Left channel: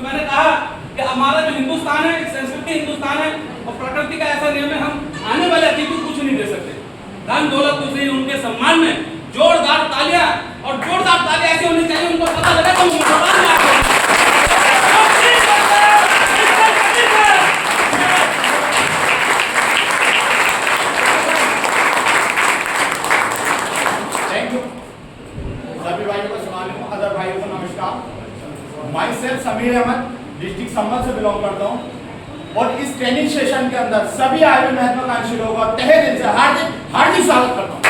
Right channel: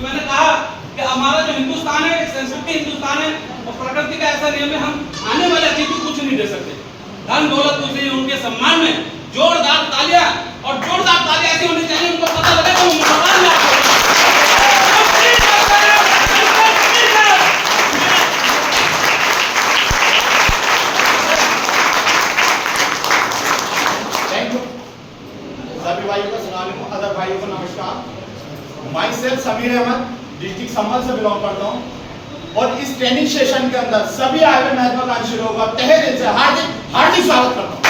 कि मैंने कहा कि हमारा जो हिंदुस्तान है, संस्कृति हिंदुस्तान है और प्रकृति का ऐसा नियम है, हम आने वाले अतिथि को कुछ नहीं दे सकते, धन दौलत कुछ नहीं। उनके सम्मान में जोरदार तालियां, और जोरदार तालियां ऐसी होनी चाहिए उनको पता लगे तो मुसलमान में आपको सभी भाइयों को सलाम, अदर भाइयों को नमस्कार। Myself Sameer Ahmed, district Sambhal से बिलोंग करता हूँ और इस ट्रेनिंग सेशन के अंदर सभी आए हुए महत्वाकांक्षी लोगों का तहे दिल से हार्दिक स्वागत करता हूँ।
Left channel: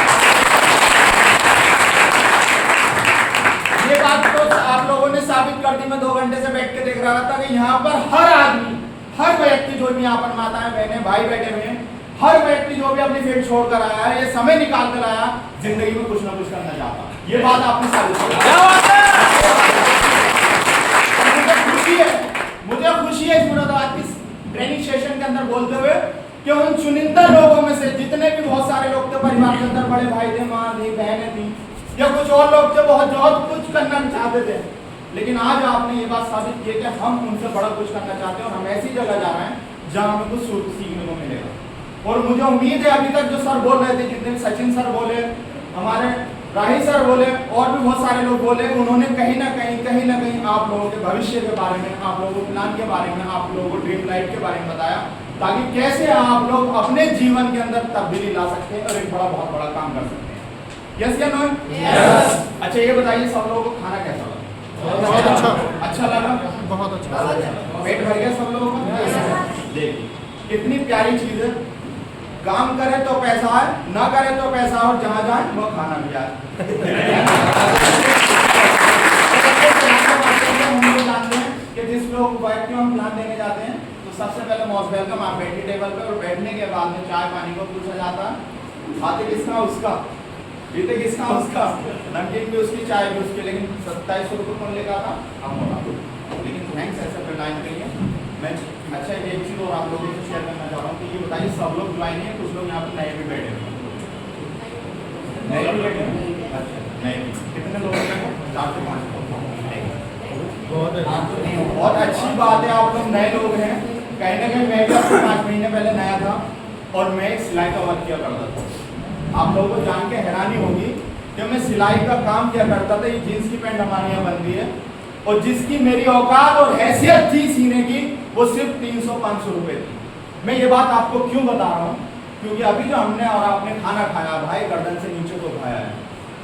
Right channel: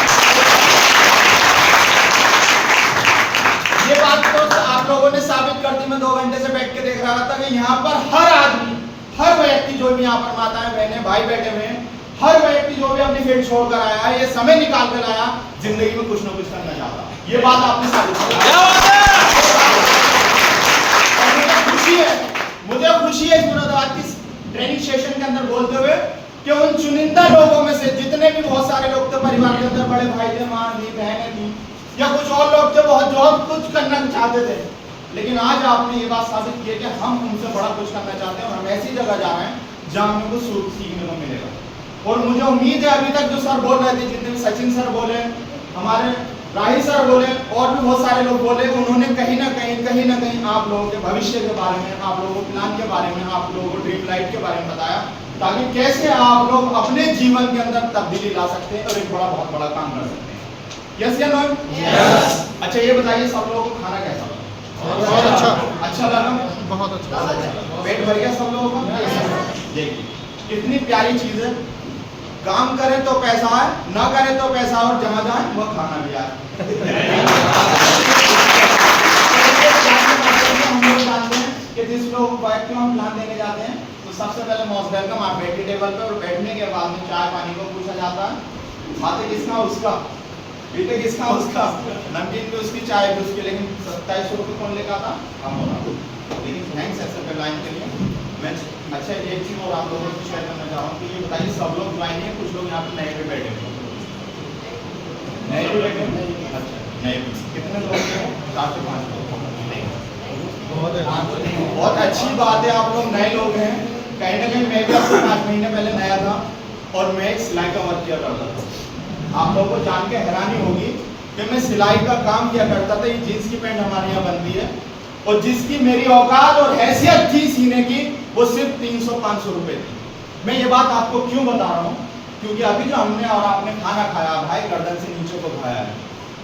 ये बात तो आप लोगों ने साबित कर दी। मैं 2 घंटे से बैठ के देख रहा था कि यहाँ पर हर आदमी, हर व्यक्ति जो भी यहाँ पर माताएं बहनें भाई बैठे हुए हैं, हर व्यक्ति जो भी अपनी फील्ड छोड़कर आया है, ये समय निकाल कर आया, जिंदगी में कुछ ना कुछ करना चाहता। ये बात आपने साबित कर दी। मुझे खुशी है इस मुरादाबाद की ट्रेनिंग सेशन के अंदर बोलते हुए कि उन चुनिंदा लोगों में से जितने भी बहुत सारे लोग थे परिवार के अंदर, बड़े भाई थे, माँ थी, बहनें थी या कुछ और लोग थे, बहुत कुछ करना चाहते थे, लेकिन आज आपने ये बात साबित की है कि हम उनसे बड़ा कुछ करना चाहते हैं और हम ऐसी जगह जा रहे हैं जहाँ हमें कुछ सीखने को मिलेगा। और मुझे उम्मीद है अभी तक जो सर बोल रहे थे, जितने भी सचिन सर बोले, हमारे राही सर बोले और भी बहुत सारे लोग बोले, उन्होंने कहीं ना कहीं आप लोगों के भविष्य के बारे में, आप लोगों के प्लान के बारे में, आप लोगों को ड्रीम लाइफ के बारे में बताया, ताकि कैसे आप लोग अपने जीवन के अंदर तब्दीली ला सकते हैं और एक बहुत बड़ा काम कर सकते हैं। यस या नो? यस। अच्छा ये बताइए सब लोगों को खाना कैसा लगा? बहुत अच्छा लगा? बहुत अच्छा लगा। पेट भर गया सब लोगों का? देखिए कितनी प्यारी चीज है, काम करे तो पैसा है, ना करे तो पैसा, और जहां जाए वो खाना भी आए। हम लोग जानते हैं कि जिस लोग व्यक्ति हम प्लान देने जाते हैं तो सबसे पहले मोस्ट वेलकम, आप बैठिए टेबल पे, और बैठने के बाद में चाय पानी को पूछा जाता है, खाते किसका उसका, पीते किसका उसका, नमकीन भी उसकी, चाय भी उसकी, लेकिन 2700 रुपये कौन लेगा था? हम लोग। लेकिन थैंक्स ऐसे पे लाइन के लिए। मैं अच्छा एक चीज और आप लोगों को शेयर करना चाह रहा हूँ कि ये बताइए सब लोग ज्वाइन नहीं है, कुछ लोग यहाँ पर नए भी बैठे हुए, नए भी बैठे हैं। अच्छा नए भी कितने लोग हैं? 4 से 5 लोग। बहुत अच्छी बात है, आप लोग नए लोग हैं। कहीं ना कहीं मैं भी आपको 5 महीने पहले नया था और मैं एक सिलाई का वर्क किया करता था। आप लोगों को जान के हैरानी होगी कि मैं सिलाई का काम किया करता था। ये जीन्स की पैंट हमारे यहाँ बनती है और जिसकी मेरी औकात और हैसियत थी सीने की, वो सिर्फ 300-500 रुपए थी। मैं ये बात आपको क्यों बता रहा हूँ? क्योंकि अभी जो हमने और आपने खाना खाया, भाई गर्दन से नीचे को खाया है,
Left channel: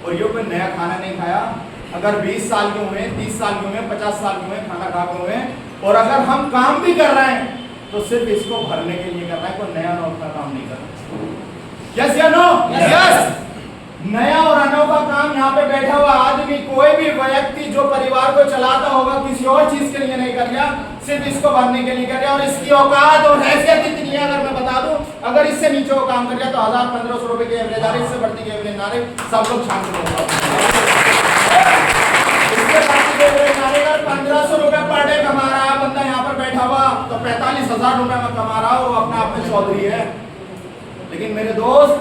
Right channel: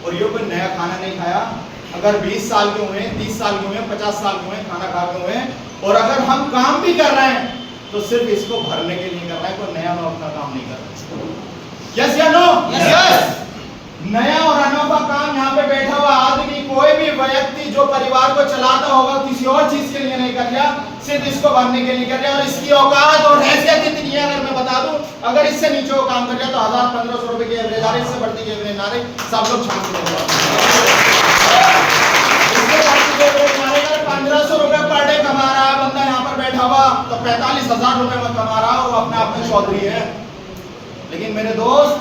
और ये कोई नया खाना नहीं खाया। अगर 20 साल के हुए, 30 साल के हुए, 50 साल के हुए, खाना खा के हुए, और अगर हम काम भी कर रहे हैं तो सिर्फ इसको भरने के लिए कर रहे हैं, कोई नया नौका काम नहीं कर रहा। यस या नो? यस। नया और अनोखा काम यहाँ पे बैठा हुआ आदमी, कोई भी व्यक्ति जो परिवार को चलाता होगा, किसी और चीज के लिए नहीं कर रहा, सिर्फ इसको भरने के लिए कर रहा है। और इसकी औकात और हैसियत इतनी है, अगर मैं बता दूं, अगर इससे नीचे वो काम कर रहा तो 1000-1500 रुपए की एवरेज आ रही, इससे बढ़ती की एवरेज ना रही, सब लोग शांति होगा। इससे बढ़ती की एवरेज ना रही, अगर 1500 रुपए पर डे कमा रहा है बंदा यहाँ पर बैठा हुआ, तो 45,000 रुपए में कमा रहा हो, अपना अपने चौधरी है। लेकिन मेरे दोस्त,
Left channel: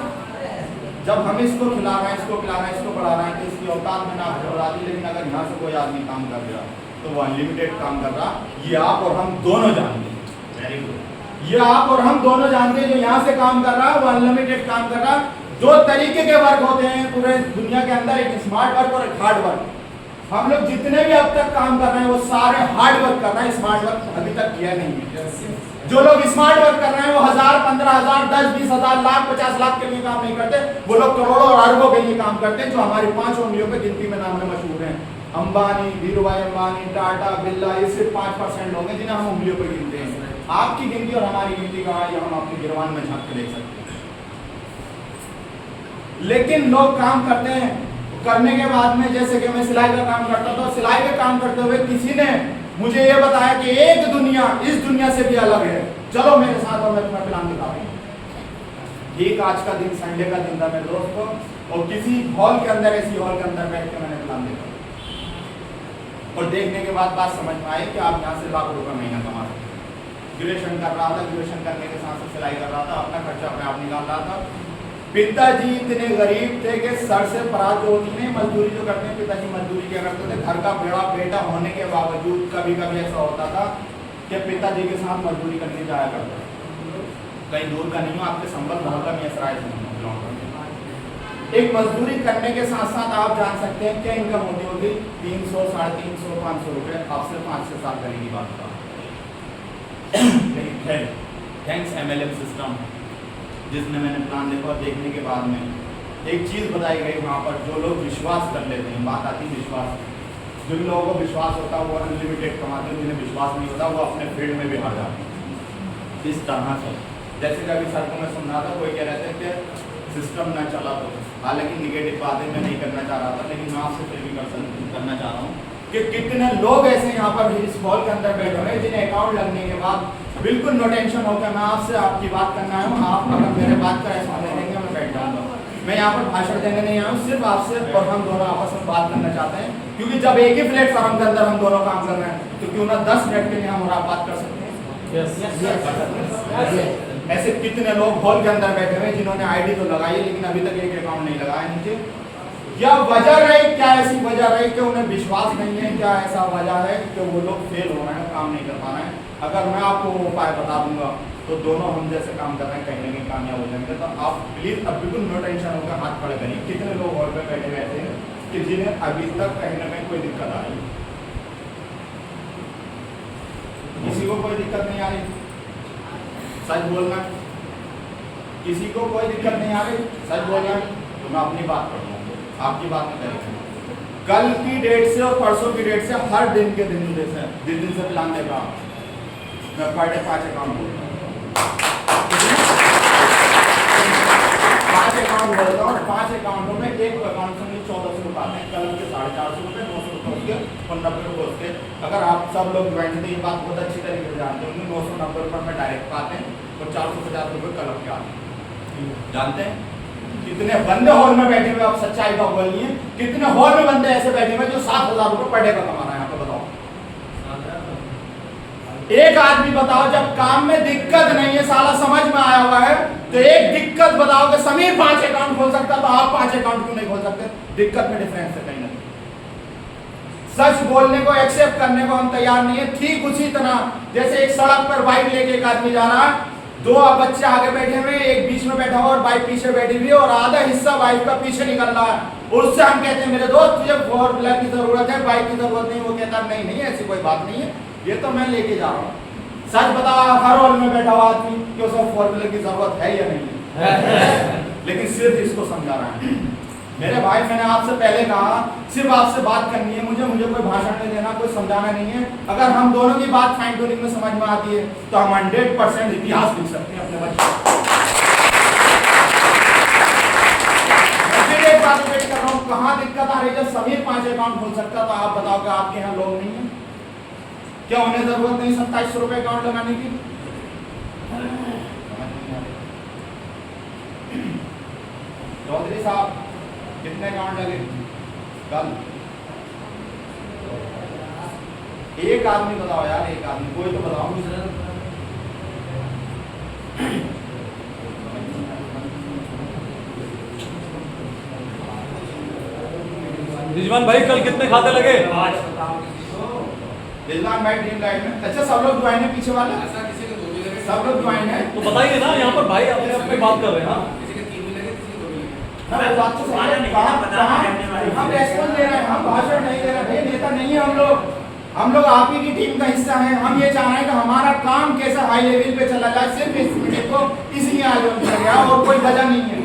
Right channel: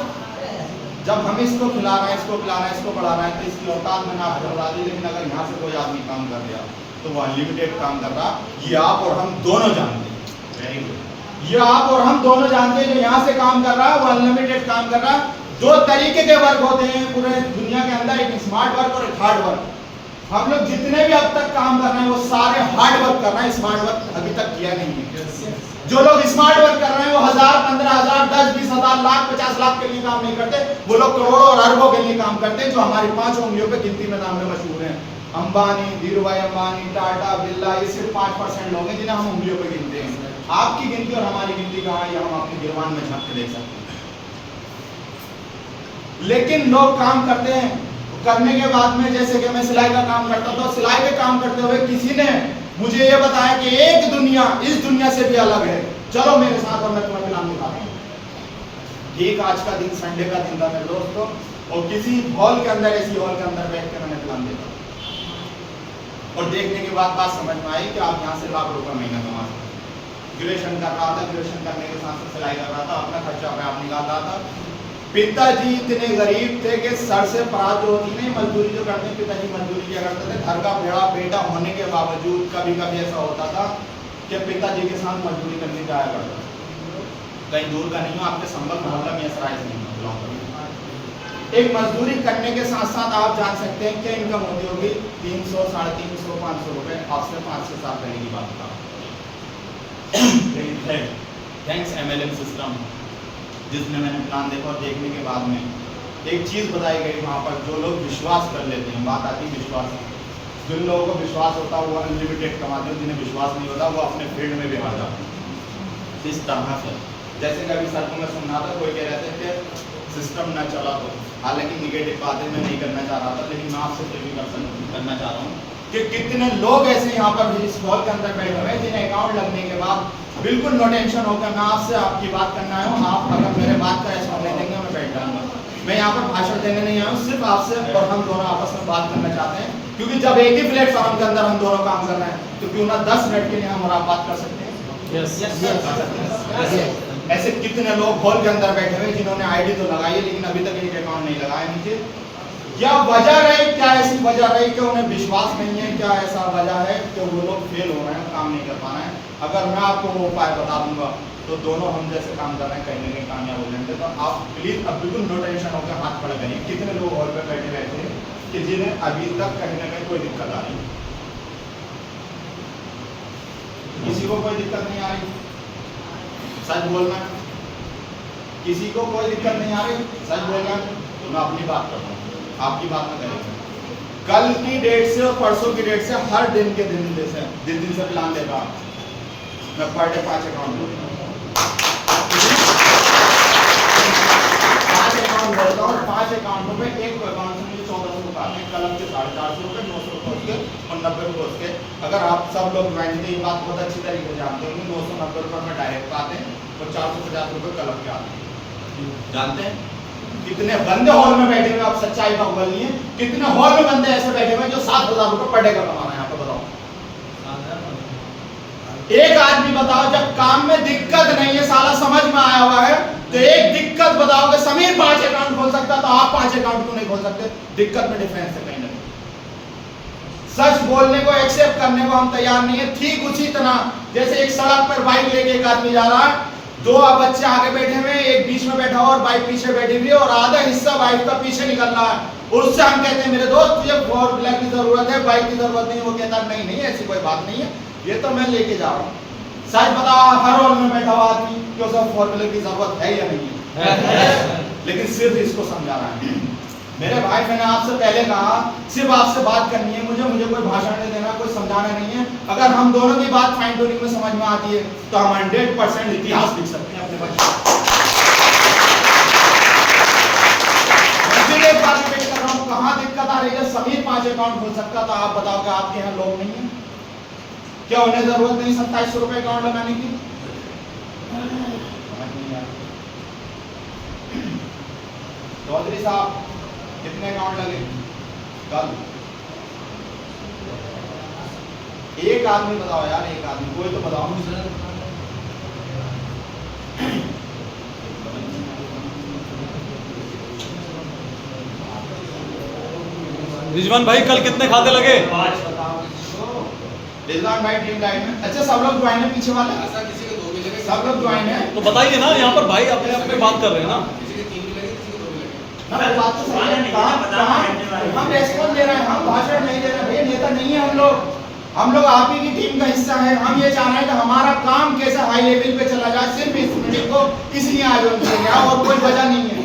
जब हम इसको खिला रहे हैं, इसको पिला रहे हैं, इसको बढ़ा रहे हैं, तो इसकी औकात मैंने आपको बता दी। लेकिन अगर यहाँ से कोई आदमी काम कर रहा तो वो अनलिमिटेड काम कर रहा। ये आप और हम दोनों जानते हैं। Very good. ये आप और हम दोनों जानते हैं, जो यहाँ से काम कर रहा है वो अनलिमिटेड काम कर रहा है। 2 तरीके के वर्क होते हैं पूरे दुनिया के अंदर, एक स्मार्ट वर्क और एक हार्ड वर्क। हम लोग जितने भी अब तक काम कर रहे हैं वो सारे हार्ड वर्क कर रहे हैं, स्मार्ट वर्क अभी तक किया नहीं है। जो लोग स्मार्ट वर्क कर रहे हैं वो 1000, 15,000, 10, 20,000, लाख, 50 लाख के लिए काम नहीं करते, वो लोग करोड़ों और अरबों के लिए काम करते हैं, जो हमारी 5 उंगलियों पे गिनती में नाम में मशहूर हैं। अंबानी, धीरूभाई अंबानी, टाटा, बिरला, ये सिर्फ 5% लोग हैं जिन्हें हम उंगलियों पे गिनते हैं। आपकी गिनती और हमारी गिनती कहाँ है, हम अपने गिरवान में झांक के देख सकते हैं। लेकिन लोग काम करते हैं, करने के बाद में, जैसे कि मैं सिलाई का काम करता था, सिलाई का काम करते हुए किसी ने मुझे ये बताया कि एक दुनिया इस दुनिया से भी अलग है, चलो मेरे साथ और मैं तुम्हें प्लान दिखाता हूँ। ठीक आज का दिन संडे का दिन था मेरे दोस्तों, और किसी हॉल के अंदर, ऐसी हॉल के अंदर बैठ के मैंने प्लान देखा और देखने के बाद बात समझ में आई कि आप यहाँ से लाख रुपए महीना कमा सकते। ग्रेजुएशन कर रहा था, ग्रेजुएशन करने के साथ साथ सिलाई कर रहा था, अपना खर्चा अपने आप निकाल रहा था। पिताजी इतने गरीब थे कि सर से परात जो होती नहीं, मजदूरी जो करते हैं, पिताजी मजदूरी किया करते थे। घर का बड़ा बेटा होने के बावजूद कभी कभी ऐसा होता था कि पिताजी के साथ मजदूरी करने जाया करता था। कहीं दूर का नहीं हो, आपके संबल मोहल्ला में सराय से नहीं बिलोंग करते। एक मजदूरी करने के साथ साथ आप जान सकते हैं क्या इनकम होती होगी, 300, 350, 500 रुपए। आपसे 5 से 7 पहले की बात बताओ। लेकिन है थैंक्स MLM सिस्टम, जिसने मैंने प्लान देखा और देखने के बाद में एक चीज़ बताई गई वहाँ पर, जो लोग विश्वास कर लेते हैं, बात आती है विश्वास। जिन लोगों को विश्वास होता है वो अनलिमिटेड कमाते हैं, जिन्हें विश्वास नहीं होता वो अपने फील्ड में भी हार जाते हैं। इस तरह से जैसे कभी सर को मैं सुन रहा था, कोई कह रहे थे कि सिस्टम ना चला तो, हालांकि निगेटिव बातें मैं नहीं करना चाह रहा था, लेकिन मैं आपसे फिर भी करना चाह रहा हूँ कि कितने लोग ऐसे यहाँ पर इस हॉल के अंदर बैठे हुए हैं जिन्हें अकाउंट लगने के बाद बिल्कुल नो टेंशन होकर मैं आपसे आपकी बात करना आया हूँ। आप अगर मेरे बात का रेस्पॉन्स नहीं देंगे मैं बैठ जाऊँगा। मैं यहाँ पर भाषण देने नहीं आया हूँ, सिर्फ आपसे और हम दोनों आपस में बात करना चाहते हैं, क्योंकि जब एक ही प्लेटफॉर्म के अंदर हम दोनों काम कर रहे हैं तो क्यों ना 10 मिनट के लिए हम और आप बात कर सकते हैं। ऐसे कितने लोग हॉल के अंदर बैठे हुए जिन्होंने आईडी तो लगाई है लेकिन अभी तक एक अकाउंट नहीं लगाया नीचे। क्या वजह रही, क्या ऐसी वजह रही कि उन्हें विश्वास नहीं है, क्या ऐसा वजह है कि वो लोग फेल हो रहे हैं, काम नहीं कर पा रहे हैं? अगर मैं आपको वो उपाय बता दूंगा तो दोनों हम जैसे काम कर रहे हैं कहीं ना कहीं कामयाब हो जाएंगे। तो आप प्लीज अब बिल्कुल नो टेंशन होकर हाथ खड़े करिए। कितने लोग हॉल पे बैठे रहते हैं कि जिन्हें अभी तक कहीं ना कहीं कोई दिक्कत आ रही है? किसी को कोई दिक्कत नहीं आ रही? सच बोलना। किसी को कोई दिक्कत नहीं आ रही? सच बोलना। मैं अपनी बात कर रहा हूँ, आपकी बात में करेंगे। कल की डेट से और परसों की डेट से हर दिन के दिन से प्लान दे रहा हूँ मैं। पर डे 5 अकाउंट बोलता हूँ, 5 अकाउंट बोलता हूँ और 5 अकाउंटों में एक अकाउंट से मुझे 1400 रुपये आते हैं। कलम के 450 रुपये, 900 रुपये उसके और 90 रुपये उसके। अगर आप सब लोग ज्वाइन थे, ये बात बहुत अच्छी तरीके से जानते होंगे, 990 रुपये में डायरेक्ट पाते हैं और 450 रुपये कलम के आते हैं। जानते हैं कितने बंदे हॉल में बैठे हुए? आप सच्चाई का बोलिए, कितने हॉल में बंदे ऐसे बैठे हुए जो 7000 रुपये पर डे का कमा रहे हैं? यहाँ पे बताओ, एक आदमी बताओ जब काम में दिक्कत नहीं है, साला समझ में आया हुआ है, तो एक दिक्कत बताओ कि समीर 5 अकाउंट खोल सकता तो आप 5 अकाउंट क्यों नहीं खोल सकते? दिक्कत में डिफरेंस है कहीं ना कहीं। सच बोलने को, एक्सेप्ट करने को हम तैयार नहीं है। ठीक उसी तरह जैसे एक सड़क पर बाइक लेके एक आदमी जा रहा है, 2 बच्चे आगे बैठे हुए, एक बीच में बैठा हुआ और बाइक पीछे बैठी हुई है और आधा हिस्सा बाइक का पीछे निकल रहा है। और उससे हम कहते हैं मेरे दोस्त तुझे 4 व्हीलर की जरूरत है, बाइक की जरूरत नहीं। वो कहता है नहीं ऐसी कोई बात नहीं है, ये तो मैं लेके जा रहा हूँ। सच बताओ, हर हॉल में बैठा हुआ आदमी कि उसे 4 व्हीलर की जरूरत है या नहीं है? लेकिन सिर्फ इसको समझा रहा है। मेरे भाई, मैंने आपसे पहले कहा सिर्फ आपसे बात करनी है, मुझे कोई भाषण नहीं देना, कोई समझाना नहीं है। अगर हम दोनों की बात फाइन ट्यूनिंग में समझ में आती है तो हम 100% इतिहास लिख सकते हैं अपने बच्चों। एक बात रिपीट कर रहा हूँ, कहाँ दिक्कत आ रही है? जब समीर 5 अकाउंट खोल सकता तो आप बताओ कि आपके यहाँ लोग नहीं है क्या? उन्हें जरूरत नहीं 2700 रुपए अकाउंट लगाने की? चौधरी साहब कितने अकाउंट लगे कल? एक आदमी बताओ यार, एक आदमी, कोई तो बताओ। रिजवान भाई कल कितने खाते लगे? रिजवान भाई ड्रीम लाइट में। अच्छा, सब लोग ज्वाइन है पीछे वाले? ऐसा किसी के 2 भी लगे? सब लोग ज्वाइन है तो बताइए ना, यहाँ पर भाई अपने आप में बात कर रहे हैं ना। किसी के 3 भी लगे, किसी के 2 भी लगे। ना वो बात तो सही है। हम रेस्पॉन्स दे रहे हैं, हम भाषण नहीं दे रहे। भाई नेता नहीं है हम लोग आप ही की टीम का हिस्सा है। हम ये चाह रहे हैं कि हमारा काम कैसे हाई लेवल पे चला जाए। सिर्फ इस मीटिंग को इसलिए आयोजन किया गया और कोई वजह नहीं है।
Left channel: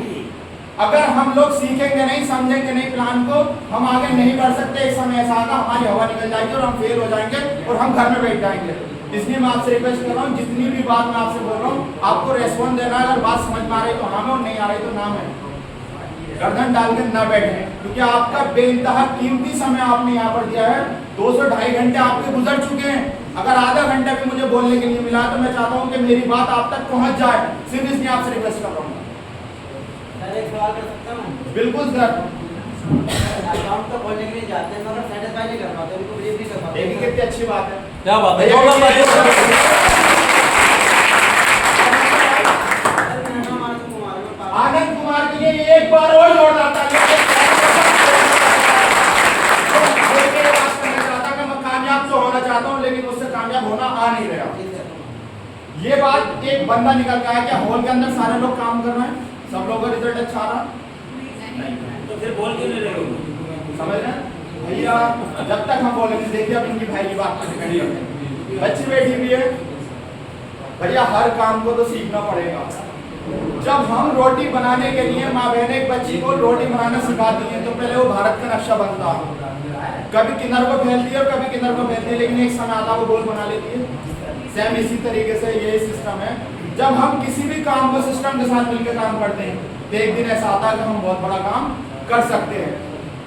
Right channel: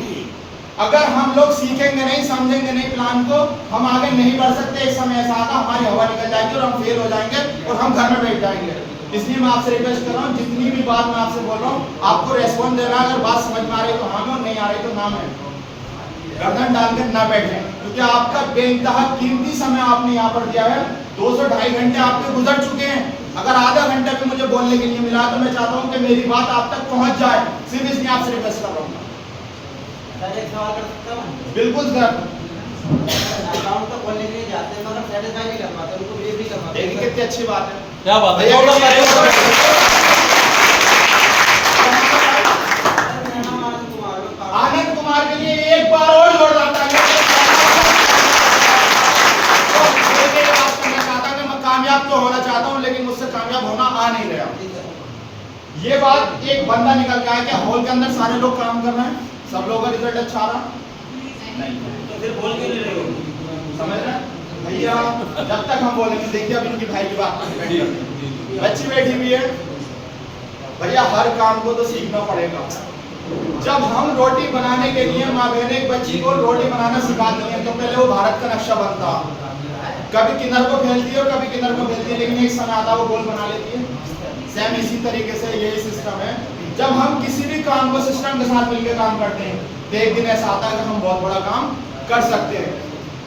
अगर हम लोग सीखेंगे नहीं, समझेंगे नहीं प्लान को, हम आगे नहीं बढ़ सकते। एक समय ऐसा आएगा हमारी हवा निकल जाएगी और हम फेल हो जाएंगे और हम घर में बैठ जाएंगे। इसलिए मैं आपसे रिक्वेस्ट कर रहा हूँ, जितनी भी बात मैं आपसे बोल रहा हूँ आपको रेस्पॉन्स देना है। अगर बात समझ में आ रही तो हाँ, नहीं आ रही तो नाम है, गर्दन डाल के ना बैठे, क्योंकि आपका बेइंतहा कीमती समय आपने यहाँ पर दिया है। 200-2.5 घंटे आपके गुजर चुके हैं। अगर आधा घंटा भी मुझे बोलने के लिए मिला तो मैं चाहता हूँ कि मेरी बात आप तक पहुँच जाए। सिर्फ इसलिए आपसे रिक्वेस्ट कर रहा हूँ। एक सवाल कर सकता हूँ? बिल्कुल सर। अकाउंट तो खोलने के लिए जाते हैं मगर सेटिस्फाई नहीं कर पाते, उनको ब्रीफ भी कर पाते। देखिए कितनी अच्छी बात है। क्या बात है? आनंद कुमार के लिए कामयाब होना आ नहीं रहा। ये बात एक बंदा निकल के आया, क्या हॉल के अंदर सारे लोग काम कर रहे हैं, सब लोगों का रिजल्ट अच्छा आ रहा नहीं, तो फिर बोल क्यों नहीं रहे हो? समझ रहे हैं भैया? जब तक हम बोलेंगे, देखिए अब इनकी भाई की बात पर डिपेंड करते हैं। बच्ची बैठी हुई है भैया, हर काम को तो सीखना पड़ेगा। जब हम रोटी बनाने के लिए माँ बहन एक बच्ची को रोटी बनाना सिखाती हैं तो पहले वो भारत का नक्शा बनता, कभी किनार को फैलती है और कभी किनार को फैलती है, लेकिन एक समय आता वो गोल बना लेती है। सेम इसी तरीके से यही सिस्टम है। जब हम किसी भी काम को सिस्टम के साथ मिलकर काम करते हैं तो एक दिन ऐसा आता है कि हम बहुत बड़ा काम कर सकते हैं।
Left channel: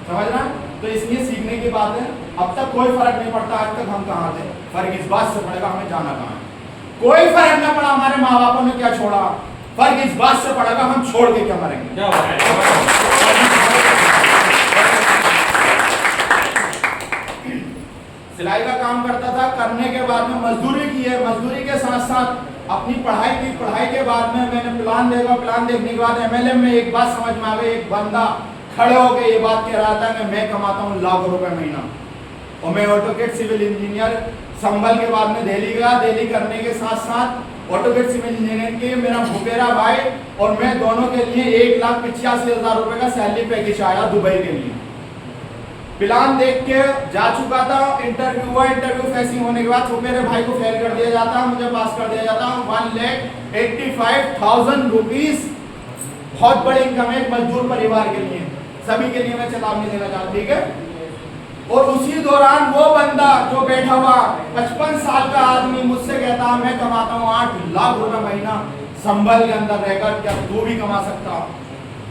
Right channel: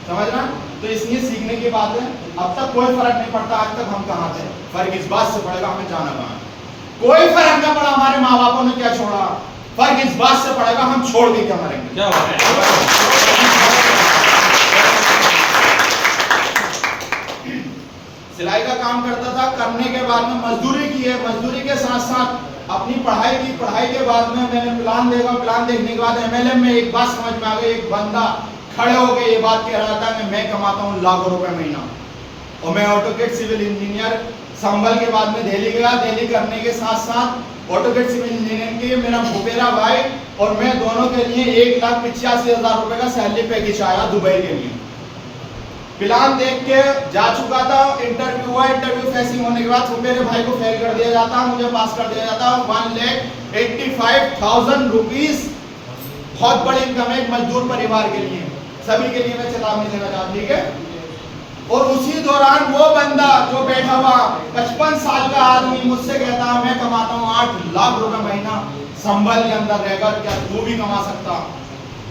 समझ रहे हैं? तो इसलिए सीखने की बात है। अब तक कोई फर्क नहीं पड़ता आज तक हम कहाँ थे, फर्क इस बात से पड़ेगा हमें जाना कहाँ है। कोई फर्क नहीं पड़ा हमारे माँ बापों ने क्या छोड़ा, फर्क इस बात से पड़ेगा हम छोड़ के क्या मरेंगे। क्या बात है। सिलाई का काम करता था, करने के बाद में मजदूरी की है, मजदूरी के साथ साथ अपनी पढ़ाई की। पढ़ाई के बाद में मैंने प्लान देखा, प्लान देखने के बाद एमएलएम में एक बात समझ में आ गई। एक बंदा खड़े होकर ये बात कह रहा था कि मैं कमाता हूँ लाखों रुपए महीना, और मैं ऑटोकेड सिविल इंजीनियर संभल के बाद में दिल्ली गया। दिल्ली करने के साथ साथ ऑटोकेड सिविल इंजीनियर के मेरा भूपेरा भाई और मैं दोनों के लिए 1,85,000 रुपए का सैलरी पैकेज आया दुबई के लिए। प्लान देख के जा चुका था, इंटरव्यू हुआ, इंटरव्यू फेसिंग होने के बाद मेरे भाई को फेल कर दिया जाता, मुझे पास कर दिया जाता। 1,85,000 रुपीज बहुत बड़ी इनकम है एक मजदूर परिवार के लिए। सभी के लिए मैं चेतावनी देना चाहता हूं, ठीक है। और उसी दौरान वो बंदा जो बैठा हुआ 55 साल का आदमी मुझसे कहता मैं कमाता हूँ 8 लाख रुपए महीना संभल के अंदर रहकर, क्या तू भी कमा सकता?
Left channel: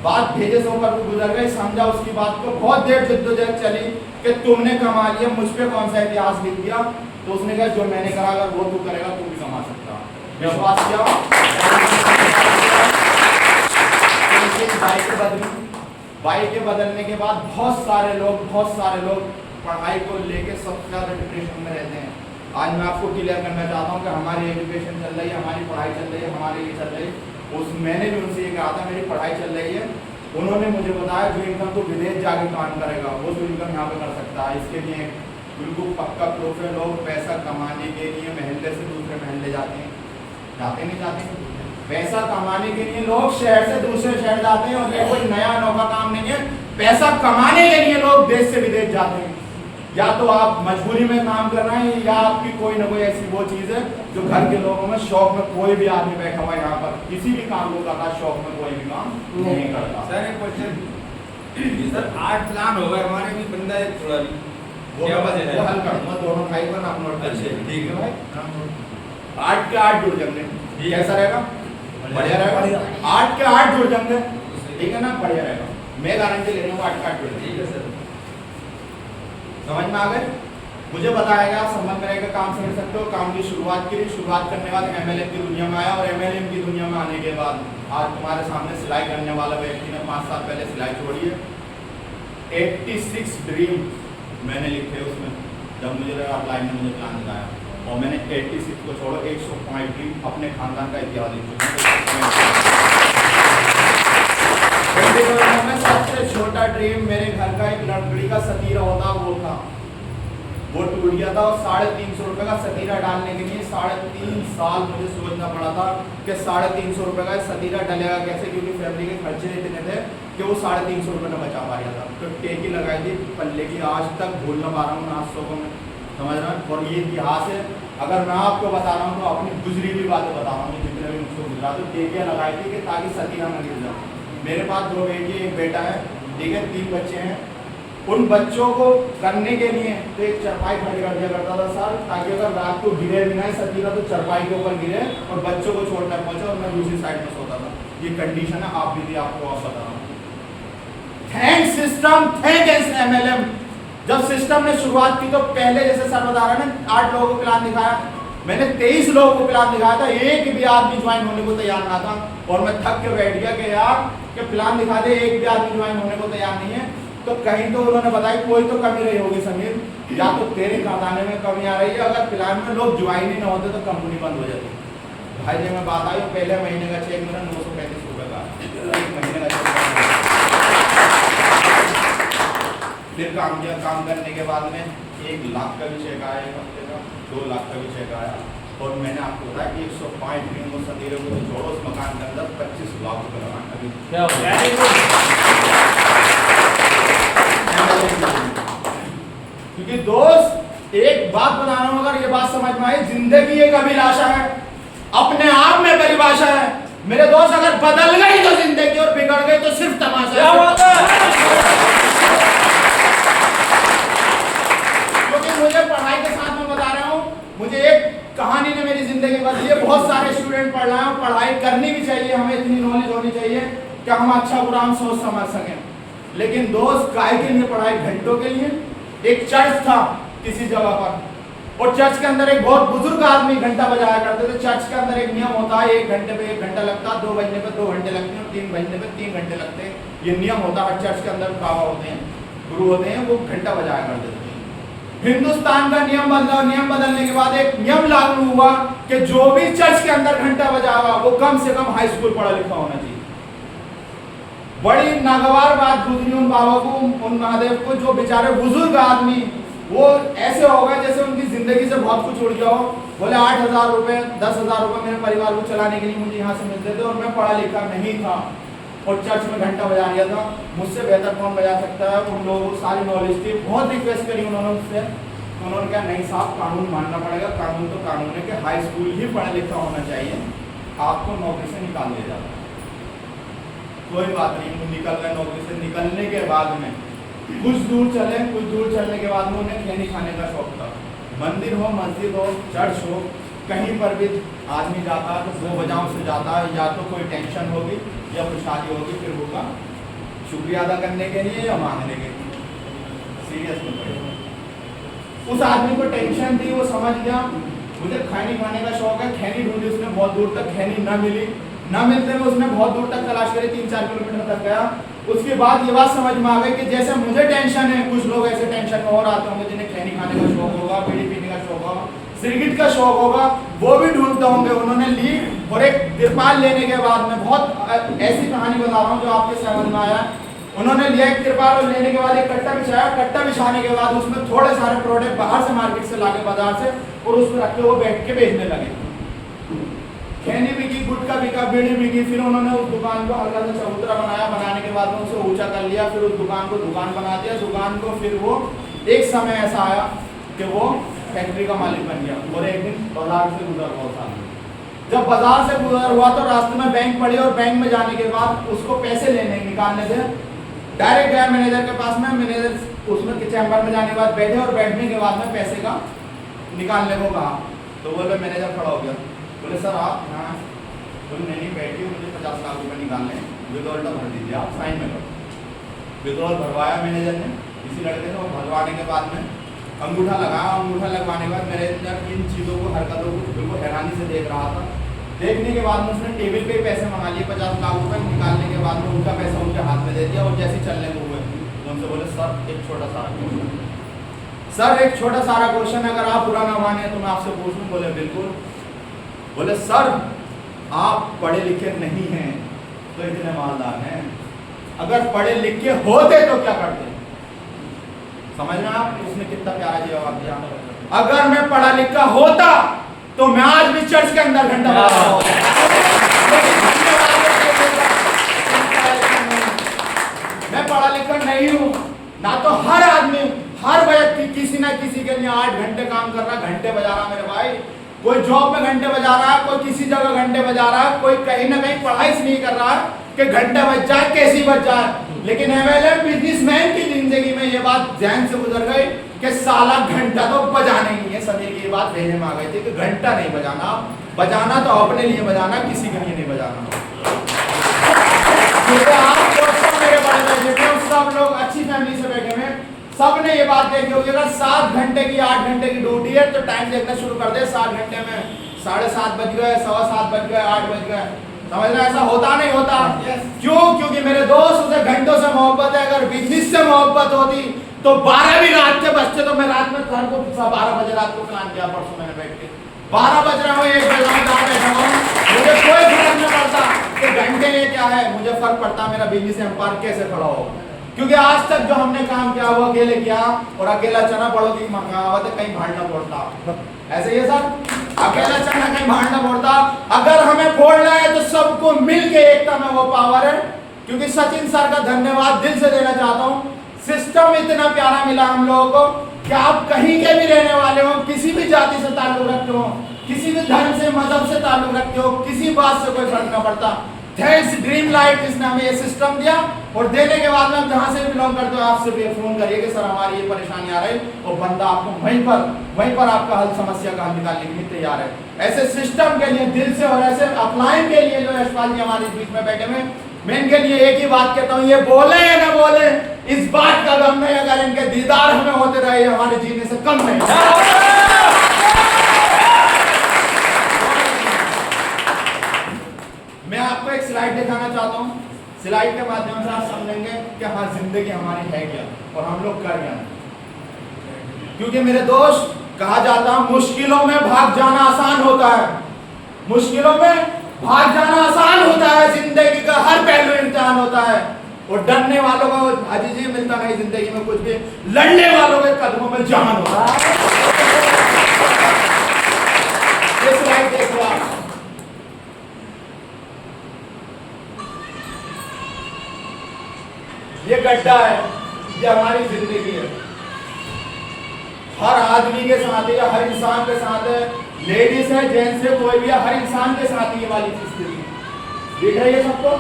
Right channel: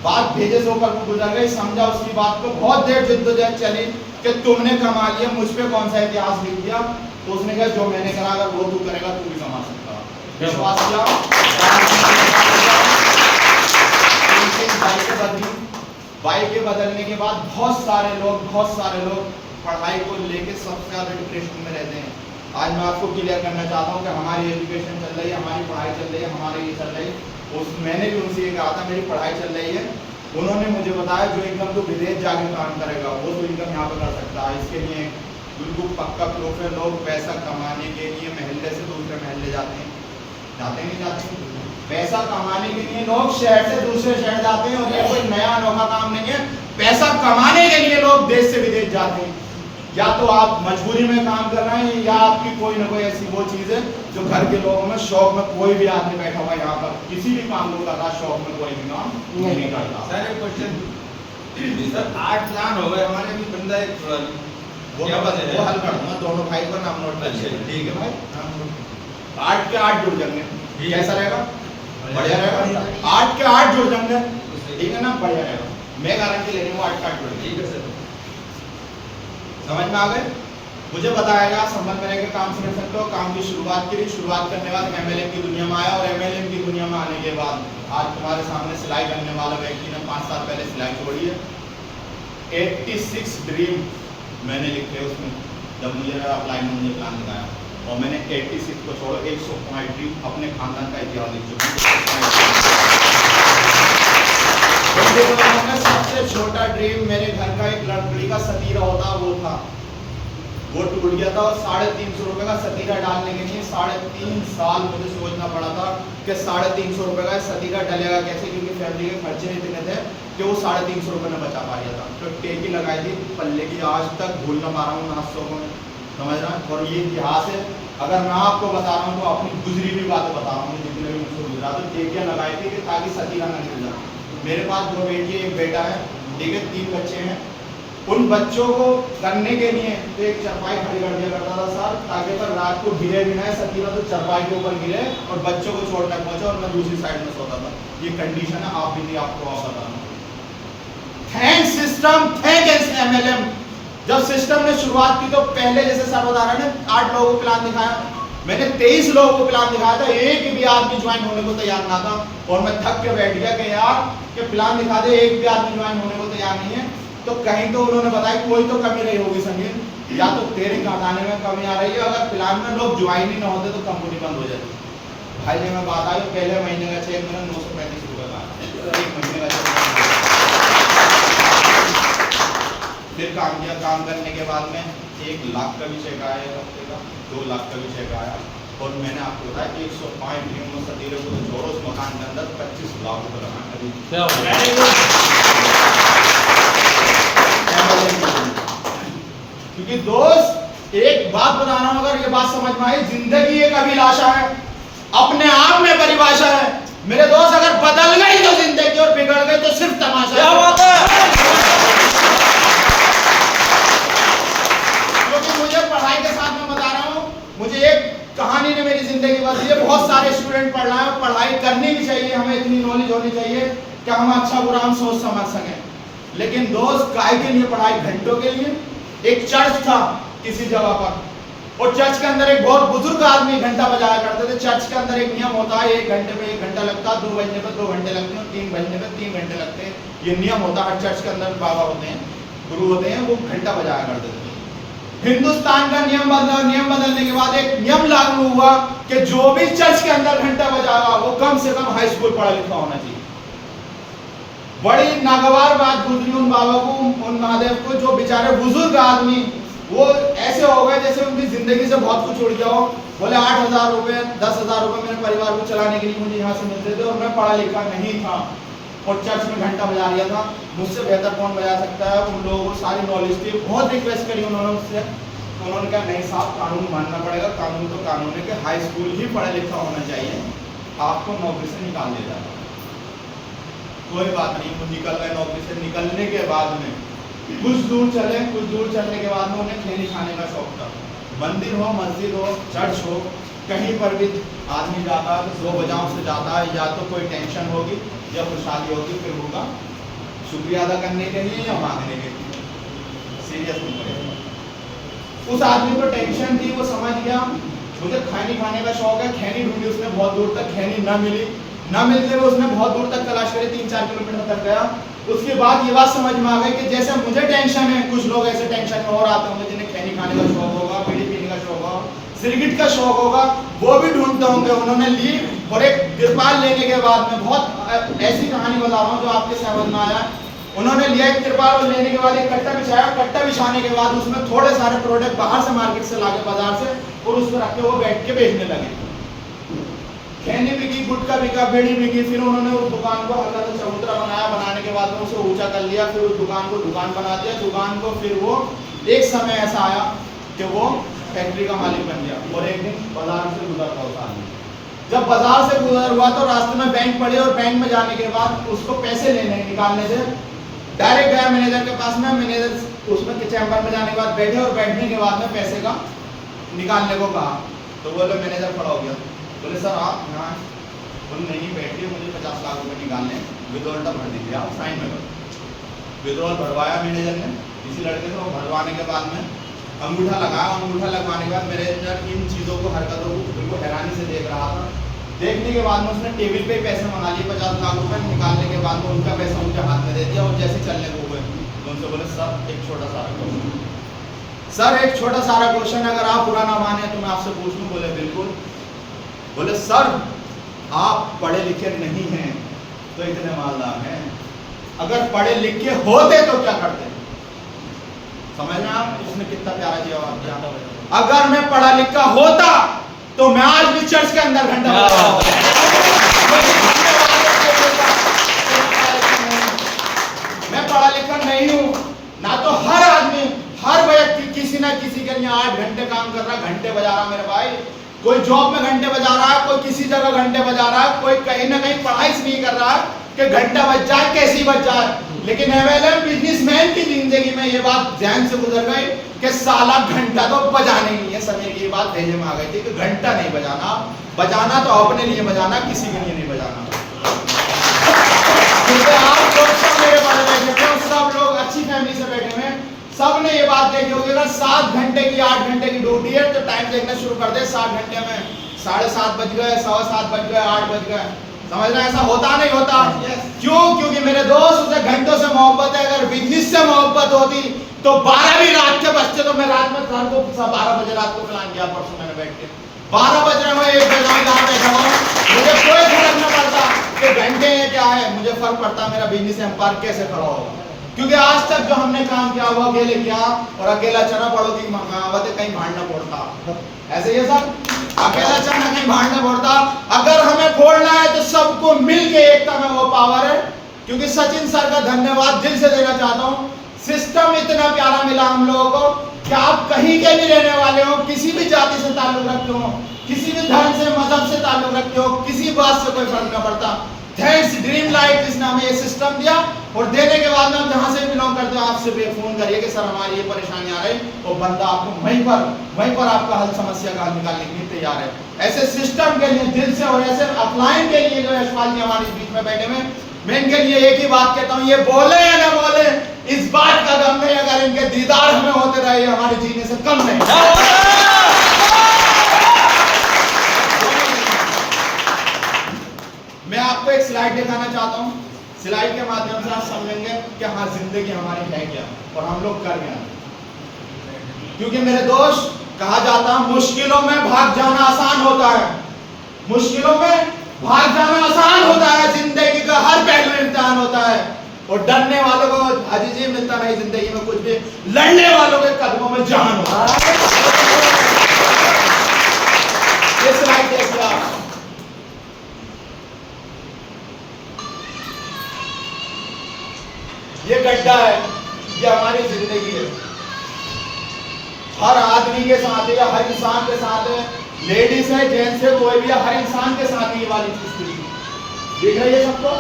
बात भेजे से होकर गुजर गई, समझा उसकी बात को। बहुत देर जद्दोजहद चली कि तुमने कमा लिया, मुझ पे कौन सा इतिहास लिख दिया। तो उसने कहा जो मैंने करा अगर वो तू करेगा तू भी कमा सकता। विश्वास किया, बाइक के बदलने के बाद बहुत सारे लोग पढ़ाई को लेके सबसे ज्यादा डिप्रेशन में रहते हैं। आज मैं आपको क्लियर करना चाहता हूँ कि हमारी एजुकेशन चल रही है, हमारी पढ़ाई चल रही है, हमारे ये चल रही है। मैंने भी उनसे ये कहा था मेरी पढ़ाई चल रही है, उन्होंने मुझे बताया जो इनकम तो विदेश जाके काम करेगा वो तो इनकम यहाँ पे कर सकता है। इसके लिए बिल्कुल पक्का प्रूफ है। लोग पैसा कमाने के लिए महल्ले से दूसरे महल्ले जाते हैं, नहीं जाते? पैसा कमाने के लिए लोग शहर से दूसरे शहर जाते हैं, और ये कोई नया अनोखा काम नहीं है। पैसा कमाने के लिए लोग देश से विदेश जाते हैं। या तो आप मजबूरी में काम कर रहे हैं या आपकी कोई ना कोई ऐसी वो चीज है जो घर के लोगों में शौक में। कोई भी आदमी बैठा हुआ है यहाँ पर किसी भी काम को कर रहा है, शौक में कोई भी काम नहीं करता। सर एक क्वेश्चन, सर 8 प्लान हो गए हमारे भी बंदा एक वो हल कर दूंगा, दोनों भाई को नाम नोट कर। ठीक है भाई। 8 के 8 जुड़ जाएंगे, कैसा रहेगा? बढ़िया रहेगा। 8 के 8 जुड़ जाएंगे, ठीक है ना? बढ़िया रहेगा। मैं गारंटी ले रही हूँ 8 के 8 जुड़ जाएंगे। समझ में आ गए? मुझे बताया गया संबंध में रहकर काम समझ सकते हो। काम की शुरुआत की, शुरुआत करने के बाद एमएलएम की दुनिया में आया, और एमएलएम की दुनिया में आने के बाद आज तुम्हारे सामने सिलाई करने वाला व्यक्ति ने 5 साल पहले सिलाई छोड़ी है। 86 ड्रीम मैंने लिखे उसमें, जब मुझे अप्लाई में मुझे प्लान दिखाया, और मैंने 86 को छोड़ो 105 ड्रीम अपने खानदान का इतिहास लिख चुका हूँ। सबसे छोटा ड्रीम मेरे घर का एक लकड़ी का सतीरा होता वो था, वो टूट गया था। और 350 रुपए का सतीरा डालने के लिए 3.5 साल मुझे सोचना पड़ा था कि 350 रुपए का सतीरा डलेगा कैसे, क्योंकि फैमिली के खर्चे इतने थे कि वो 350 रुपए में बचा पा रहा था। तो टेकी लगाई थी पल्ले की, आज तक भूल ना पा रहा हूँ नाश्तों को मैं, समझ रहा हूँ। और ये इतिहास है, अगर मैं आपको बता रहा हूँ तो अपनी गुजरी हुई बातें बता रहा हूँ, जितने भी मुझसे गुजरा। तो टेकियाँ लगाई थी कि ताकि सतीरा ना गिर जाए। मेरे पास 2 बेटी है, 1 बेटा है, ठीक है, 3 बच्चे हैं। उन बच्चों को करने के लिए तो एक चरपाई खड़ी कर दिया करता था सर, ताकि अगर रात को गिरे भी ना सतीरा तो चरपाई के ऊपर गिरे और बच्चों को चोट न पहुंचे, और मैं दूसरी साइड में सोता था। ये कंडीशन है, आप भी थी, आपको आप बता रहा हूँ। Thank system, thank MLM. जब सिस्टम ने शुरुआत की तो पहले जैसे सर बता रहे हैं 8 लोगों को प्लान दिखाया, मैंने 23 लोगों को प्लान दिखाया था, एक भी आदमी ज्वाइन होने को तैयार ना था। और मैं थक के बैठ गया कि यार कि प्लान दिखा दे, एक भी आदमी ज्वाइन होने को तैयार नहीं है। तो कहीं तो उन्होंने बताया कोई तो कमी रही होगी समीर, या तो तेरे खाने में कमी आ रही है। अगर प्लान में लोग ज्वाइन ही ना होते तो कंपनी बंद हो जाती। भाई जब मैं बात आई, पहले महीने का चेक मेरा 935 रुपए का, 1 महीने का चेक। फिर काम किया, काम करने के बाद में 1 लाख का भी चेक आया एक हफ्ते का, 2 लाख का भी चेक आया, और मैंने आपको बताया 105 ड्रीम और सतीरे को जोड़ो, उस मकान के अंदर 25 लाख रुपए लगाए अभी। क्योंकि दोस्त एक बात बता रहा हूं, अगर ये बात समझ में आई, जिंदगी एक अभिलाषा है, अपने आप में परिभाषा है मेरे दोस्त। अगर बदल गई तो जिंदगी और बिगड़ गई तो सिर्फ तमाशा है। क्योंकि मुझे पढ़ाई के साथ में बता रहा हूं, मुझे एक कहानी ने मेरी जिंदगी बदली है। बहुत सारे स्टूडेंट पढ़ रहे हैं और पढ़ाई करनी भी चाहिए, हमें इतनी नॉलेज होनी चाहिए कि हम अच्छा बुरा हम सोच समझ सकें। लेकिन दोस्त काय के लिए पढ़ाई? घंटों के लिए। एक चर्च था किसी जगह पर, और चर्च के अंदर एक बहुत बुजुर्ग आदमी घंटा बजाया करते थे। चर्च के अंदर एक नियम होता है, 1 घंटे पे 1 घंटा लगता, 2 बजने पे 2 घंटे लगते हैं, 3 बजने पे 3 घंटे लगते हैं। ये नियम होता है, चर्च के अंदर बाबा होते हैं, गुरु होते हैं, वो घंटा बजाया करते थे। हिंदुस्तान का नियम बदला, नियम बदलने के बाद एक नियम लागू हुआ कि जो भी चर्च के अंदर घंटा बजाएगा वो कम से कम हाई स्कूल पढ़ा लिखा होना चाहिए। बड़ी नागवार बात गुजरी उन बाबा को, उन महादेव को, जो बेचारे बुजुर्ग आदमी वो ऐसे हो गए जैसे उनकी जिंदगी से बहुत कुछ उड़ गया हो। बोले 8,000 रुपए 10,000 रुपए मेरे परिवार को चलाने के लिए मुझे यहाँ से मिलते थे, और मैं पढ़ा लिखा नहीं था और चर्च में घंटा बजा रहा था, मुझसे बेहतर कौन बजा सकता है। उन लोगों को सारी नॉलेज थी, बहुत रिक्वेस्ट करी उन्होंने मुझसे, उन्होंने कहा नहीं साहब, कानून मानना पड़ेगा, कानून तो कानून है कि हाई स्कूल ही पढ़ा लिखा होना चाहिए, आपको नौकरी से निकाल दिया जाता। कोई बात नहीं, वो निकल गए नौकरी से। निकलने के बाद में कुछ दूर चले, कुछ दूर चलने के बाद में उन्हें खैनी खाने का शौक था। मंदिर हो, मस्जिद हो, चर्च हो, कहीं पर भी आदमी जाता है तो 2 वजहों से जाता है, या तो कोई टेंशन होगी या खुशहाली होगी, फिर होगा शुक्रिया अदा करने के लिए या मांगने के लिए। सीरियस नहीं पड़ेगा। उस आदमी को टेंशन थी, वो समझ गया मुझे खैनी खाने का शौक है। खैनी ढूंढी उसने बहुत दूर तक, खैनी ना मिली, ना मिलते हुए उसने बहुत दूर तक तलाश करी, 3-4 किलोमीटर तक गया। उसके बाद ये बात समझ में आ गई कि जैसे मुझे टेंशन है, कुछ लोग ऐसे टेंशन में और आते होंगे जिन्हें खैनी खाने का शौक होगा, बीड़ी पीने का शौक होगा, सिगरेट का शौक होगा, वो भी ढूंढते होंगे। उन्होंने ली और एक तिरपाल लेने के बाद में, बहुत ऐसी कहानी बता रहा हूँ जो आपके समझ में आया, उन्होंने लिया एक तिरपाल और लेने के बाद एक कट्टा बिछाया। कट्टा बिछाने के बाद उसमें थोड़े सारे प्रोडक्ट बाहर से मार्केट से लाके बाजार से, और उस पर रख के वो बैठ के बेचने लगे। खैनी बिकी, गुटखा बिका, बीड़ी बिकी। फिर उन्होंने उस दुकान को हल्का सा चबूतरा बनाया, बनाने के बाद में उसे ऊंचा कर लिया, फिर उस दुकान को दुकान बना दिया। दुकान को फिर वो एक समय ऐसा आया कि वो फैक्ट्री का मालिक बन गया। और एक दिन बाजार से गुजर रहा था। जब बाजार से गुजर हुआ तो रास्ते में बैंक पड़ी, और बैंक में जाने के बाद उसको पैसे लेने निकालने थे। डायरेक्ट गया मैनेजर के पास में, मैनेजर उसमें चैम्बर में जाने के बाद बैठे, और बैठने के बाद में पैसे का निकालने को कहा। तो बोले, मैनेजर खड़ा हो गया, बोले सर आप यहाँ? बोले नहीं बैठिए, मुझे 50 लाख रुपए निकालने, विड्रॉल भर दीजिए, आप साइन में करो। विड्रॉल भरवाया मैनेजर ने किसी लड़के से, भरवाने के बाद में अंगूठा लगाया। अंगूठा लगवाने के बाद मैनेजर इन चीज़ों को, हरकतों को बिल्कुल हैरानी से देख रहा था। देखने के बाद में उसने टेबल पे पैसे मंगा लिए, 50 लाख रुपए। निकालने के बाद में उनका पैसा उनके हाथ में दे दिया, और जैसे चलने को हुए तो उनसे बोले सर एक छोटा सारा क्वेश्चन, सर एक छोटा सारा क्वेश्चन, अगर आप बुरा ना माने तो मैं आपसे पूछ लूँ? बोले बिल्कुल। बोले सर आप पढ़े लिखे नहीं हैं तो इतने मालदार हैं, अगर पढ़े लिखे होते तो क्या करते? समझ रहे आप? उसने कितना प्यारा जवाब दिया, अगर मैं पढ़ा लिखा होता तो मैं आज भी चर्च के अंदर घंटा बजा रहा होता। मैं पढ़ा लिखा नहीं हूं ना, तो हर आदमी, हर व्यक्ति किसी ना किसी के लिए 8 घंटे काम कर रहा, घंटे बजा रहा। मेरे भाई, कोई जॉब में घंटे बजा रहा है, कोई किसी जगह घंटे बजा रहा है, कोई कहीं ना कहीं पढ़ाई से नहीं कर रहा है कि घंटा बज जाए, कैसी बज जाए। लेकिन एमएलएम बिजनेसमैन की जिंदगी में ये बात ध्यान से गुजर गई कि साला घंटा तो बजाना ही नहीं है। समीर की ये बात भेजे में आ गई थी कि घंटा नहीं बजाना, बजाना तो अपने लिए बजाना, किसी के लिए नहीं बजाना। क्योंकि आप लोग सब मेरे पास बैठे हुए, सब लोग अच्छी फैमिली से बैठे हुए, सब ने ये बात देखी होगी, अगर 7 घंटे की 8 घंटे की ड्यूटी है तो टाइम देखना शुरू कर दे। 7 घंटे में 7:30 बज गए, 7:15 बज गए, 8 बज गए। समझ रहे? ऐसा होता नहीं होता। क्यों? क्योंकि मेरे दोस्त, उसे घंटों से मोहब्बत है। अगर बिजनेस से मोहब्बत होती तो 12 भी रात के बजते तो मैं रात में सर को 12 बजे रात को प्लान किया, परसों मैंने बैठ के 12 बज रहे हो, 1 बजे जहाँ बैठा हूँ, मुझे कोई फर्क नहीं पड़ता कि घंटे ये क्या है, मुझे फर्क पड़ता मेरा बिजनेस एम्पायर कैसे खड़ा होगा। क्योंकि आज तक जो हमने काम किया वो अकेले किया, और अकेला चना पड़ोगी कहावत है, कहीं भाड़ना पड़ता। ऐसे ये सब अकेला चना कहीं भाड़ना पड़ता। अगर हमें फोड़ना है तो सबको मिलके एकता में वो पावर है। क्योंकि सचिन सर का धन्यवाद दिल से देना चाहता हूँ। सिस्टम इतना प्यारा मिला हम लोगों को कि आप कहीं के भी रहने वाले हो, किसी भी जाति से ताल्लुक रखते हो, किसी भी धर्म से मजहब से ताल्लुक रखते हो, किसी बात से कोई फर्क ना पड़ता। थैंक्स ड्रीम लाइट जिसने हमें ये सिस्टम दिया, और देने के बाद में हम जहाँ से बिलोंग करते हो आपसे भी फोन करिए कि सर हमारी ये परेशानी आ रही, और बंदा आपको वहीं पर आपका हल समस्या का हल निकालने के लिए तैयार है। ऐसे सिस्टम के लिए दिल से, और ऐसे अपलाइन के लिए जो यशपाल जी हमारे बीच में बैठे हुए, मैं इनके लिए एक ही बात कहता हूँ, ये बोले या ना बोले इस बात का गम नहीं, अगर इनके दीदार हमें होते रहे हमारे जीने से कम नहीं। मैं आपको एक स्लाइड दिखाना चाहता हूँ। स्लाइड के माध्यम से आप समझेंगे कि हाँ जिंदगी हमारी है क्या और हम लोग कर क्या। क्योंकि मेरे दोस्त, कहा जाता है मुश्किलों में भाग जाना आसान होता है, मुश्किलों में भाग जाना आसान होता है, जिंदगी का हर पहलू इम्तिहान होता है, और डरने वालों को हाजी जी मिलता नहीं जिंदगी में कुछ भी, लड़ने वालों के कदमों में जान होता है। ये स्लाइड देखिए आप, ये गड्ढा है, ये हमारी जिंदगी है। हर आदमी के साथ है, हर इंसान के साथ है, लेडीज है जेंट्स है कोई भी है, हर इंसान के साथ ये वाली चीज थी। देख रहे हैं सबको,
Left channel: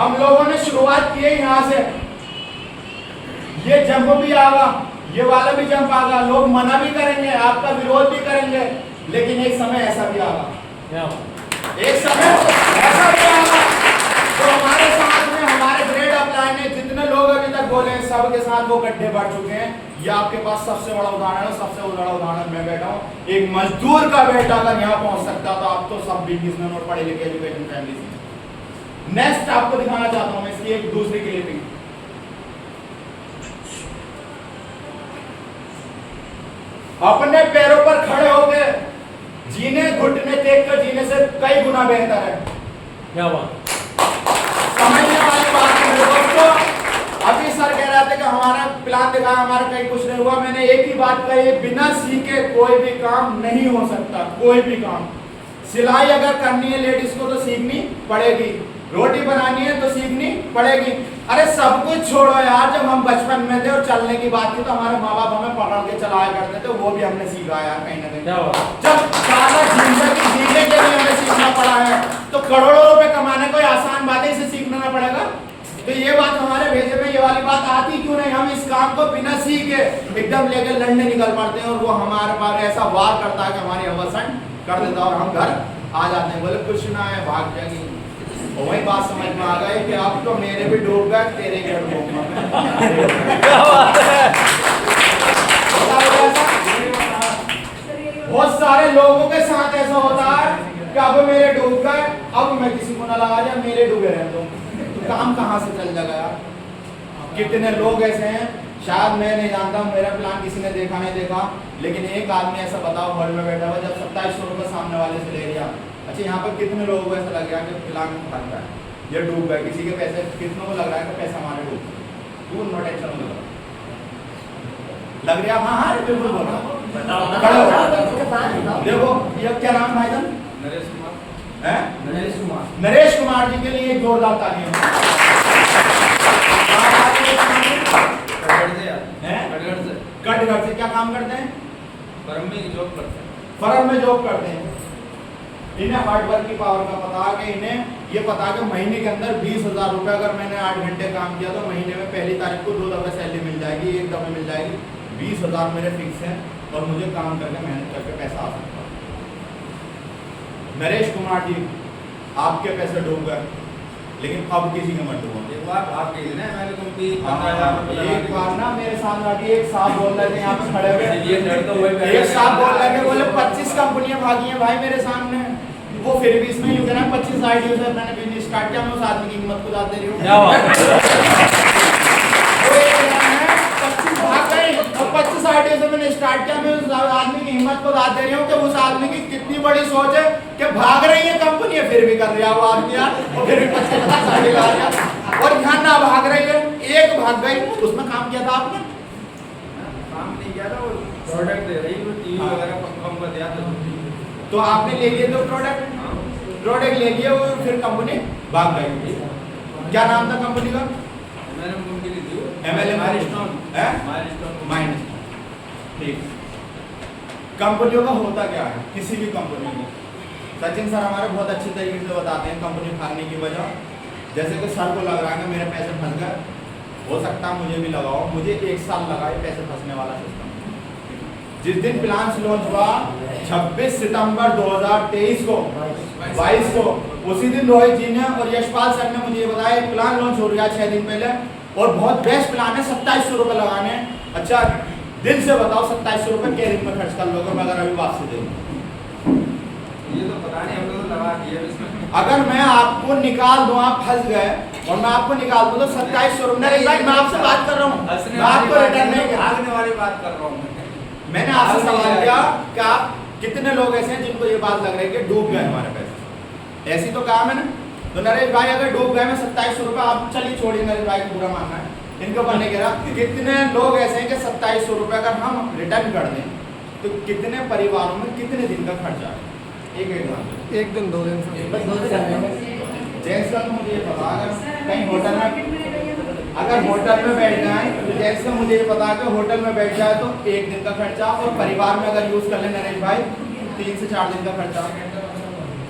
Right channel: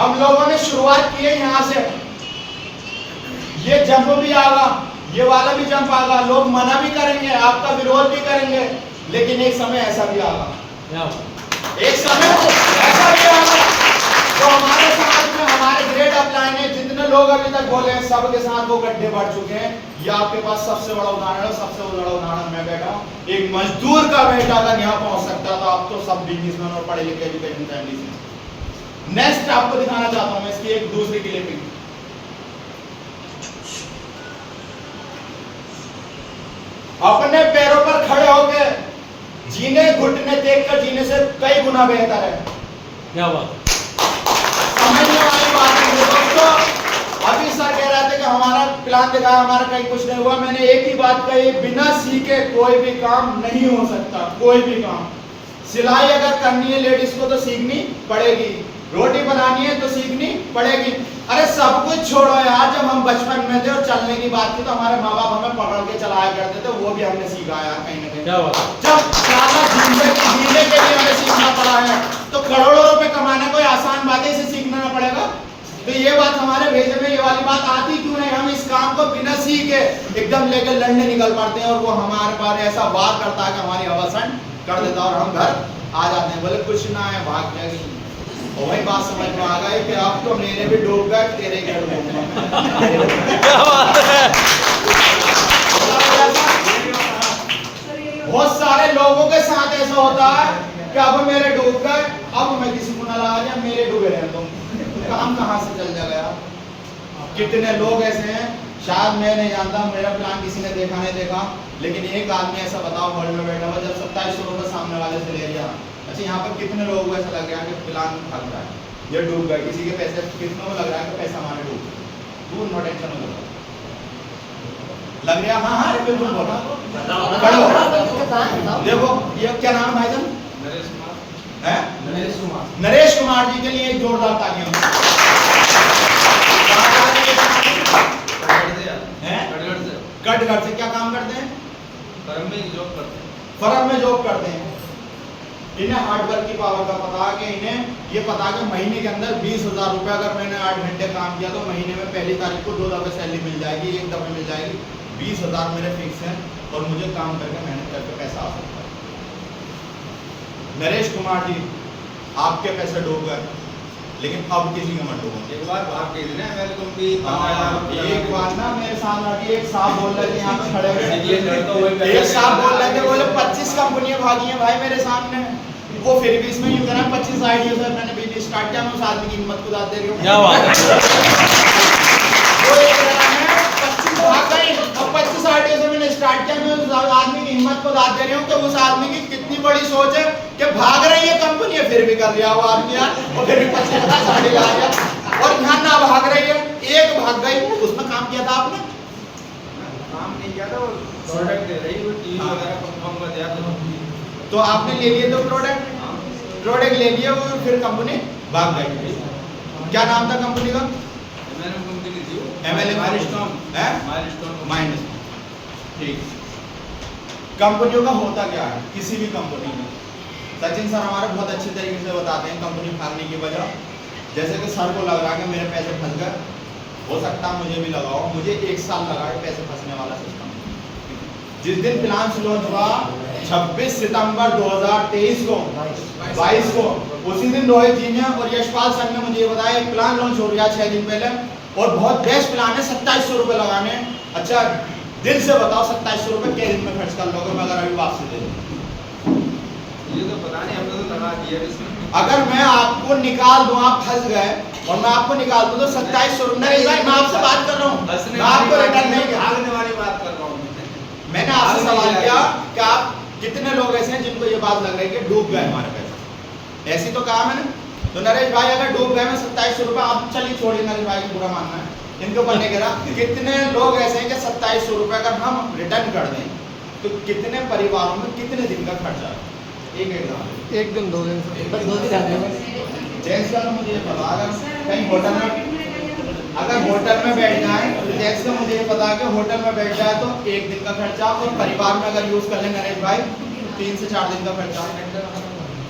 हम लोगों ने शुरुआत की है यहाँ से। ये जंप भी आगा, ये वाला भी जंप आगा, लोग मना भी करेंगे, आपका विरोध भी करेंगे, लेकिन एक समय ऐसा भी आगा, एक समय ऐसा भी आगा तो हमारे समाज में, हमारे ग्रेड अपलाइन में जितने लोग अभी तक बोले हैं सबके साथ वो गड्ढे बढ़ चुके हैं। ये आपके पास सबसे बड़ा उदाहरण है, सबसे बड़ा उदाहरण मैं बैठा हूँ। एक मजदूर का बेटा अगर यहाँ पहुंच सकता तो आप तो सब बिजनेसमैन और पढ़े लिखे एजुकेशन फैमिली से। नेक्स्ट आपको दिखाना चाहता हूँ मैं इसकी एक दूसरी क्लिपिंग। अपने पैरों पर खड़े होकर जीने, घुटने देख कर जीने से कई गुना बेहतर है। क्या बात, समझने वाली बात है मेरे दोस्तों। अभी सर कह रहे थे कि हमारा प्लान दिखाया, हमारा कहीं कुछ नहीं हुआ। मैंने एक ही बात कही, बिना सीखे कोई भी काम नहीं हो सकता, कोई भी काम। सिलाई अगर करनी है लेडीज को तो सीखनी पड़ेगी, रोटी बनानी है तो सीखनी पड़ेगी। अरे सब कुछ छोड़ो यार, जब हम बचपन में थे और चलने की बात की तो हमारे माँ बाप हमें पकड़ के चलाया करते थे, वो भी हमने सीखा यार कहीं ना कहीं। जब सारा जिंदगी जीने के लिए हमें सीखना पड़ा है तो करोड़ों रुपए कमाना कोई आसान बात है, इसे सीखना ना पड़ेगा। तो ये बात हमारे भेजे में ये वाली बात आती क्यों नहीं? हम इस काम को बिना सीखे एकदम लेकर लड़ने निकल पड़ते हैं, और वो हमारे पर ऐसा वार करता है कि हमारी अवसान कर देता है और हम घर आ जाते हैं, बोले कुछ ना है, भाग जाएगी। और वही बात समझ में आ गई कि अब तो मेरे भी डूब गए, तेरे क्या डूबूंगा बहुत सारे लोगों के साथ ऐसा होता है कि अब मेरे डूब गए, अब मैं किसी को ना लगा जाए, मेरे डूबे रहे तो काम कहाँ से चल जाएगा यार। कितने लोग ऐसे हैं, शायद मैं नहीं जानता, मेरा प्लान किसी ने देखा नहीं देखा, लेकिन एक आदमी ऐसा बताओ हॉल में बैठा हुआ, जब 2700 रुपये सामने वाले से ले लिया, अच्छा यहाँ पर कितने लोगों को ऐसा लग रहा है कि प्लान भाग रहा है, ये डूब गए, किसी के पैसे, कितनों को लग रहा है कि पैसा हमारे डूब गए, तू नो टेंशन लग रहा। हाँ हाँ बिल्कुल बोलो, देखो ये क्या नाम भाईजान? नरेश कुमार जी के लिए एक जोरदार तालियां। कटघर से क्या काम करते हैं? फर्म में जॉब करते हैं। फर्म में जॉब करते हैं। इन्हें हार्डवर्क की पावर का पता है कि इन्हें ये पता है कि महीने के अंदर 20,000 रुपये अगर मैंने 8 घंटे काम किया तो महीने में पहली तारीख को 2 दफे सैलरी मिल जाएगी, 1 दफे मिल जाएगी। 20,000 मेरे फिक्स हैं और मुझे काम करके मेहनत करके पैसा आ सकता है। नरेश कुमार जी आपके पैसे डूब गए, लेकिन अब किसी के मत डूबो। एक बार बात कही ना, मैंने कंपनी एक बार ना मेरे सामने अभी एक साहब बोल रहे थे, यहाँ पे खड़े हुए एक साहब बोल रहे थे, बोले 25 कंपनियां भागी हैं भाई मेरे सामने, वो फिर भी इसमें यूं कह रहा है 25 आईडिया से मैंने बिजनेस स्टार्ट किया, मैं उस आदमी की हिम्मत को दाद दे रही हूँ। वो एक कह रहा है 25 भाग गए और 25 आईडिया से मैंने स्टार्ट किया, मैं उस आदमी की हिम्मत को दाद दे रही हूँ कि उस आदमी की कितनी बड़ी सोच है कि भाग रही है कंपनी फिर भी कर रहा है वो आदमी यार, और फिर भी 25 आईडिया लगा दिया। और यहाँ ना भाग रही है, एक भाग गई, उसमें काम किया था आपने? काम नहीं किया था, वो प्रोडक्ट दे रही, वो टीवी हाँ। वगैरह पंखा दिया था। तो आपने ले लिए दो प्रोडक्ट, हाँ। प्रोडक्ट ले लिए और फिर कंपनी भाग गई। क्या नाम था कंपनी का? MLM कंपनी थी वो। MLM milestone. है? माइलस्टोन। माइनस। ठीक। कंपनियों का होता क्या है, किसी भी कंपनी में? सचिन सर हमारे बहुत अच्छे तरीके से बताते हैं कंपनी भागने की वजह। जैसे कि सर को लग रहा है कि मेरे पैसे फंस गए, हो सकता है मुझे भी लगाओ, मुझे 1 साल लगा ये पैसे फंसने वाला सिस्टम। जिस दिन प्लान लॉन्च हुआ 26 सितंबर 2023 को 22 को, उसी दिन रोहित जी ने और यशपाल सर ने मुझे ये बताया प्लान लॉन्च हो गया 6 दिन पहले और बहुत बेस्ट प्लान है, 2700 रुपये लगाने। अच्छा दिल से बताओ 2700 रुपये क्या दिन में खर्च कर लोगे मैं अगर अभी वापसी दे दूं? ये तो पता नहीं, हम लोग तो लगा दिया इसमें। अगर मैं आपको निकाल दूं, आप फंस गए और मैं आपको निकाल दूं तो 2700 रुपये। नरेश भाई मैं आपसे बात कर रहा हूँ, मैं आपको रिटर्न नहीं कर, भागने वाली बात कर रहा हूँ मैंने आपसे सवाल किया कि आप कितने लोग ऐसे हैं जिनको ये बात लग रही है कि डूब गए हमारे पैसे, ऐसी तो कहा मैंने। तो नरेश भाई अगर डूब गए मैं 2700 रुपये, आप चलिए छोड़िए नरेश भाई को बुरा मानना है, इनके ऊपर नहीं कह रहा। कितने लोग ऐसे हैं कि 2700 रुपये अगर हम रिटर्न कर दें तो कितने परिवारों में कितने दिन का खर्चा है? एक एग्जाम्पल, 1 दिन 2 दिन से बस 2 दिन आने में। जेंट्स का तो मुझे ये पता, अगर कहीं होटल में अगर होटल में बैठ जाए तो जेंट्स का मुझे ये पता है कि होटल में बैठ जाए तो 1 दिन का खर्चा, और परिवार में अगर यूज कर ले नरेश भाई 3 से 4 दिन का खर्चा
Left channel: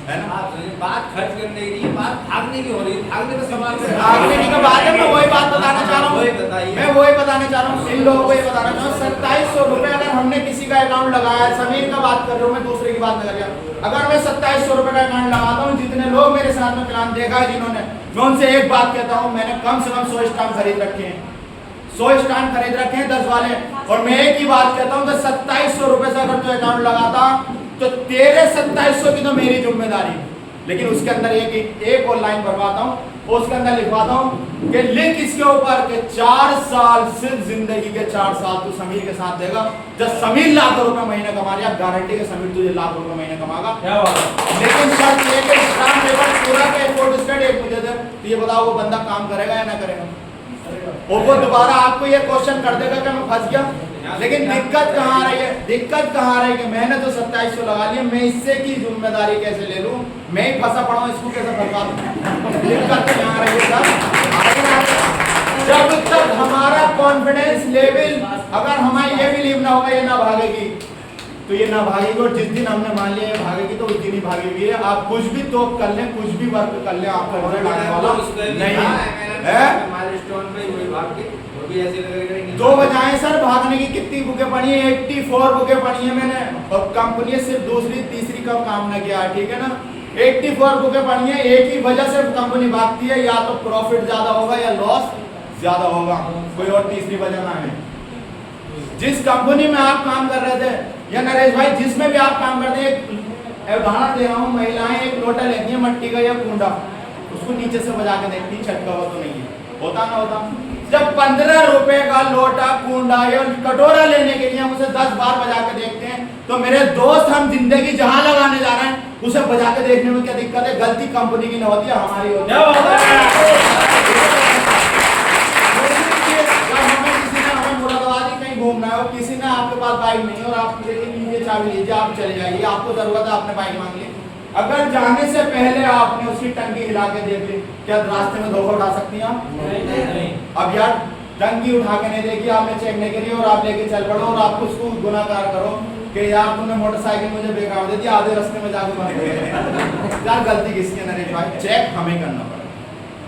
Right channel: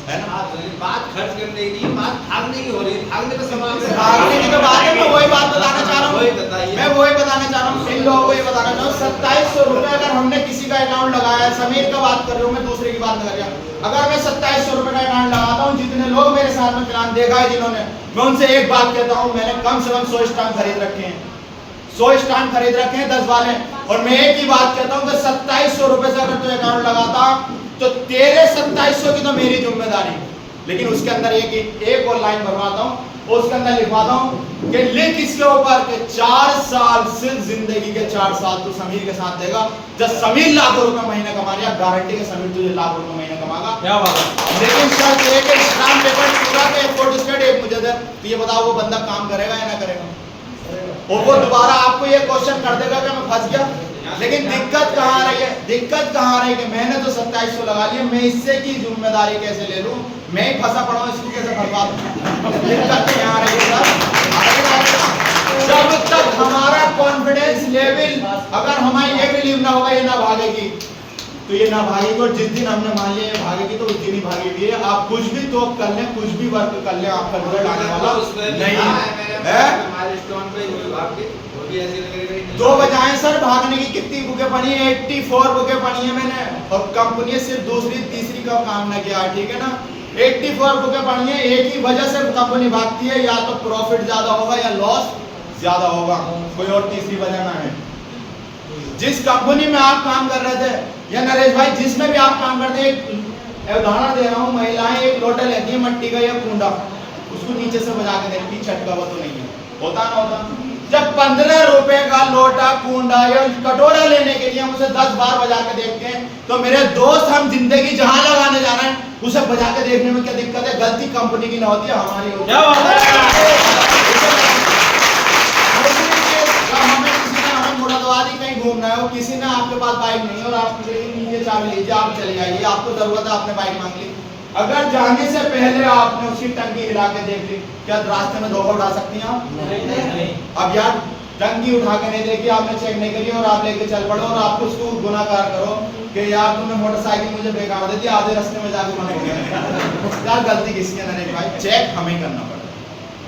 है ना। बात खर्च करने की, बात भागने की हो रही है, भागने का सवाल भागने की तो बात है, मैं वही बात बताना चाह रहा वही हूँ, बताइए। मैं वही बताना चाह रहा हूँ इन लोगों को, ये बताना चाह रहा हूँ 2700 रुपये अगर हमने किसी का अकाउंट लगाया, समीर का बात कर रही हूँ मैं, दूसरे की बात नहीं कर रहा। अगर मैं 2700 रुपये का अकाउंट लगाता हूँ, जितने लोग मेरे साथ में प्लान देखा है जिन्होंने, मैं उनसे एक बात कहता हूँ, मैंने कम से कम 100 स्टाम्प खरीद रखे हैं, 100 स्टाम्प खरीद रखे हैं 10 वाले, और मैं एक ही बात कहता हूँ कि 2700 रुपये से अगर तू अकाउंट लगाता तो तेरे 2700 की तो मेरी जिम्मेदारी, लेकिन उसके अंदर एक और लाइन भरवाता हूँ, उसके अंदर लिखवाता हूँ कि लिख इसके ऊपर कि 4 साल, सिर्फ जिंदगी के 4 साल तू समीर के साथ देगा। जब समीर लाखों रुपए महीना कमा रहा है, गारंटी के समीर तुझे लाख रुपए महीना कमाएगा। क्या बात है? लेकिन सर एक स्टाम्प पेपर पूरा के फोटो स्टेट एक मुझे दे, तो ये बताओ वो बंदा काम करेगा या ना करेगा? और वो दोबारा आपको ये क्वेश्चन कर देगा कि मैं फंस गया। लेकिन दिक्कत कहाँ आ रही है, दिक्कत कहाँ आ रही है कि मैंने तो 2700 लगा लिया, मैं इससे की जिम्मेदारी कैसे ले लूं, मैं ही फंसा पड़ा हूं, इसको कैसे फंसवा दूं? दिक्कत यहाँ आ रही है साहब। जब तक हमारा कॉन्फिडेंस लेवल, अगर हमें ये बिलीव ना होगा ये ना भागेगी, तो ये ना भागेगी, और जिस दिन हमने मान लिया ये भागेगी तो उस दिन ही भागेगी। आप कुछ भी तो कर लें, कुछ भी वर्क कर लें, आपका रिजल्ट आने वाला नहीं है। माइलस्टोन पे वही भाग के, वो भी ऐसे लग रहा है। 2 बजाएं सर भागने की, कितनी बुकें पढ़ी है? 84 बुकें पढ़ी है मैंने, और कंपनी सिर्फ दूसरी तीसरी का काम ना किया है, ठीक है ना। 84 बुकें पढ़ी है, एक ही वजह से कंपनी भागती है, या तो प्रॉफिट ज्यादा होगा या लॉस ज्यादा होगा, कोई और तीसरी वजह ना है। जिस कंपनी में आप काम कर रहे थे, या नरेश भाई जिसमें भी आप काम करते हैं, एक उदाहरण दे रहा हूँ, महिलाएं एक लोटा लेती है मट्टी का या कूंडा, उसको नीचे से बजा के देखती है छटका हुआ तो नहीं है, होता ना होता। जब 15 रुपए का लोटा, कूंडा या कटोरा लेने के लिए हम उसे 10 बार बजा के देखते हैं, तो मेरे दोस्त हम जिंदगी जहां लगाने जा रहे हैं उसे बजा के देखने में क्या दिक्कत है? गलती कंपनी की ना होती है, हमारी होती है। कहीं घूमना है, किसी ने आपके पास बाइक नहीं है और आप लीजिए चाबी लीजिए, आप चले जाइए, आपको जरूरत है, आपने बाइक मांग ली, अगर जाने से पहले आपने उसकी टंकी हिला के देख ली, क्या रास्ते में धोखा उठा सकती हैं आप? नहीं। अब यार टंकी उठा के नहीं देखी, आपने चेक नहीं करी और आप लेके चल पड़ो, और आप उसको गुनाहगार करो कि यार तुमने मोटरसाइकिल मुझे बेकार दे दी, आधे रास्ते में जाकर बंद हो गए। यार गलती किसकी है नरेश भाई? चेक हमें करना पड़ेगा।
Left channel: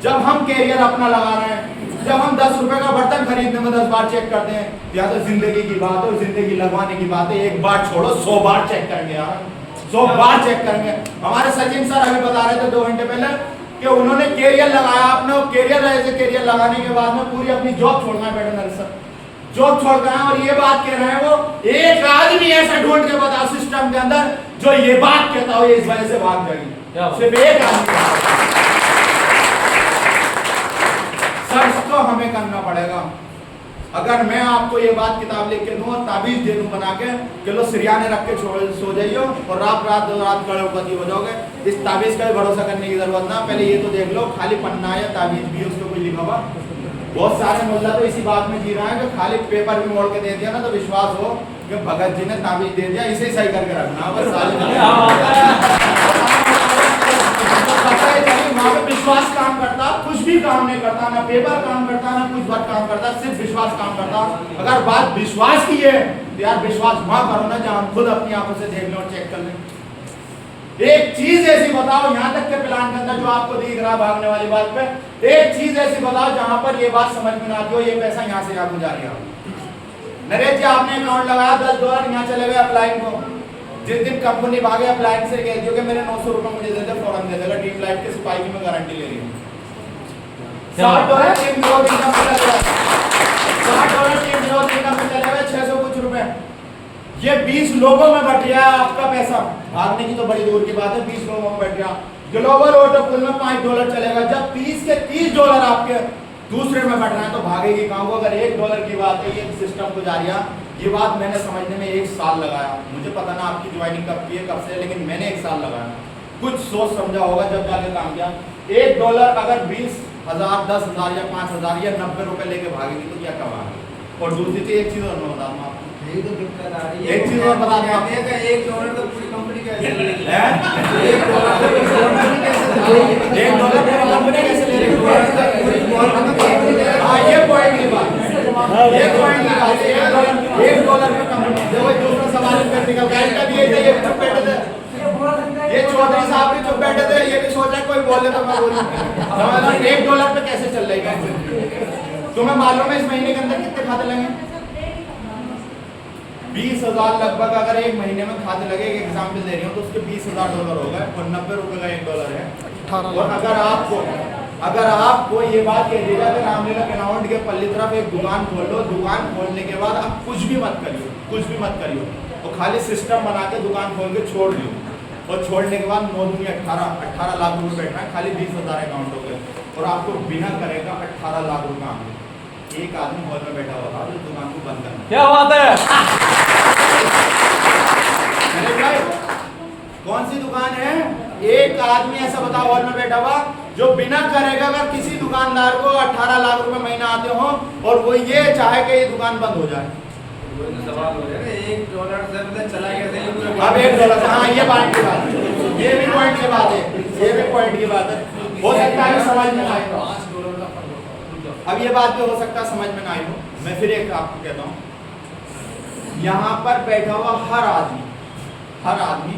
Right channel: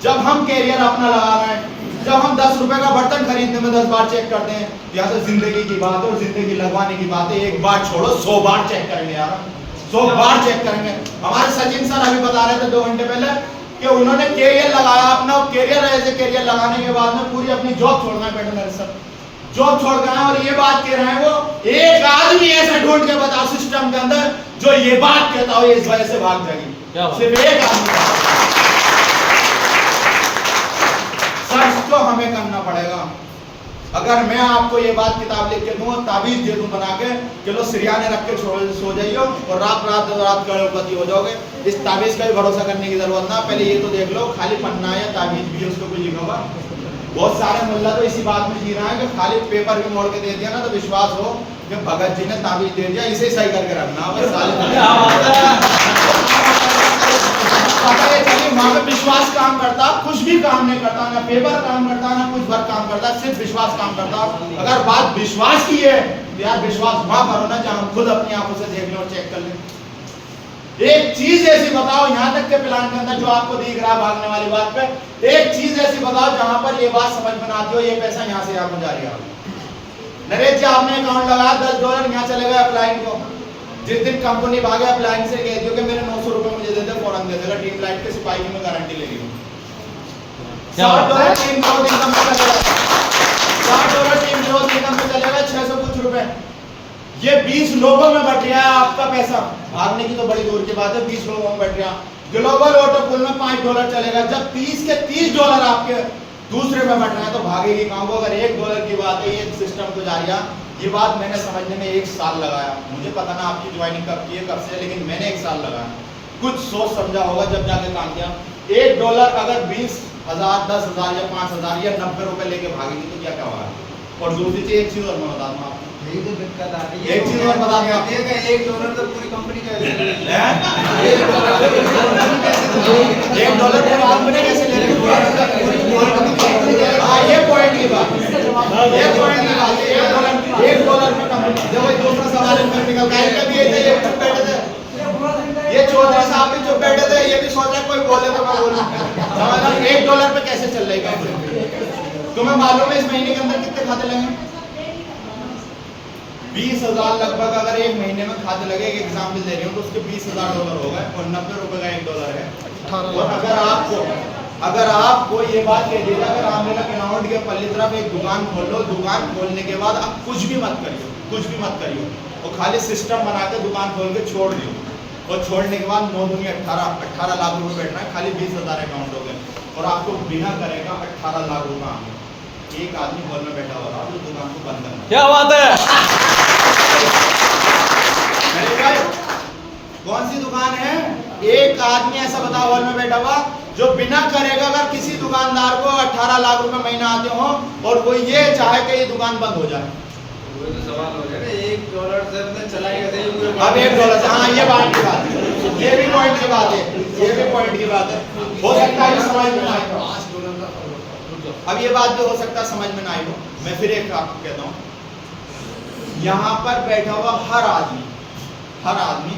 जब हम कैरियर अपना लगा रहे हैं, जब हम 10 रुपए का बर्तन खरीदने में 10 बार चेक करते हैं, या तो जिंदगी की बात है और जिंदगी लगवाने की बात है, एक बार छोड़ो 100 बार चेक करेंगे यार, 100 बार चेक करेंगे। हमारे सचिन सर अभी बता रहे थे 2 घंटे पहले कि उन्होंने कैरियर लगाया अपना, कैरियर ऐसे कैरियर लगाने के बाद में पूरी अपनी जॉब छोड़ना है, बैठो नरेश सर, जॉब छोड़ गए हैं, और ये बात कह रहे हैं वो एक आदमी ऐसा ढूंढ के बताओ सिस्टम के अंदर जो ये बात कहता हो ये इस वजह से भाग जाएगी, सिर्फ एक आदमी। सर्च तो हमें करना पड़ेगा, अगर मैं आपको ये बात किताब लिख के दूं और ताबीज दे दूं बना के कि लो सिरियाने रख के सो जाइए और रात करोड़पति हो जाओगे, इस ताबीज का भी भरोसा करने की जरूरत ना। पहले ये तो देख लो खाली पन्ना या ताबीज भी है उसको कोई लिखा हुआ। बहुत सारे मुल्ला तो इसी बात में जी रहा है कि खाली पेपर भी मोड़ के दे दिया ना तो विश्वास हो कि भगत जी ने ताबीज दे दिया, इसे सही करके रखना बस वहां पे विश्वास काम करता, कुछ भी काम नहीं करता, ना पेपर काम करता, ना कुछ वर्क काम करता, सिर्फ विश्वास काम करता। अगर बात विश्वास की है तो यार विश्वास वहां करो ना जहां हम खुद अपनी आंखों से देख लें और चेक कर लें। एक चीज ऐसी बताओ यहाँ तक के प्लान के अंदर जो आपको दिख रहा भागने वाली बात पे, एक चीज ऐसी बताओ जहां पर ये बात समझ में आती हो ये पैसा यहाँ से यहाँ को जा रहा हो। नरेश जी आपने अकाउंट लगाया $10 यहाँ चले गए अप्लाई को, जिस दिन कंपनी भागे अप्लायंस से कह दियो कि मेरे 900 रुपए मुझे दे दे, फौरन दे देगा। टीम लाइट के सिपाही की मैं गारंटी ले ली हूँ। $60 टीम ग्रोथ इनकम पे चलेगा, $60 टीम ग्रोथ इनकम पे चलेगा, 600 कुछ रुपए। ये 20 लोगों में बट गया आपका पैसा, भागने की तो बड़ी दूर की बात है, 20 लोगों में बट गया। ग्लोबल ऑटो पूल में $5 चलेगा, जब 30 के $30 आपके दूसरे में बट रहे हैं तो भागेगी कहाँ वो। अगर $1 की बात है, ये सिस्टम गुजारिया, ये बात मैंने समझने में 1 साल लगाया। मुझे पता ना आपकी ज्वाइनिंग कब की है कब से, लेकिन मैंने 1 साल लगाया, कुछ सोच समझा होगा जब जाके काम किया। $1 अगर 20,000 10,000 या 5,000 या 90 रुपए लेके भागेगी तो क्या कमा है। और दूसरी चीज एक चीज और मैं बता दूं आपको, यही तो दिक्कत आ रही है। एक चीज और बता दूं आपको, $1 तो पूरी कंपनी का $1 पूरी कंपनी कैसे ले रही है। हाँ ये पॉइंट की बात, ये पॉइंट की बात, $1 पे कंपनी। जब वही दूसरा सवाल में निकल गया, कभी ये चुप बैठे थे, ये चौधरी साहब भी चुप बैठे थे, ये भी सोच रहे कोई बोले तो मैं बोलूं। समझ लो $1 पे कैसे चल रही कंपनी। तुम्हें मालूम है इस महीने के अंदर कितने खाते लगे? 20,000 लगभग। अगर एक महीने में खाते लगे, एक एग्जाम्पल दे रही हूँ, तो उसके $20,000 हो गए और 90 रुपए का $1 है। और अगर आपको ये बात कह दी जाए कि रामलीला कैनाउंट के पल्ली तरफ एक दुकान खोल लो, दुकान खोलने के बाद अब कुछ भी मत करियो, कुछ भी मत करियो, और खाली सिस्टम बना के दुकान खोल के छोड़ दियो, और छोड़ने के बाद 9 दूनी 18 लाख रुपए बैठना है, खाली 20,000 अकाउंट हो गए, और आपको बिना करेगा 18 लाख रुपए आगे। एक आदमी हॉल में बैठा हुआ था जो दुकान को बंद करना। क्या बात है। कौन सी दुकान है? एक आदमी ऐसा बताओ हॉल में बैठा हुआ जो बिना करेगा, अगर किसी दुकानदार को 18 लाख रुपए महीना आते हो और वो ये चाहे कि ये दुकान बंद हो जाए, सवाल हो जाएगा $1 से मतलब चला कैसे। अब $1 से, हाँ ये पॉइंट की बात है, ये भी पॉइंट की बात है, ये भी पॉइंट की बात है। हो सकता है समझ में ना आए, अब ये बात भी हो सकता है समझ में ना आई हो। मैं फिर एक आपको कहता हूँ, यहाँ पर बैठा हुआ हर आदमी,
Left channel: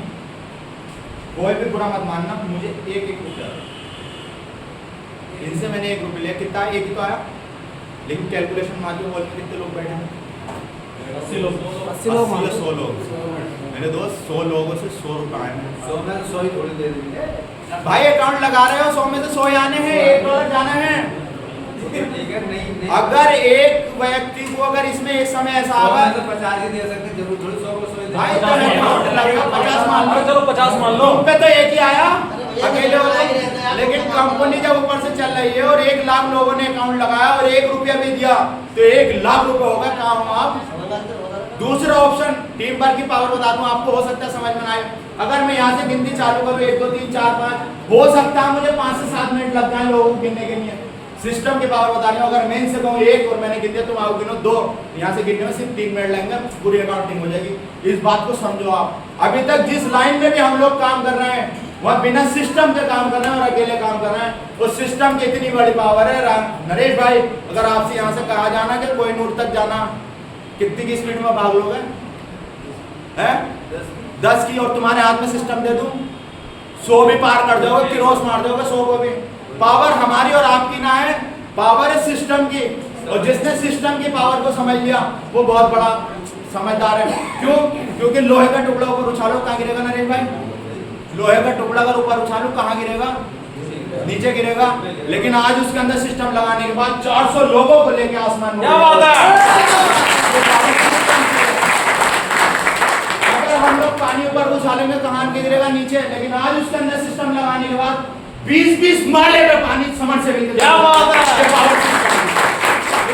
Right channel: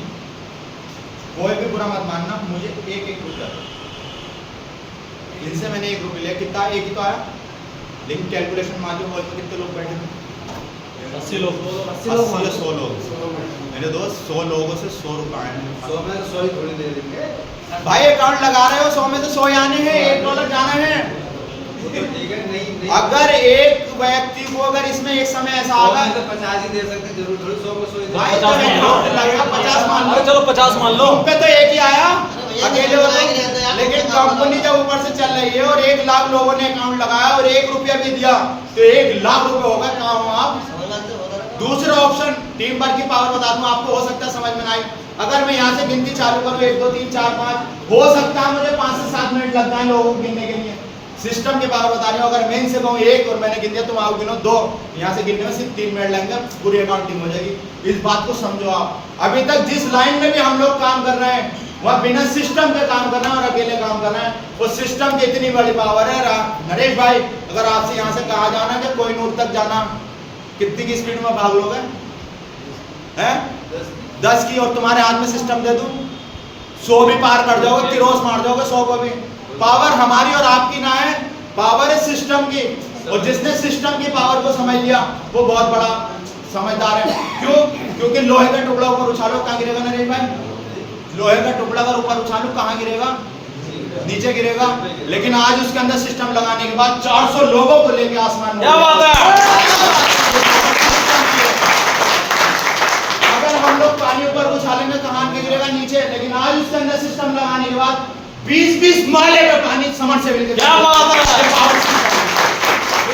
कोई भी बुरा मत मानना, मुझे एक रुपया, इनसे मैंने ₹1 लिया, कितना? एक ही तो आया, लेकिन कैलकुलेशन मारियो हॉल में कितने लोग बैठे हैं? 80 लोग, 80 या 100 लोग। मेरे दोस्त 100 लोगों से ₹100 आए हैं। 100 में 100 ही थोड़ी दे देंगे भाई अकाउंट लगा रहे हो, 100 में से 100 ही आने हैं, $1 जाना है। ठीक है, नहीं अगर एक व्यक्ति को अगर इसमें एक समय ऐसा आगा तो 50 ही दे सकते, जरूर थोड़ी 100 को 100 भाई तो अकाउंट लगेगा 50 मान लो, चलो 50 मान लो, तुम पे तो एक ही आया अकेले हो तो, लेकिन कंपनी जब ऊपर से चल रही है और 1 लाख लोगों ने अकाउंट लगाया और ₹1 भी दिया तो 1 लाख रुपए होगा। कहाँ हो आप? दूसरा ऑप्शन टीम वर्क की पावर बता दूं आपको, हो सकता है समझ में ना आए। अगर मैं यहाँ से गिनती चालू करूँ 1 2 3 4 5, हो सकता है मुझे 5 से 7 मिनट लग जाए लोगों को गिनने के लिए। सिस्टम की पावर बता रही हूँ, अगर मैं इनसे कहूँ 1 और मैंने गिन दिया तुम आओ गिनो 2, यहाँ से गिनने में सिर्फ 3 मिनट लगेंगे, पूरी अकाउंटिंग हो जाएगी। इस बात को समझो आप। अभी तक जिस लाइन में भी हम लोग काम कर रहे हैं वह बिना सिस्टम के काम कर रहे हैं और अकेले काम कर रहे हैं। उस सिस्टम की इतनी बड़ी पावर है। नरेश भाई अगर आपसे यहाँ से कहा जाना कि कोहिनूर तक जाना, कितनी की स्पीड में भाग लोगे? 10 की, और तुम्हारे हाथ में सिस्टम दे दूं 100 भी पार कर जाओगे, क्रॉस मार जाओगे 100 को भी। पावर हमारी और आपकी ना है, पावर है सिस्टम की, और जिसने सिस्टम की पावर को समझ लिया वो बहुत बड़ा समझदार है। क्यों? क्योंकि लोहे का टुकड़ा ऊपर उछालो कहाँ गिरेगा नरेश भाई? लोहे का टुकड़ा अगर ऊपर उछालो कहाँ गिरेगा? नीचे गिरेगा। लेकिन आज उसके अंदर सिस्टम लगाने के बाद 400 लोगों को लेके आसमान में, अगर हम लोग पानी ऊपर उछालेंगे कहाँ गिरेगा? नीचे। लेकिन आज उसके अंदर सिस्टम लगाने के बाद 20-20 माले में पानी समर से मिलकर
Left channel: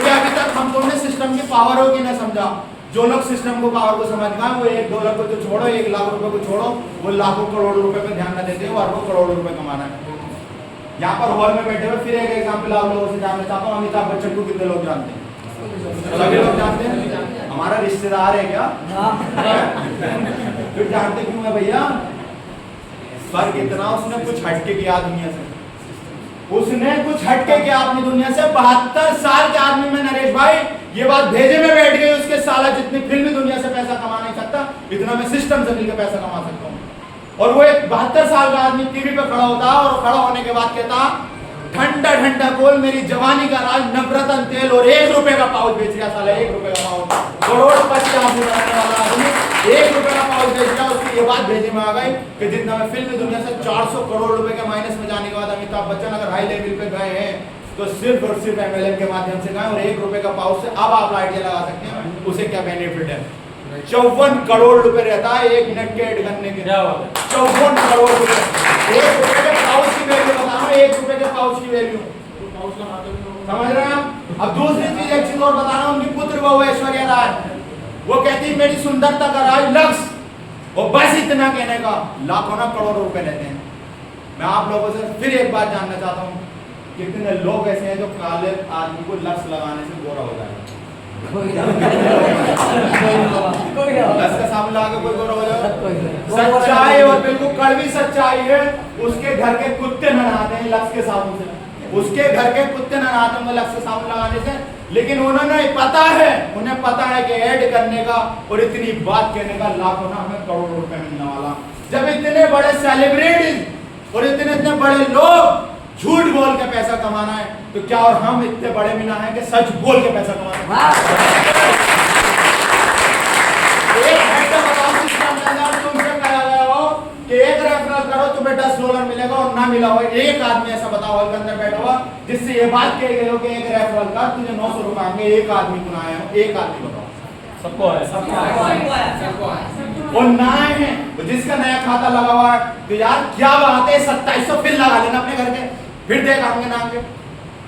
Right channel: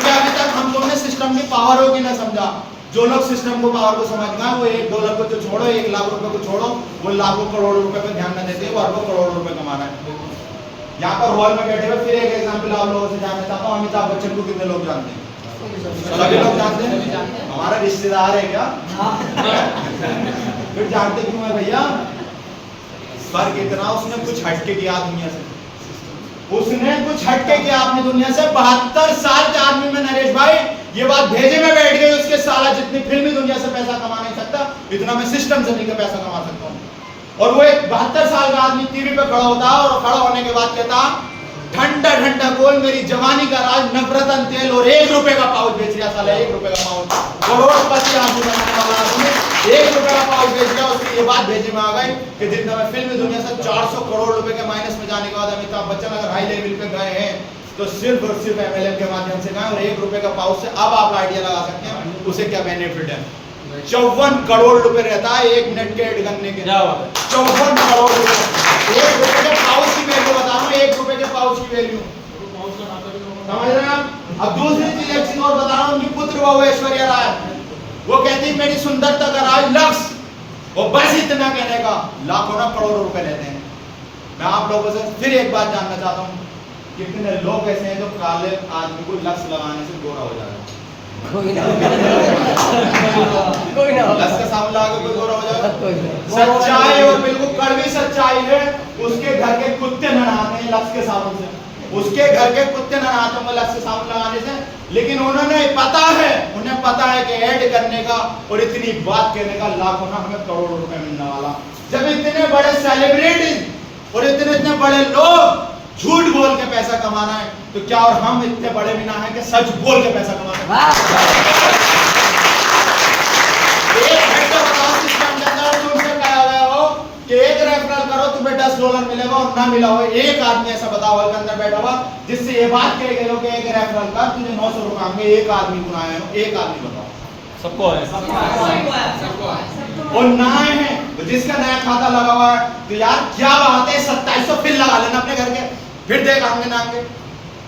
क्योंकि अभी तक हम लोगों ने सिस्टम की पावर होगी ना समझा। जो लोग सिस्टम को पावर को समझ गए वो $1 को तो छोड़ो, 1 लाख रुपए को छोड़ो, वो लाखों करोड़ रुपए पे ध्यान न देते हैं, वो अरबों करोड़ रुपए कमा रहे हैं। यहाँ पर हॉल में बैठे हुए फिर एक एग्जाम्पल आप लोगों से जानना चाहता हूँ, अमिताभ बच्चन को कितने लोग जानते हैं? सभी लोग जानते हैं। हमारा रिश्तेदार है क्या? फिर जानते क्यों है भैया? फर्क इतना, उसने कुछ हटके किया दुनिया से, उसने कुछ हटके किया अपनी दुनिया से। 72 साल के आदमी में नरेश भाई ये बात भेजे में बैठ गई, उसके साला जितनी फिल्मी दुनिया से पैसा कमा नहीं सकता, इतना मैं सिस्टम से मिलकर पैसा कमा सकता हूँ। और वो एक 72 साल का आदमी टीवी पे खड़ा होता और खड़ा होने के बाद कहता ठंडा ठंडा गोल मेरी जवानी का राज नवरत्न तेल, और $1 का पाउच बेच रहा साला, $1 का पाउच, करोड़पति आदमी बनाने वाला आदमी $1 का पाउच बेच रहा। उसकी ये बात भेजे में आ गई कि जितना मैं फिल्म दुनिया से 400 करोड़ रुपए के माइनस में जाने के बाद अमिताभ बच्चन अगर हाई लेवल पे गए हैं तो सिर्फ और सिर्फ MLM के माध्यम से गए, और $1 का पाउच से अब आप आइडिया लगा सकते हैं उसे क्या बेनिफिट है। 54 करोड़ रुपए रहता है 1 मिनट के एड करने के, 54 करोड़ रुपए। $1 के पाउच की वैल्यू बता रहा हूँ, $1 के पाउच की वैल्यू, समझ रहे हैं आप। अब दूसरी चीज एक चीज और बता रहा हूँ, उनकी पुत्र बहु ऐश्वर्या राय, वो कहती मेरी सुंदरता का राज लक्ष्य, और बस इतना कहने का लाखों ना करोड़ों रुपए लेते हैं। मैं आप लोगों से फिर एक बात जानना चाहता हूँ, कितने लोग ऐसे हैं जो काले आदमी को लक्ष्य लगाने से गोरा हो जाएगा? लक्ष्य का साबुन लगा के कोई गोरा हो जाएगा? सच्चाई और बिल्कुल कड़वी सच्चाई है, उसके घर के कुत्ते न नहाते हैं लक्ष्य के साबुन से, उसके घर के कुत्ते न नहाते होंगे लक्ष्य के साबुन लगाने से। लेकिन उन्हें पता है कि ऐड करने का और इतनी बात कहने का लाखों ना हमें करोड़ों रुपए मिलने वाला। जब इतने बड़े सेलिब्रिटीज और इतने बड़े लोग झूठ बोल के पैसा कमाना है, तो क्या और हम इतने बड़े भी ना हैं कि सच बोल के पैसा कमा सकते हैं? एक हेड का बताओ सिस्टम के अंदर तुमसे कहा गया हो कि एक रेफरल करो तुम्हें $10 मिलेगा, और ना मिला हो एक आदमी ऐसा बताओ हॉल के अंदर बैठा हुआ जिससे ये बात कही गई हो कि एक रेफरल कर तुझे $900 आएंगे, एक आदमी को आए हो? एक आदमी बताओ। सबको है। और ना है तो जिसका नया खाता लगा हुआ है, तो यार क्या बात है, 2700 फिर लगा लेना अपने घर के, फिर देख आएंगे ना आएंगे।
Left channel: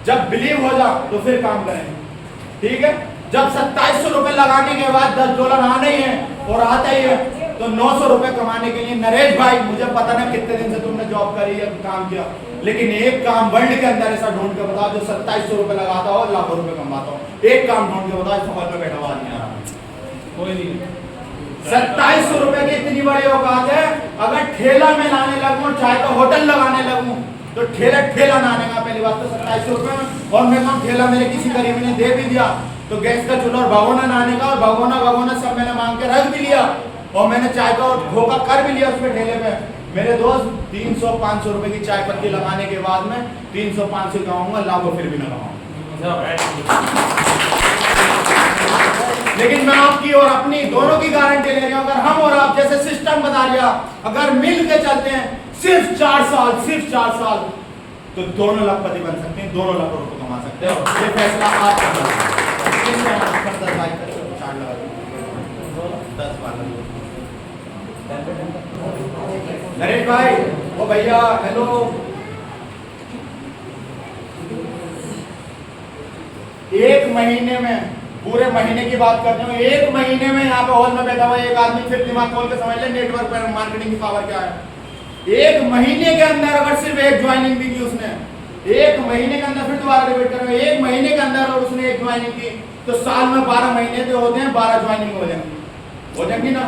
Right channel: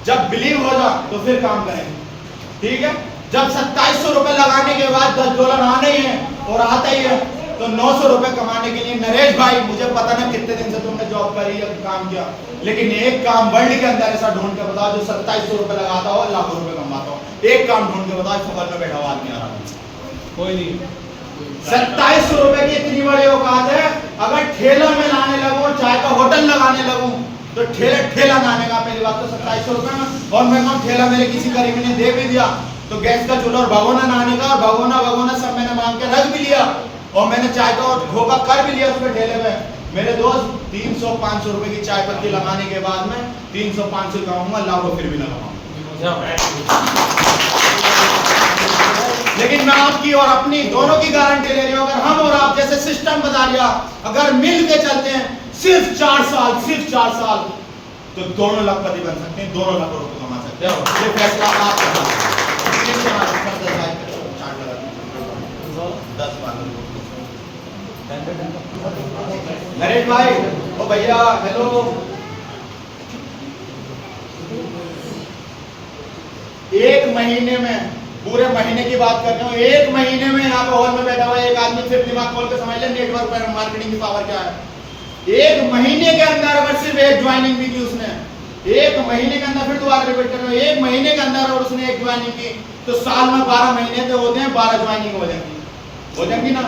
जब बिलीव हो जा तो फिर काम करेंगे, ठीक है। जब 2700 रुपए लगाने के बाद $10 आने ही है और आता ही है, तो $900 कमाने के लिए नरेश भाई मुझे पता ना कितने दिन से तुमने जॉब करी या काम किया, लेकिन एक काम वर्ल्ड के अंदर ऐसा ढूंढ के बताओ जो 2700 रुपए लगाता हो लाखों रुपए कमाता हो। एक काम ढूंढ के बताओ, इस हॉल में बैठा हुआ आदमी आ रहा है, कोई नहीं। 2700 रुपए की इतनी बड़ी औकात है। अगर ठेला में लाने लगूं, चाय का होटल लगाने लगूं, तो ठेला लाने का पहली बात तो 2700 रुपए में, और मैं कहूँ ठेला मेरे किसी करीबी ने दे भी दिया तो गैस का चूल्हा और भगोना लाने का, और भगोना सब मैंने मांग के रख भी लिया, और मैंने चाय का धोखा कर भी लिया उस पर ठेले पे। मेरे दोस्त 300-500 रुपए की चाय पत्ती लगाने के बाद में 300-500 कमाऊंगा, लाखों फिर भी ना कमाऊंगा। लेकिन मैं आपकी और अपनी दोनों की गारंटी ले रही हूं, अगर हम और आप जैसे सिस्टम बता दिया, अगर मिल के चलते हैं सिर्फ 4 साल, तो दोनों लखपति बन सकते हैं, 2 लाख रुपए कमा सकते हैं। ये फैसला आप करना है। नरेश भाई, ओ भैया, हेलो, एक महीने में, पूरे महीने की बात करते हो, 1 महीने में यहाँ पे हॉल में बैठा हुआ एक आदमी, फिर दिमाग खोल के समझ ले नेटवर्क पर मार्केटिंग की पावर क्या है। 1 महीने के अंदर अगर सिर्फ एक ज्वाइनिंग भी की उसने, 1 महीने के अंदर, फिर दोबारा रिपीट कर रहा हूं, 1 महीने के अंदर और उसने एक ज्वाइनिंग की, तो साल में 12 महीने तो होते हैं, 12 ज्वाइनिंग हो जाएंगी ना।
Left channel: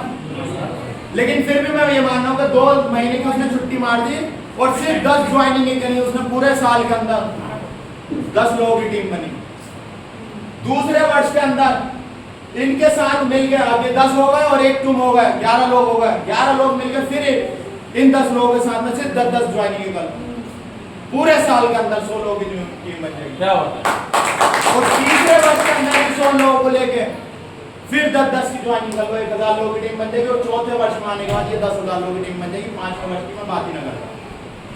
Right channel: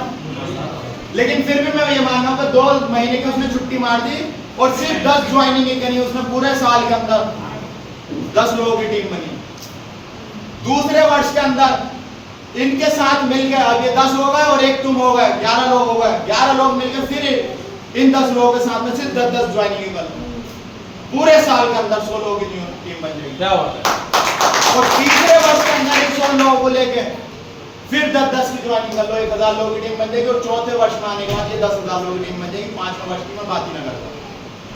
लेकिन फिर भी मैं ये मान रहा हूँ कि 2 महीने की उसने छुट्टी मार दी और सिर्फ 10 ज्वाइनिंग ही करी उसने, पूरे साल के अंदर 10 लोगों की टीम बनी। दूसरे वर्ष के अंदर इनके साथ मिलकर अब ये 10 हो गए और एक तुम हो गए, 11 लोग हो गए, 11 लोग मिलकर फिर इन 10 लोगों के साथ में सिर्फ 10 ज्वाइनिंग कर, पूरे साल के अंदर 100 लोगों की टीम बन जाएगी। क्या होता है? और तीसरे वर्ष के अंदर 100 लोगों को लेके फिर 10 की ज्वाइनिंग कर लो, 1000 लोगों की टीम बन जाएगी। और चौथे वर्ष में आने के बाद ये 10,000 लोगों की टीम बन जाएगी। 5वें वर्ष की मैं बात ही ना करता,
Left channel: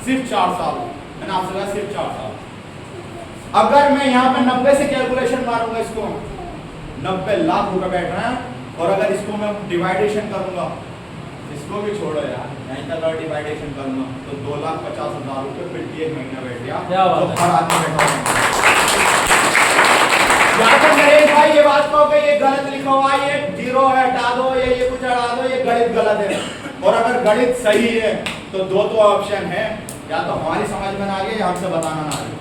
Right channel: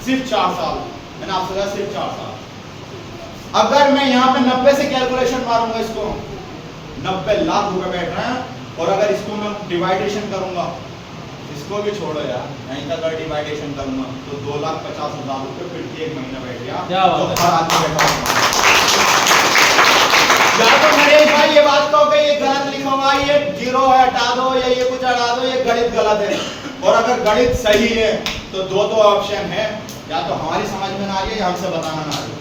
सिर्फ 4 साल, मैंने आपसे कहा सिर्फ 4 साल। अगर मैं यहाँ पे 90 से कैलकुलेशन मारूंगा, इसको 90 लाख रुपए बैठ रहे हैं, और अगर इसको मैं डिवाइडेशन करूंगा, इसको भी छोड़ो यार, यहीं तक अगर डिवाइडेशन करूंगा तो 2,50,000 रुपए फिर 1 महीना बैठ गया, तो हर आदमी बैठा होगा। या तो नरेश भाई ये बात कहो कि ये गलत लिखा हुआ है, ये जीरो है हटा दो, ये कुछ हटा दो, ये गणित गलत है। और अगर गणित सही है तो दो ऑप्शन है, या तो हमारी समझ में ना आ रही है या हमसे बताना ना आ रही है।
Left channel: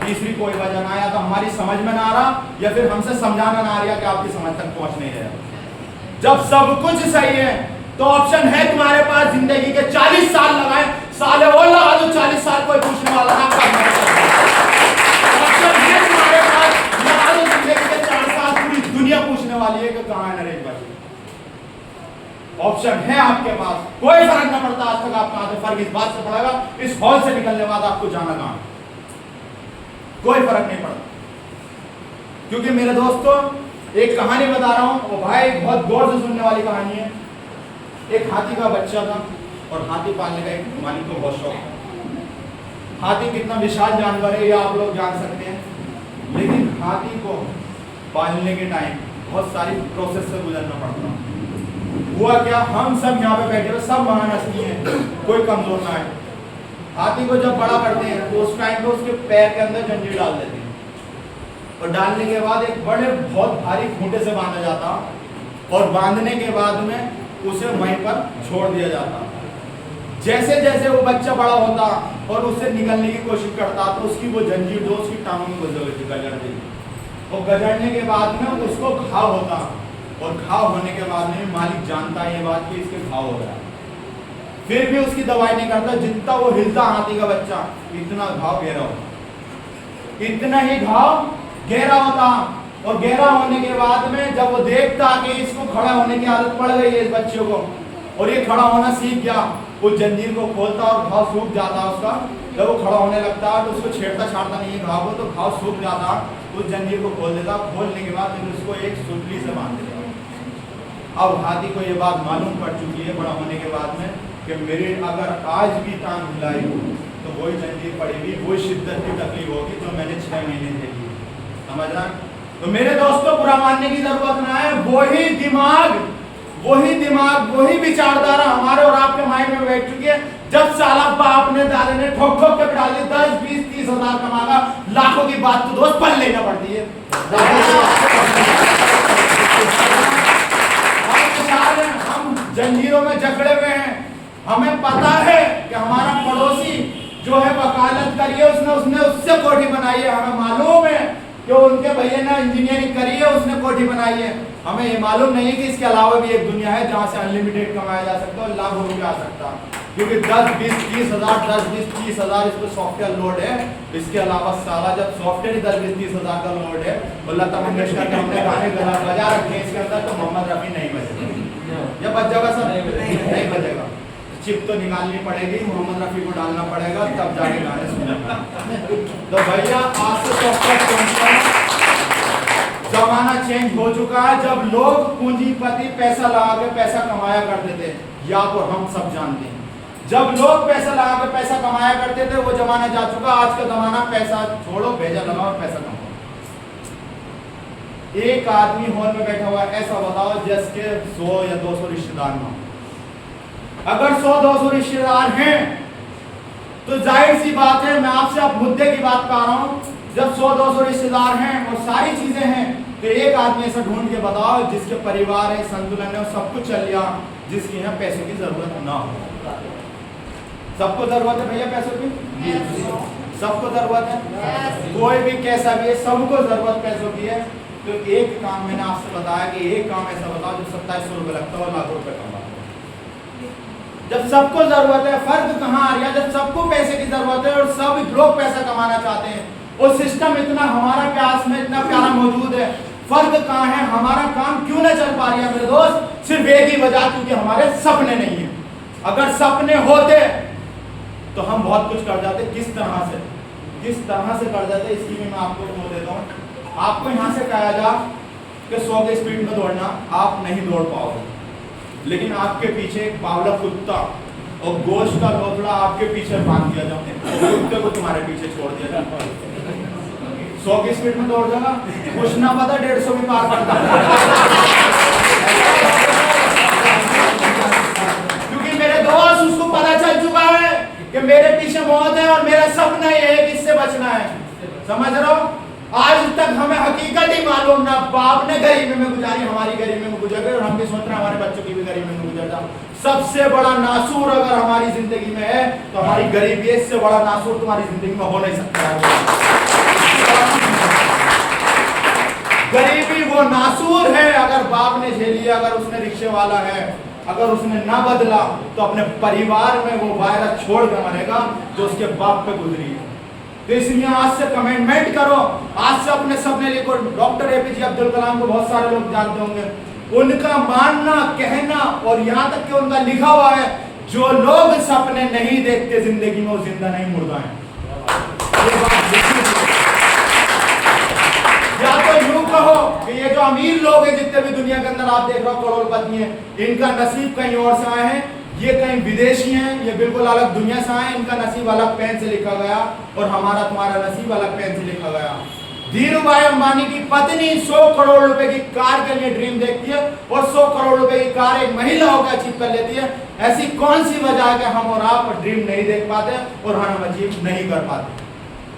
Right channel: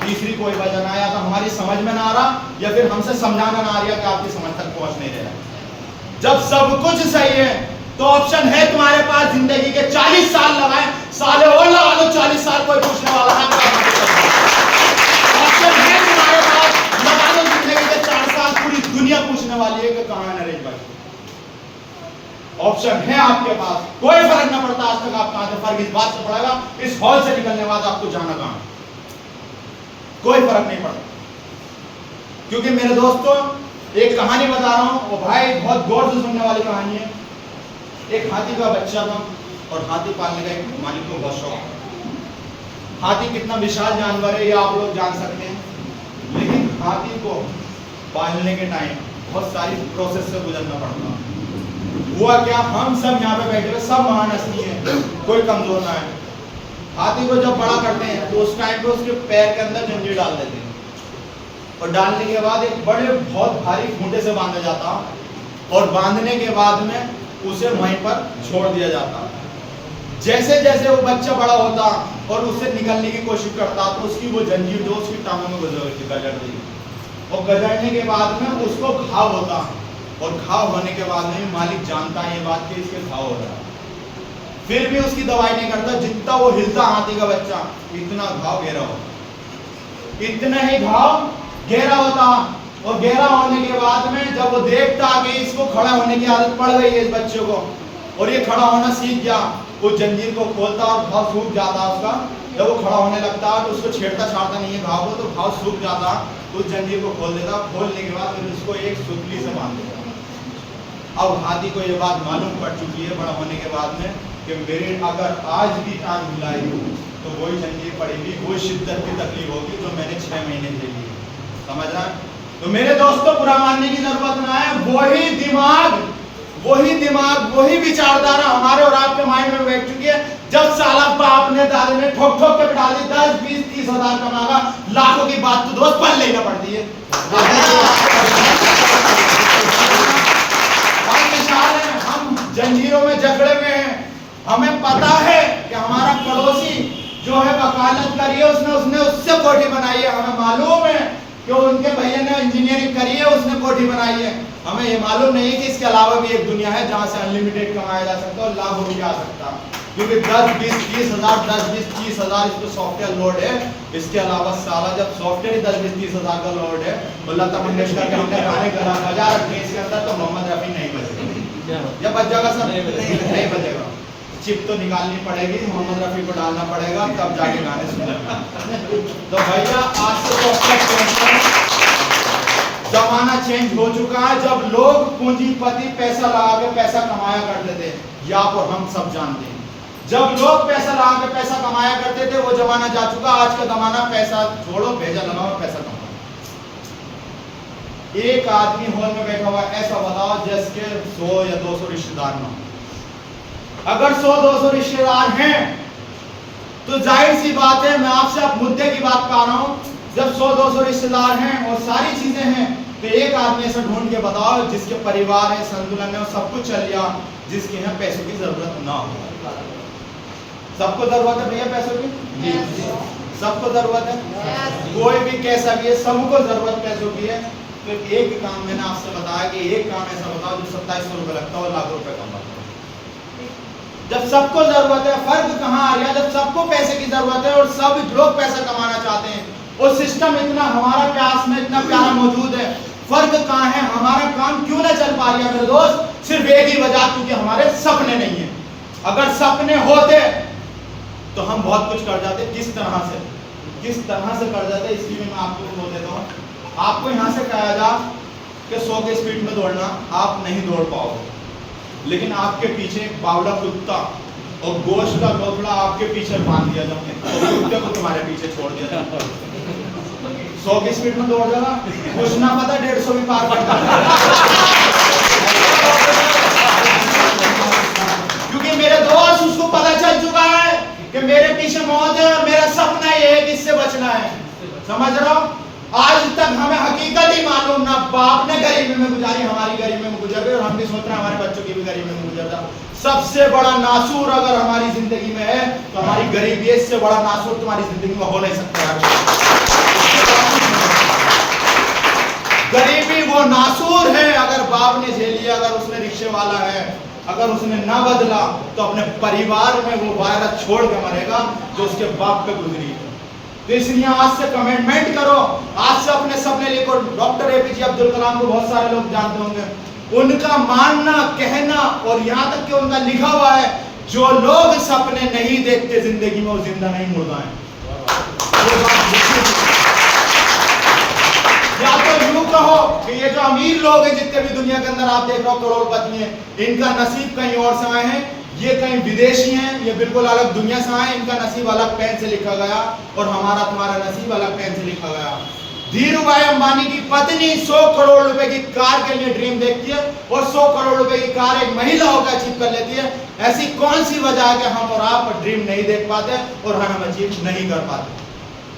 तीसरी कोई वजह ना, या तो हमारी समझ में ना आ रहा या फिर हमसे समझाना ना आ रहा कि आपकी समझ तक पहुंच नहीं रहा। जब सब कुछ सही है तो ऑप्शन है तुम्हारे पास, जिंदगी के 40 साल लगाए, साले और लगा दो 40 साल, कोई पूछने वाला है आपका ऑप्शन है तुम्हारे पास, लगा दो जिंदगी के 4 साल, पूरी दुनिया पूछने वाली है कि कहां है नरेश भाई। ऑप्शन है आपके पास, कोई फर्क ना पड़ता आज तक आप कहां थे, फर्क इस बात से पड़ेगा इस हॉल से निकलने के बाद आपको जाना कहां है, कोई फर्क नहीं पड़ता। क्योंकि मेरे दोस्तों एक कहानी बता रहा हूं, वो भाई बहुत गौर से सुनने वाली कहानी है। एक हाथी का बच्चा था और हाथी पालने का एक मालिक को बहुत शौक। हाथी कितना विशाल जानवर है ये आप लोग जान सकते हैं, लेकिन हाथी को पालने के टाइम बहुत सारी प्रोसेस से गुजरना पड़ता है। हुआ क्या, हम सब यहाँ पे बैठे हुए सब महान हस्ती हैं, कोई कमजोर ना है। हाथी को जब बड़ा करते हैं तो उस टाइम पे उसके पैर के अंदर जंजीर डाल देते हैं, और डालने के बाद एक बड़े बहुत भारी खूंटे से बांधा जाता, और बांधने के बाद में उसे वहीं पर छोड़ दिया जाता। जैसे जैसे वो बच्चा बड़ा होता और उससे निकलने की कोशिश करता तो उसकी वो जंजीर जो उसकी टांगों में गजर देगी, और गजरने के बाद में उसको घाव होता, और घाव होने के बाद में मालिक जानता है ये बात कि इसके घाव हो रहा है, फिर भी उसकी दवाई नहीं करता। जितना वो हिलता हाथी का बच्चा इतना घाव गहरा होता, इतना ही घाव गहरा होता। और गहरा होने के बाद में जब वो देखता कि इसको खड़ा होने की आदत पड़ गई है इस बच्चे को, और ये खड़ा होना सीख गया, उस जंजीर को खोलता और घाव सूख जाता उसका। जब वो खड़ा होने लगता तो उसको छेड़ता छाड़ता नहीं है घाव को, तो घाव सूख जाता, उस जंजीर को खोल देता। खोलने के बाद फिर उसको एक सुतली से बांध देता। अब हाथी को ये बात मालूम पड़ चुकी है बड़ा होने के बाद में कि मेरे अगर आज भी टांग हिलाई तो वही जंजीर पड़ेगी, वही शिद्दत की तकलीफ होगी जो मैंने 6 महीने झेली है। समझ रहा है? तो मेरे दोस्तों बुरा मानने की जरूरत ना है, वही दिमाग वही विचारधारा हमारे और आपके माइंड में बैठ चुकी है। जब साला बाप ने दादे ने ठोक ठोक के बिठा दिया 10, 20, 30 हजार कमागा, लाखों की बात तो दोस्त पल लेना पड़ती है। हम जंजीरों में जकड़े हुए हैं, हमें पता है कि हमारा पड़ोसी जो है वकालत करी है, उसने उससे कोठी बनाई है। हमें मालूम है कि उनके भैया ने इंजीनियरिंग करी है, उसने कोठी बनाई है। हमें ये मालूम नहीं कि इसके अलावा भी एक दुनिया है जहां से अनलिमिटेड कमाया जा सकता है और लाखों रुपया आ सकता है। क्योंकि 10, 20, 30 हजार 10, 20, 30 हजार इस पर सॉफ्टवेयर लोड है। इसके अलावा साला जब सॉफ्टवेयर ही 10, 20, 30 हजार का लोड है, और लता मंगेशकर के हमने गाने बजा रखे हैं इसके अंदर, तो मोहम्मद रफी नहीं बजेगा। या बज जाएगा सर? नहीं बजेगा। चिप तो निकालनी पड़ेगी, मोहम्मद रफी को डालना पड़ेगा, तब जाके गाने सुनने में। तो भैया आज से सॉफ्टवेयर जमाना चेंज हो चुका है। जब लोग पूंजीपति पैसा लगा के पैसा कमाया करते थे, या तो हम सब जानते हैं, जब लोग पैसा लगा के पैसा कमाया करते थे वो जमाना जा चुका। आज का जमाना पैसा छोड़ो, भेजा लगाओ और पैसा कमाओ। एक आदमी हॉल में बैठा हुआ, ऐसा बताओ जिसके 100 या 200 रिश्तेदार ना हो। अगर 100-200 रिश्तेदार हैं तो जाहिर सी बात है, मैं आपसे अब मुद्दे की बात कर रहा हूं, जब 100-200 रिश्तेदार हैं और सारी चीजें हैं, तो एक आदमी ऐसा ढूंढ के बताओ जिसके परिवार है, संतुलन है, सब कुछ चल गया, जिसके यहाँ पैसों की जरूरत ना हो। सबको जरूरत है भैया पैसों की? सबको जरूरत है, कोई भी कैसा भी है, सबको जरूरत पैसों की है। तो एक काम मैंने आपसे बताया कि एक काम ऐसा बताओ जो 2700 रुपये लगता हो, लाख रुपए कमाता हो। जब सबको जरूरत है, फर्क कहाँ आ गया? जब सबको पैसे की जरूरत है और सब लोग पैसा कमाना चाहते हैं, और सिस्टम इतना हमारा प्यास में इतना प्यारा मौजूद है, फर्क कहाँ है? हमारा काम क्यों ना चल पा रही है मेरे दोस्त? सिर्फ एक ही वजह, क्योंकि हमारे सपने नहीं है। अगर सपने होते तो हम बहुत कुछ कर जाते। किस तरह से कर जाते, इसकी भी मैं आपको बोल देता हूँ। आपको यहाँ से कहा जा कि 100 की स्पीड में दौड़ना, आप नहीं दौड़ पाओगे, लेकिन आपके पीछे एक बावला कुत्ता और गोश्त का लोथड़ा आपके पीछे बांध दिया जाओगे, और कुत्ते को तुम्हारे पीछे छोड़ दिया जाए, 100 की स्पीड में दौड़ जाएगा, कुछ ना पता 150 भी पार कर जाएगा। क्योंकि मेरे दोस्त उसको पता चल चुका है कि मेरे पीछे मौत है और मेरा सपना ये है कि इससे बचना है। समझ रहे हो? आज तक हमें हकीकत ही मालूम ना, बाप ने गरीबी में गुजारी, हमारी गरीबी में गुजर गई और हम भी सोच रहे हैं हमारे बच्चों की भी गरीबी में गुजर जाए। सबसे बड़ा नासूर अगर हमारी जिंदगी में है तो हमारी गरीबी है, इससे बड़ा नासूर तुम्हारी जिंदगी में हो नहीं सकता। गरीबी वो नासूर है अगर बाप ने झेली, अगर उसने रिक्शे वाला है, अगर उसने ना बदला तो अपने परिवार में वो वायरस छोड़ के मरेगा जो उसके बाप पे गुजरी है। तो इसलिए आज से कमिटमेंट करो, आज से अपने सपने लिखो। डॉक्टर एपीजे अब्दुल कलाम को बहुत सारे लोग जानते होंगे, उनका मानना, कहना और यहाँ तक कि उनका लिखा हुआ है, जो लोग सपने नहीं देखते जिंदगी में वो जिंदा नहीं, मुर्दा है। ये बात लिखी थी। या तो यूं कहो कि ये जो अमीर लोग हैं जितने भी दुनिया के अंदर आप देख रहे हो करोड़पति हैं, इनका नसीब कहीं और से आए हैं, ये कहीं विदेशी हैं, ये बिल्कुल अलग दुनिया से आए, इनका नसीब अलग पेन से लिखा गया और हमारा तुम्हारा नसीब अलग पेन से लिखा गया। धीरूभाई अंबानी की पत्नी 100 करोड़ रुपए की कार के लिए ड्रीम देखती है और 100 करोड़ रुपए की कार एक महिला होकर अचीव कर लेती है। ऐसी कौन सी वजह है कि हम और आप ड्रीम नहीं देख पाते और हम अचीव नहीं कर पाते?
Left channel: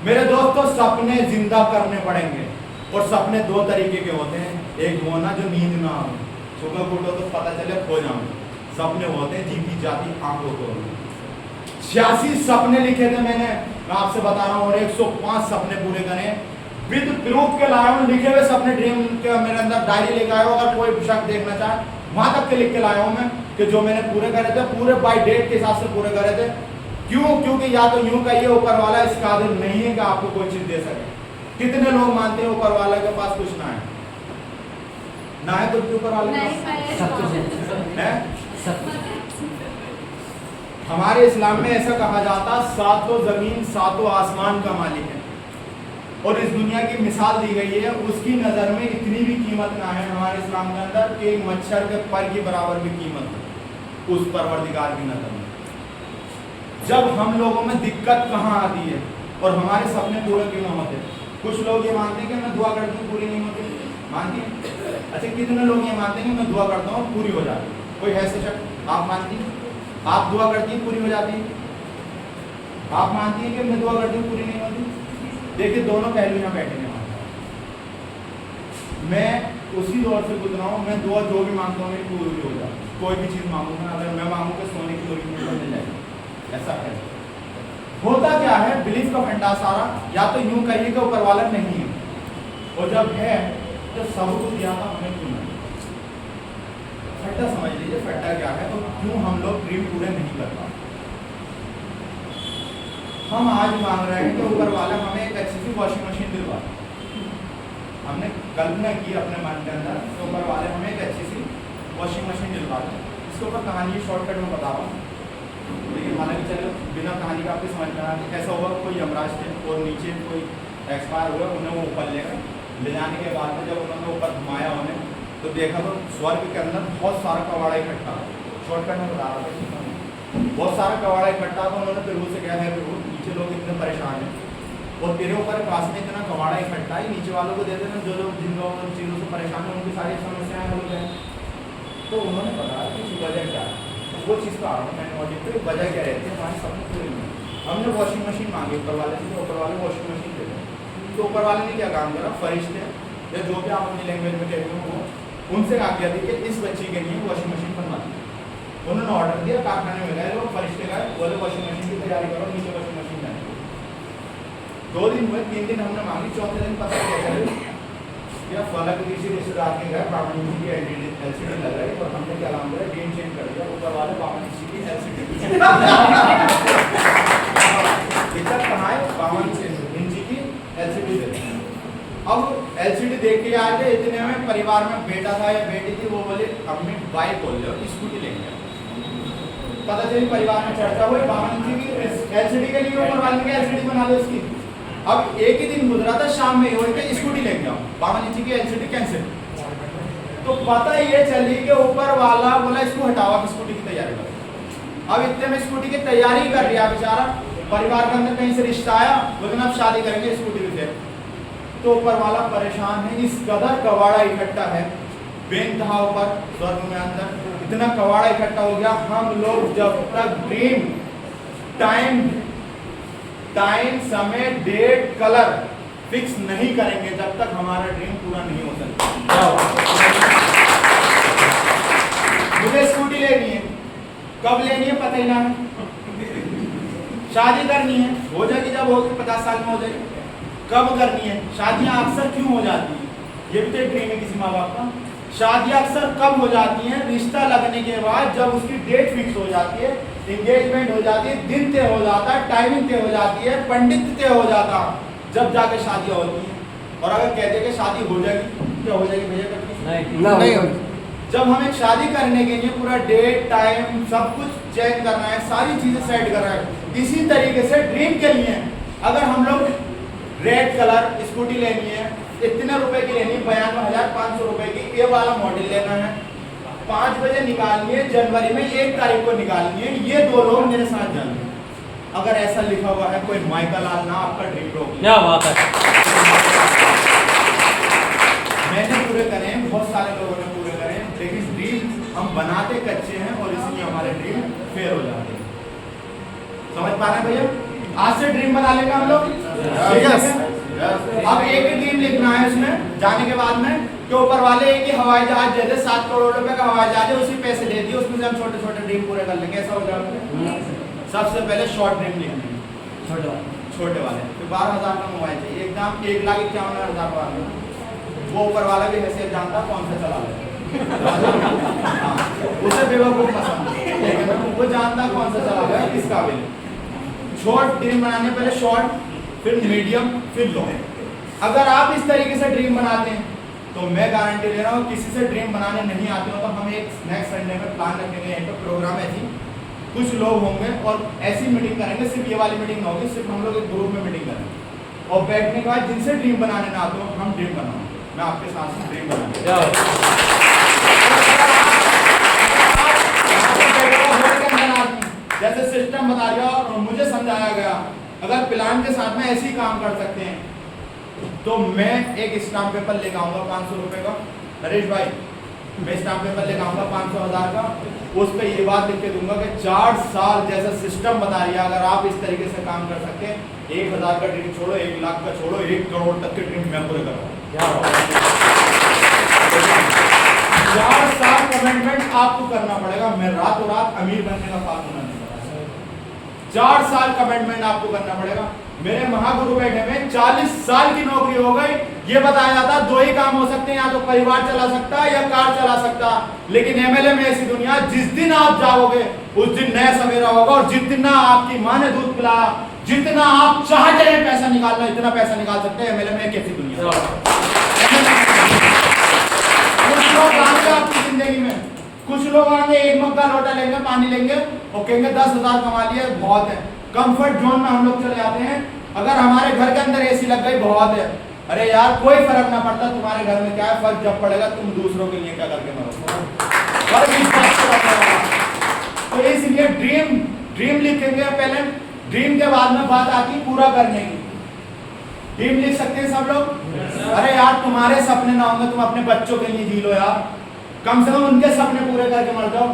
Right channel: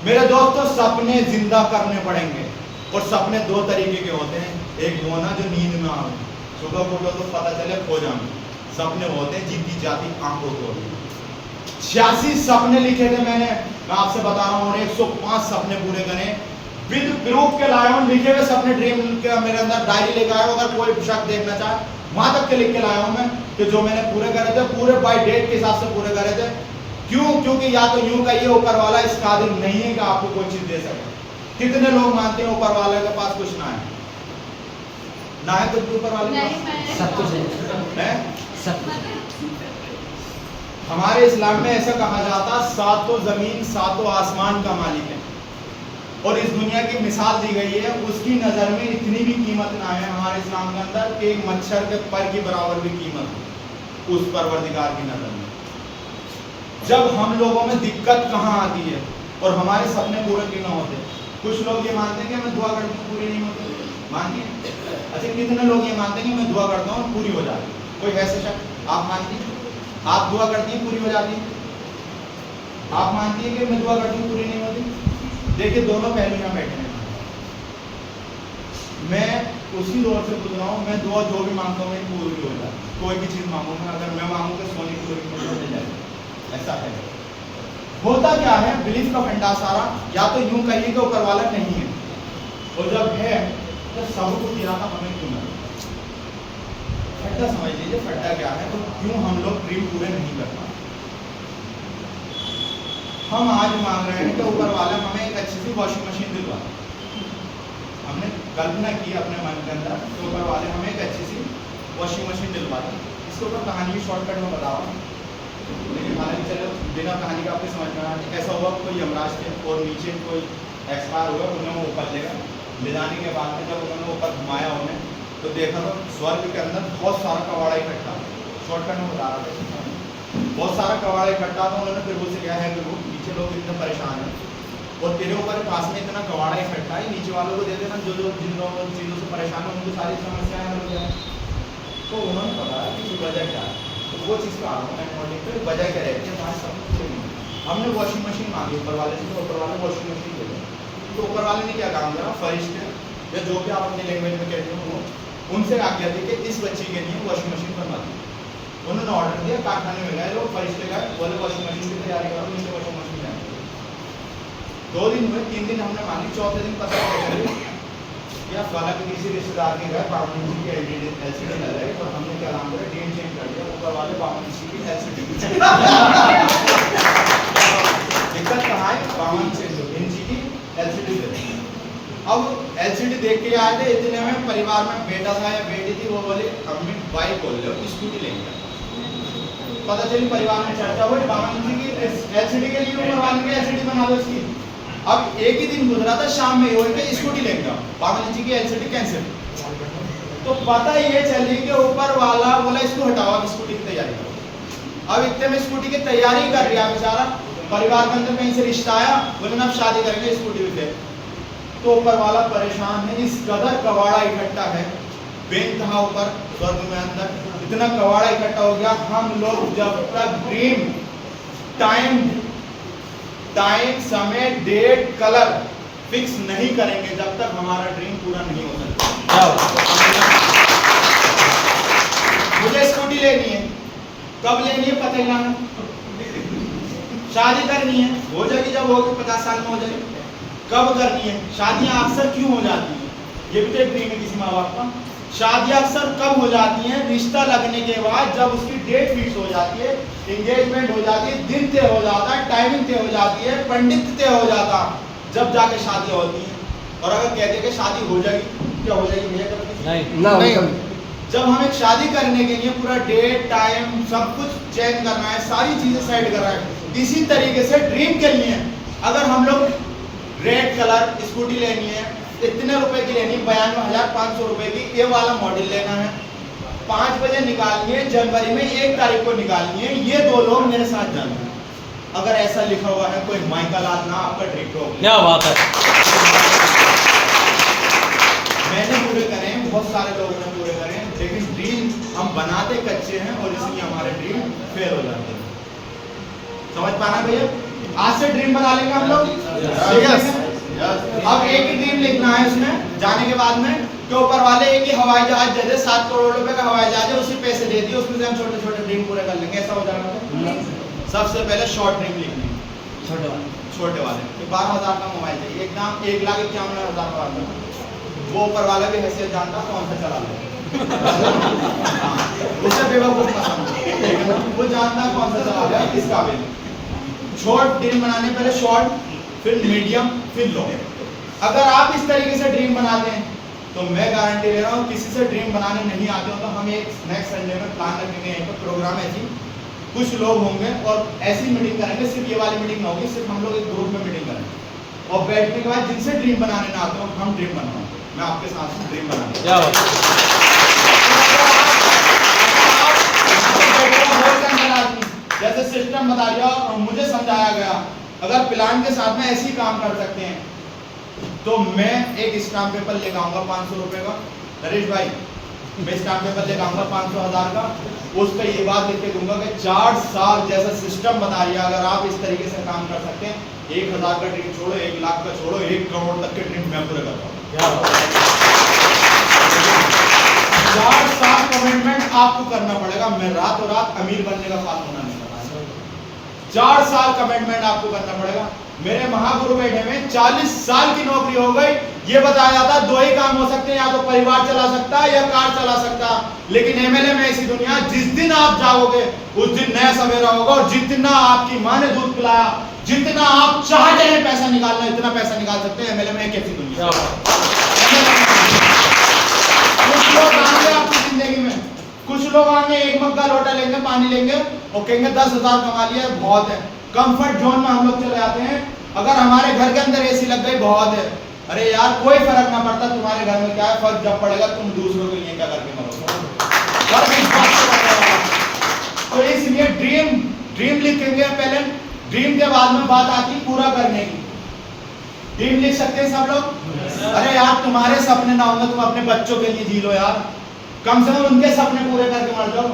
मेरे दोस्तों, सपने जिंदा करने पड़ेंगे और सपने दो तरीके के होते हैं। एक वो ना जो नींद में आए, सुबह को उठो तो पता चले खो जाऊंगे, सपने होते हैं जीती जाती आंखों को। 86 सपने लिखे थे मैंने, मैं आपसे बता रहा हूँ, और 105 सपने पूरे करे विद प्रूफ के लाया हूँ। लिखे हुए सपने ड्रीम के मेरे अंदर डायरी लेकर आया हूँ, अगर कोई शख्स देखना चाहे वहां तक के लिख के लाया हूँ मैं कि जो मैंने पूरे करे थे, पूरे बाय डेट के हिसाब से पूरे करे थे। क्यों? क्योंकि या तो यूं कहिए ऊपर वाला इस काबिल नहीं है कि आपको कोई चीज दे सके। कितने लोग मानते हैं ऊपर वाले के पास कुछ ना है? ना है कुछ भी ऊपर वाले के पास? सब कुछ है। सब कुछ। हमारे इस्लाम में ऐसा कहा जाता, सातों जमीन सातों आसमान का मालिक है और इस दुनिया की मिसाल दी गई है, उसकी नज़र में इतनी भी कीमत ना है हमारे इस्लाम के अंदर कि एक मच्छर के पर की बराबर भी कीमत है उस परवरदिगार की नज़र में। जब हम लोगों में दिक्कत कहाँ आती है और हमारे सपने पूरे क्यों ना होते? कुछ लोग ये मानते हैं कि मैं दुआ करती हूँ पूरी नहीं होती, मानिए। अच्छा, कितने लोग ये मानते हैं कि मैं दुआ करता हूँ पूरी हो जाती है? कोई है ऐसा शख्स? आप मानती हैं? आप दुआ करती हैं पूरी हो जाती है? आप मानती हैं कि मैं दुआ करती हूँ पूरी नहीं होती? देखिए, दोनों पहलू यहाँ बैठे हैं। मैं उसी दौर से गुजरा हूँ, मैं दुआ जो भी मांगता हूँ मेरी पूरी हो जाती है। कोई भी चीज़ मांगू मैं, अगर मैं मांगू कि सोने की पूरी मिल जाएगी, ऐसा है। होता क्या है, बिलीफ का फंडा सारा, या तो यूं कहिए कि ऊपर वाला नहीं है, और जब है तो सब कुछ दिया था हमें क्यों नहीं? फट्टा समझ लीजिए, फट्टा क्या है, तो क्यों हम लोग ड्रीम पूरे नहीं कर पाते? हम आज मांग रहे हैं कि ऊपर वाला हमें एक अच्छी सी वॉशिंग मशीन दिलवा। हमने कल्पना की अपने मन के अंदर तो ऊपर वाले हमें एक अच्छी सी वॉशिंग मशीन दिलवा दी। इसके ऊपर कहानी की शॉर्टकट में बता रहा हूँ, लेकिन हालांकि चलो बिना कहानी का आपको समझ में आ रहा है। ऐसा हुआ, कोई यमराज थे और नीचे कोई एक्सपायर हुआ, उन्हें वो ऊपर ले गए। ले जाने के बाद में जब उन्होंने ऊपर घुमाया उन्हें, तो देखा तो स्वर्ग के अंदर बहुत सारा कवाड़ा इकट्ठा। शॉर्टकट में बता रहा था, बहुत सारा कवाड़ा इकट्ठा। तो उन्होंने प्रभु से कहा है, प्रभु नीचे लोग इतने परेशान हैं और तेरे ऊपर पास में इतना कवाड़ा इकट्ठा है, नीचे वालों को दे देना, जो जो जिन लोगों चीज़ों से परेशान है उनकी सारी समस्याएं हल हो जाए। तो उन्होंने बताया कि वजह क्या है, तो वो चीज़ का आ रहा हूँ मैं नोटिस पे, वजह क्या रहती है हमारे सपने पूरे नहीं। हमने वॉशिंग मशीन मांगी ऊपर वाले से, तो ऊपर वाले वॉशिंग मशीन दे दें। तो ऊपर वाले ने क्या काम करा, फरिश्ते या जो भी आप अपनी लैंग्वेज में कहते हो वो, उनसे आज्ञा दी कि इस बच्ची के लिए वॉशिंग मशीन बनवा दी। उन्होंने ऑर्डर दिया, कारखाने में गए लोग, फरिश्ते गए, बोले वॉशिंग मशीन की तैयारी करो, नीचे वॉशिंग मशीन लाए। 2 दिन हुए, 3 दिन हमने मांगी, चौथे दिन पता क्या करे या फला के किसी रिश्तेदार के घर बावन इंची की एलसीडी लग रही और हमने क्या नाम करा, डेट चेंज कर दिया, ऊपर वाले 52 इंची की एलसीडी। दिक्कत कहाँ है, 52 इंची की एलसीडी देते हैं। अब एलसीडी देख के आए थे, इतने में परिवार में बेटा था या बेटी थी, वो बोले अम्मी बाइक बोल लो, स्कूटी लेंगे। पता चली परिवार में चर्चा हुई, 52 इंची की एलसीडी के लिए ऊपर वाले ने एलसीडी बना दो इसकी। अब एक ही दिन गुजरा था, शाम में हो कि स्कूटी लेके आओ, 52 इंची की एलसीडी कैंसिल। तो पता ये चली कि ऊपर वाला बोला इसको हटाओ, अब स्कूटी की तैयारी करो। अब इतने में स्कूटी की तैयारी कर रहा बेचारा, परिवार के अंदर कहीं से रिश्ता आया, बोले ना अब शादी करेंगे, स्कूटी भी फिर। तो ऊपर वाला परेशान है, इस कदर कवाड़ा इकट्ठा है, बेनतहा ऊपर स्वर्ग में अंदर इतना कवाड़ा इकट्ठा हो गया। हम लोग जब तक ड्रीम टाइम समय डेट कलर फिक्स नहीं करेंगे जब तक हमारा ड्रीम पूरा नहीं हो सकता। मुझे स्कूटी लेनी है, कब लेनी है पता ही ना है। शादी करनी है, हो जाएगी जब होगी, 50 साल में हो जाएगी। कब करनी है? शादियां अक्सर क्यों हो जाती हैं? ये भी तो एक ड्रीम है किसी माँ बाप का। शादियां अक्सर कब हो जाती हैं? रिश्ता लगने के बाद, जब उसकी डेट फिक्स हो जाती है, एंगेजमेंट हो जाती है, दिन तय हो जाता है, टाइमिंग तय हो जाती है, पंडित तय हो जाता, जब जाके शादियां होती हैं। और अगर कहते कि शादी हो जाएगी, क्या हो जाएगी भैया? कभी नहीं होगी। जब हम एक शादी करने के लिए पूरा डेट टाइम सब कुछ चेंज करना है, सारी चीजें सेट करना है, इसी तरीके से ड्रीम के लिए अगर हम लोग रेड कलर स्कूटी लेनी है, इतने रुपए की लेनी है, 92,500 रुपए की, ये वाला मॉडल लेना है, 5 बजे निकालनी है, जनवरी में 1 तारीख को निकालनी है, ये 2 लोग मेरे साथ जाना है। अगर ऐसा लिखा हुआ है कोई माइकल लाल ना, आपका ड्रीम रोक ले। क्या बात है। मैंने पूरे करे हैं, बहुत सारे लोगों ने पूरे करे हैं, लेकिन ड्रीम हम बनाते कच्चे हैं और इसलिए हमारे ड्रीम फेल हो जाते हैं। समझ पा रहे हैं भैया? आज से ड्रीम बना लेंगे हम लोग। अब एक ही ड्रीम लिखना है उसमें जाने के बाद में कि ऊपर वाले एक ही हवाई जहाज दे दे, 7 करोड़ रुपए का हवाई जहाज है, उसी पैसे दे दिए, उसमें से हम छोटे छोटे ड्रीम पूरे कर लेंगे। ऐसा हो जाएगा? सबसे पहले शॉर्ट ड्रीम लिखने, छोटे वाले। फिर 12,000 का मोबाइल चाहिए, एक दाम 1,51,000 का। वो ऊपर वाला भी हैसियत जानता कौन सा चला ले। उसे बेवकूफ मत समझो, ठीक है ना? वो जानता कौन सा चला ले, किस काबिल। शॉर्ट ड्रीम बनाने पहले शॉर्ट, फिर मीडियम, फिर लॉन्ग। अगर आप इस तरीके से ड्रीम बनाते हैं तो मैं गारंटी दे रहा हूँ, किसी से ड्रीम बनाने नहीं आते हो तो हम एक नेक्स्ट संडे में प्लान रखेंगे, यहीं पर प्रोग्राम है जी, कुछ लोग होंगे और ऐसी मीटिंग करेंगे, सिर्फ ये वाली मीटिंग ना होगी, सिर्फ हम लोग एक ग्रुप में मीटिंग करेंगे और बैठने के बाद जिनसे ड्रीम बनाने ना आते हो हम ड्रीम बनाएंगे, मैं आपके साथ ड्रीम बनाने जैसे सिस्टम बता दिया और मुझे समझाया गया, अगर प्लान के साथ में ऐसे ही काम कर सकते हैं तो मैं एक स्टाम्प पेपर लेकर आऊंगा 500 रुपए का। नरेश भाई, मैं स्टाम्प पेपर लेकर आऊंगा 500,000 का, उस पर ये बात लिख के दूंगा कि 4 साल जैसा सिस्टम बता रही है, अगर आप इस तरीके से काम कर सकते हैं, 1,000 का ड्रीम छोड़ो, 1 लाख का छोड़ो, 1 करोड़ तक के ड्रीम मैं पूरे करवाऊंगा। 4 साल कमिटमेंट आपको करना पड़ेगा, मैं रातों रात अमीर बनने का काम होना नहीं। 4 साल कमिटमेंट आपको करना पड़ेगा। मेरे महागुरु बैठे में 40 साल की नौकरी हो गई, ये बताया जाता 2 ही काम हो सकते हैं, या तो परिवार चला सकता या कार चला सकता। लेकिन एमएलए में ऐसी दुनिया, जिस दिन आप जाओगे उस दिन नया सवेरा होगा, और जितना आपकी माँ ने दूध पिलाया, जितना आप चाहते हैं पैसा निकालना, इतना पैसा निकाल सकते हैं। एमएलए में एक ऐसी दुनिया। कुछ लोग आएंगे आपकी जिंदगी में, कुछ लोग आएंगे, एक मग्गा लोटा लेंगे, पानी लेंगे और कहेंगे 10,000 कमा लिया, बहुत है। कंफर्ट जोन में हम लोग चले जाते हैं। अगर हमारे घर के अंदर एसी लग गई, बहुत है। अरे यार, कोई फर्क ना पड़ता तुम्हारे घर में क्या है, फर्क जब पड़ेगा तुम दूसरों के लिए क्या करके मरोगे, फर्क इस बात से पड़ने वाला। तो इसलिए ड्रीम लिखेंगे पहले, ड्रीम के बाद में बात आती पूरा करने की। ड्रीम लिख सकते हैं सब लोग? अरे यार, तुम्हारे सपने ना होंगे, तुम अपने बच्चों के लिए जी लो यार, कम से कम उनके सपने पूरे करके मर जाओ।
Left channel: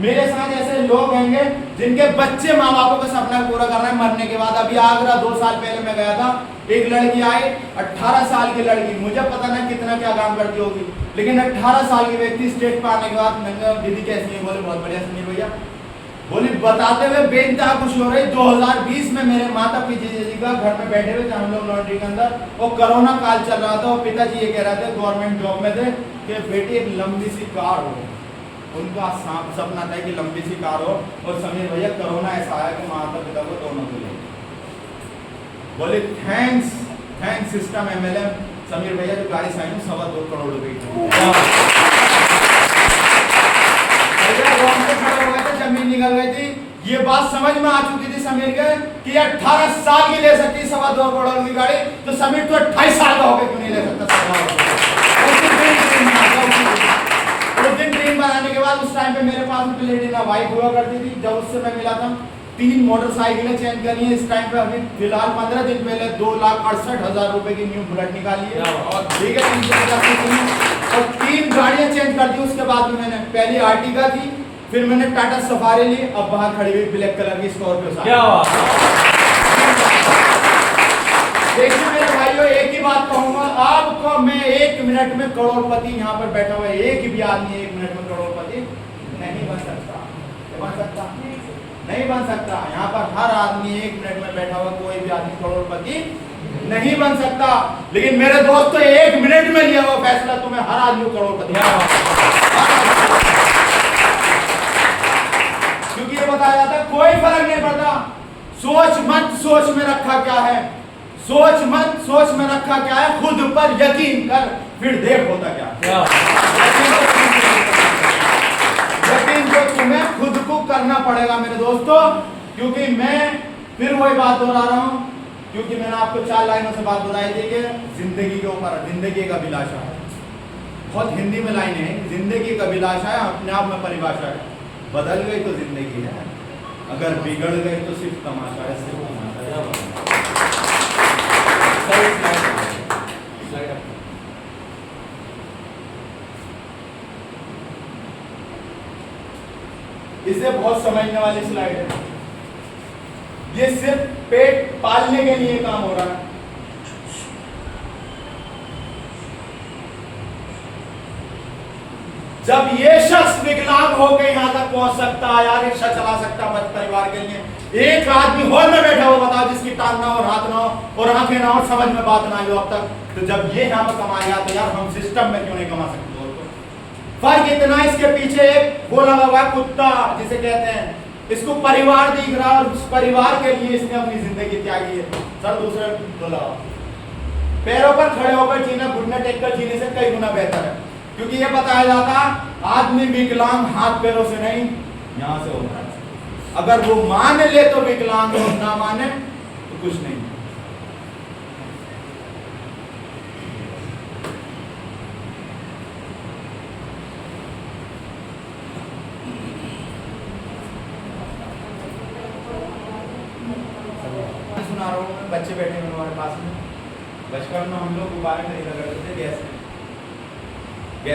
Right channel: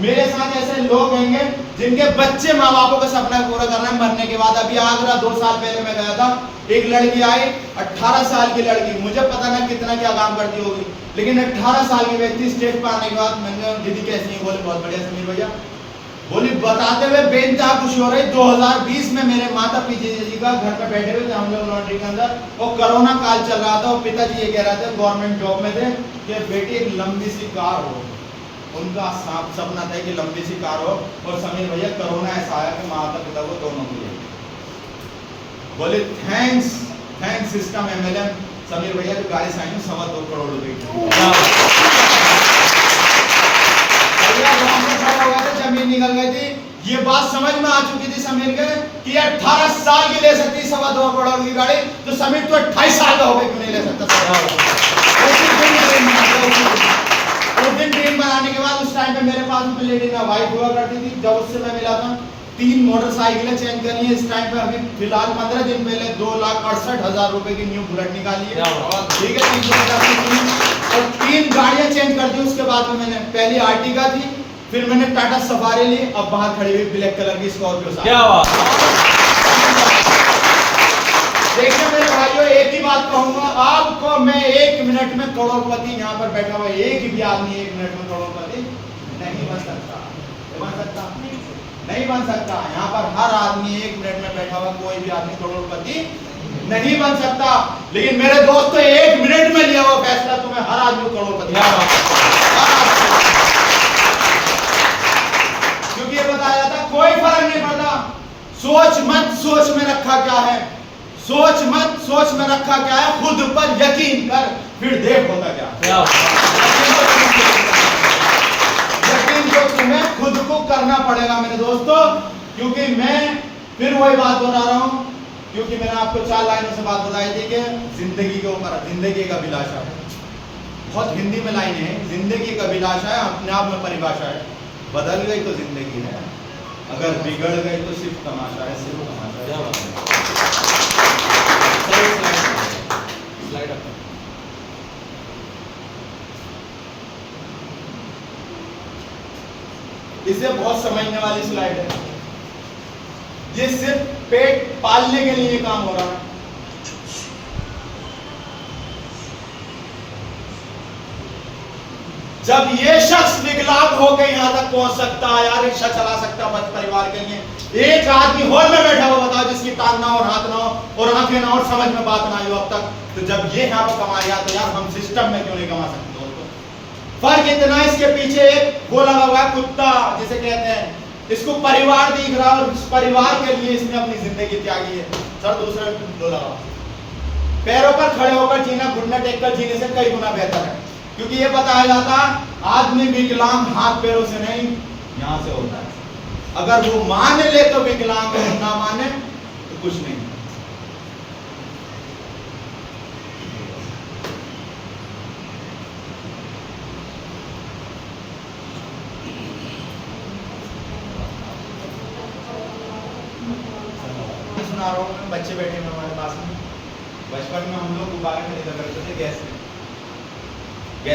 मेरे साथ ऐसे लोग होंगे जिनके बच्चे माँ बापों का सपना पूरा कर रहे हैं मरने के बाद। अभी आगरा 2 साल पहले मैं गया था, एक लड़की आई, 18 साल की लड़की, मुझे पता ना कितना क्या काम करती होगी, लेकिन 18 साल की व्यक्ति स्टेज पर आने के बाद मैंने, दीदी कैसी है? बोले बहुत बढ़िया समीर भैया। बोली बताते हुए बेइंतहा खुशी हो रही, 2020 में मेरे माता पिताजी जी का घर पे बैठे हुए थे हम लोग लॉन्ड्री के अंदर, और कोरोना काल चल रहा था, और पिताजी ये कह रहे थे, गवर्नमेंट जॉब में थे, कि बेटी एक लंबी सी कार हो, उनका सपना था कि लंबी सी कार हो, और समीर भैया कोरोना ऐसा आया कि माता पिता को दोनों को ले। बोले थैंक्स सिस्टम एमएलए समीर भैया, जो गाड़ी साइन 2.25 करोड़ रुपए की जमीन निकल गई थी। ये बात समझ में आ चुकी थी समीर के कि 18 साल की ले सकती 2.25 करोड़ की गाड़ी, तो समीर तो 28 साल का होकर क्यों नहीं ले सकता? उस दिन ड्रीम बनाने के बाद उस टाइम पे मेरे पास में प्लेटिना वाइफ हुआ करती थी, जब उससे मैं मिला था 3 मोटरसाइकिलें चेंज करी है। इस टाइम पे अभी फिलहाल 15 दिन पहले 2,68,000 रुपए की न्यू बुलेट निकाली है, ठीक है, 350 और 3 गाड़ियां चेंज कर दी। उसके बाद में मैंने पहली आर्टिगा थी, फिर मैंने टाटा सफारी ली, अब बाहर खड़ी हुई ब्लैक कलर की स्कॉर्पियो। क्या बात। देखिए मेरे भाइयों, एक ही बात कहूंगा आपको मैं, 1 मिनट में करोड़पति यहाँ पर बैठा हुआ एक भी आदमी 1 मिनट में करोड़पति नहीं बन सकता। बन सकता नहीं बन सकता। यहाँ पर हर आदमी 1 मिनट में बैठा हुआ कोई भी आदमी करोड़पति नहीं बन सकता। लेकिन मेरे दोस्तों, 1 मिनट में लिया हुआ फैसला तुम्हें हर आदमी करोड़पति, क्योंकि ये बताया जाता है कोई फर्क नहीं पड़ता। सोच मत, सोच में रखा क्या है, सोच मत, सोच में रखा क्या है, खुद पर यकीन कर, फिर देख होता क्या है। यकीन तो तुम्हें खुद को करना पड़ेगा मेरे दोस्तों। क्योंकि मैं फिर वही बात दोहरा रहा हूं, क्योंकि मैंने आपको 4 लाइनों से बात बताई थी कि जिंदगी के ऊपर, जिंदगी एक अभिलाषा है। बहुत हिंदी में लाइन है, जिंदगी एक अभिलाषा है, अपने आप में परिभाषा है। बदल गई तो जिंदगी है, अगर बिगड़ गए तो सिर्फ तमाशा है, सिर्फ तमाशा है। इसे बहुत समझने वाली स्लाइड है। ये सिर्फ पेट पालने के लिए काम हो रहा है। जब ये शख्स विकलांग होकर यहां तक पहुंच सकता है, यार रिक्शा चला सकता है परिवार के लिए, एक आदमी हॉल में बैठा हुआ बताओ जिसकी टांग ना और हाथ ना और आंखें ना और समझ में बात ना आई हो अब तक, तो जब ये यहाँ पर कमा रहा तो यार हम सिस्टम में क्यों नहीं कमा सकते? फर्क इतना, इसके पीछे एक वो लगा हुआ कुत्ता जिसे कहते हैं, इसको परिवार दिख रहा और उस परिवार के लिए इसने अपनी जिंदगी त्यागी है। सर दूसरे दो लगाओ, पैरों पर खड़े होकर जीना घुटने टेक कर जीने से कई गुना बेहतर है। क्योंकि ये बताया जाता आदमी विकलांग हाथ पैरों से नहीं यहां से होता है। अगर वो मान ले तो विकलांग, ना माने तो कुछ नहीं। सुना रहा हूं, बच्चे बैठे हैं हमारे पास में। बचपन में हम लोग गुब्बारे खरीदा करते थे गैस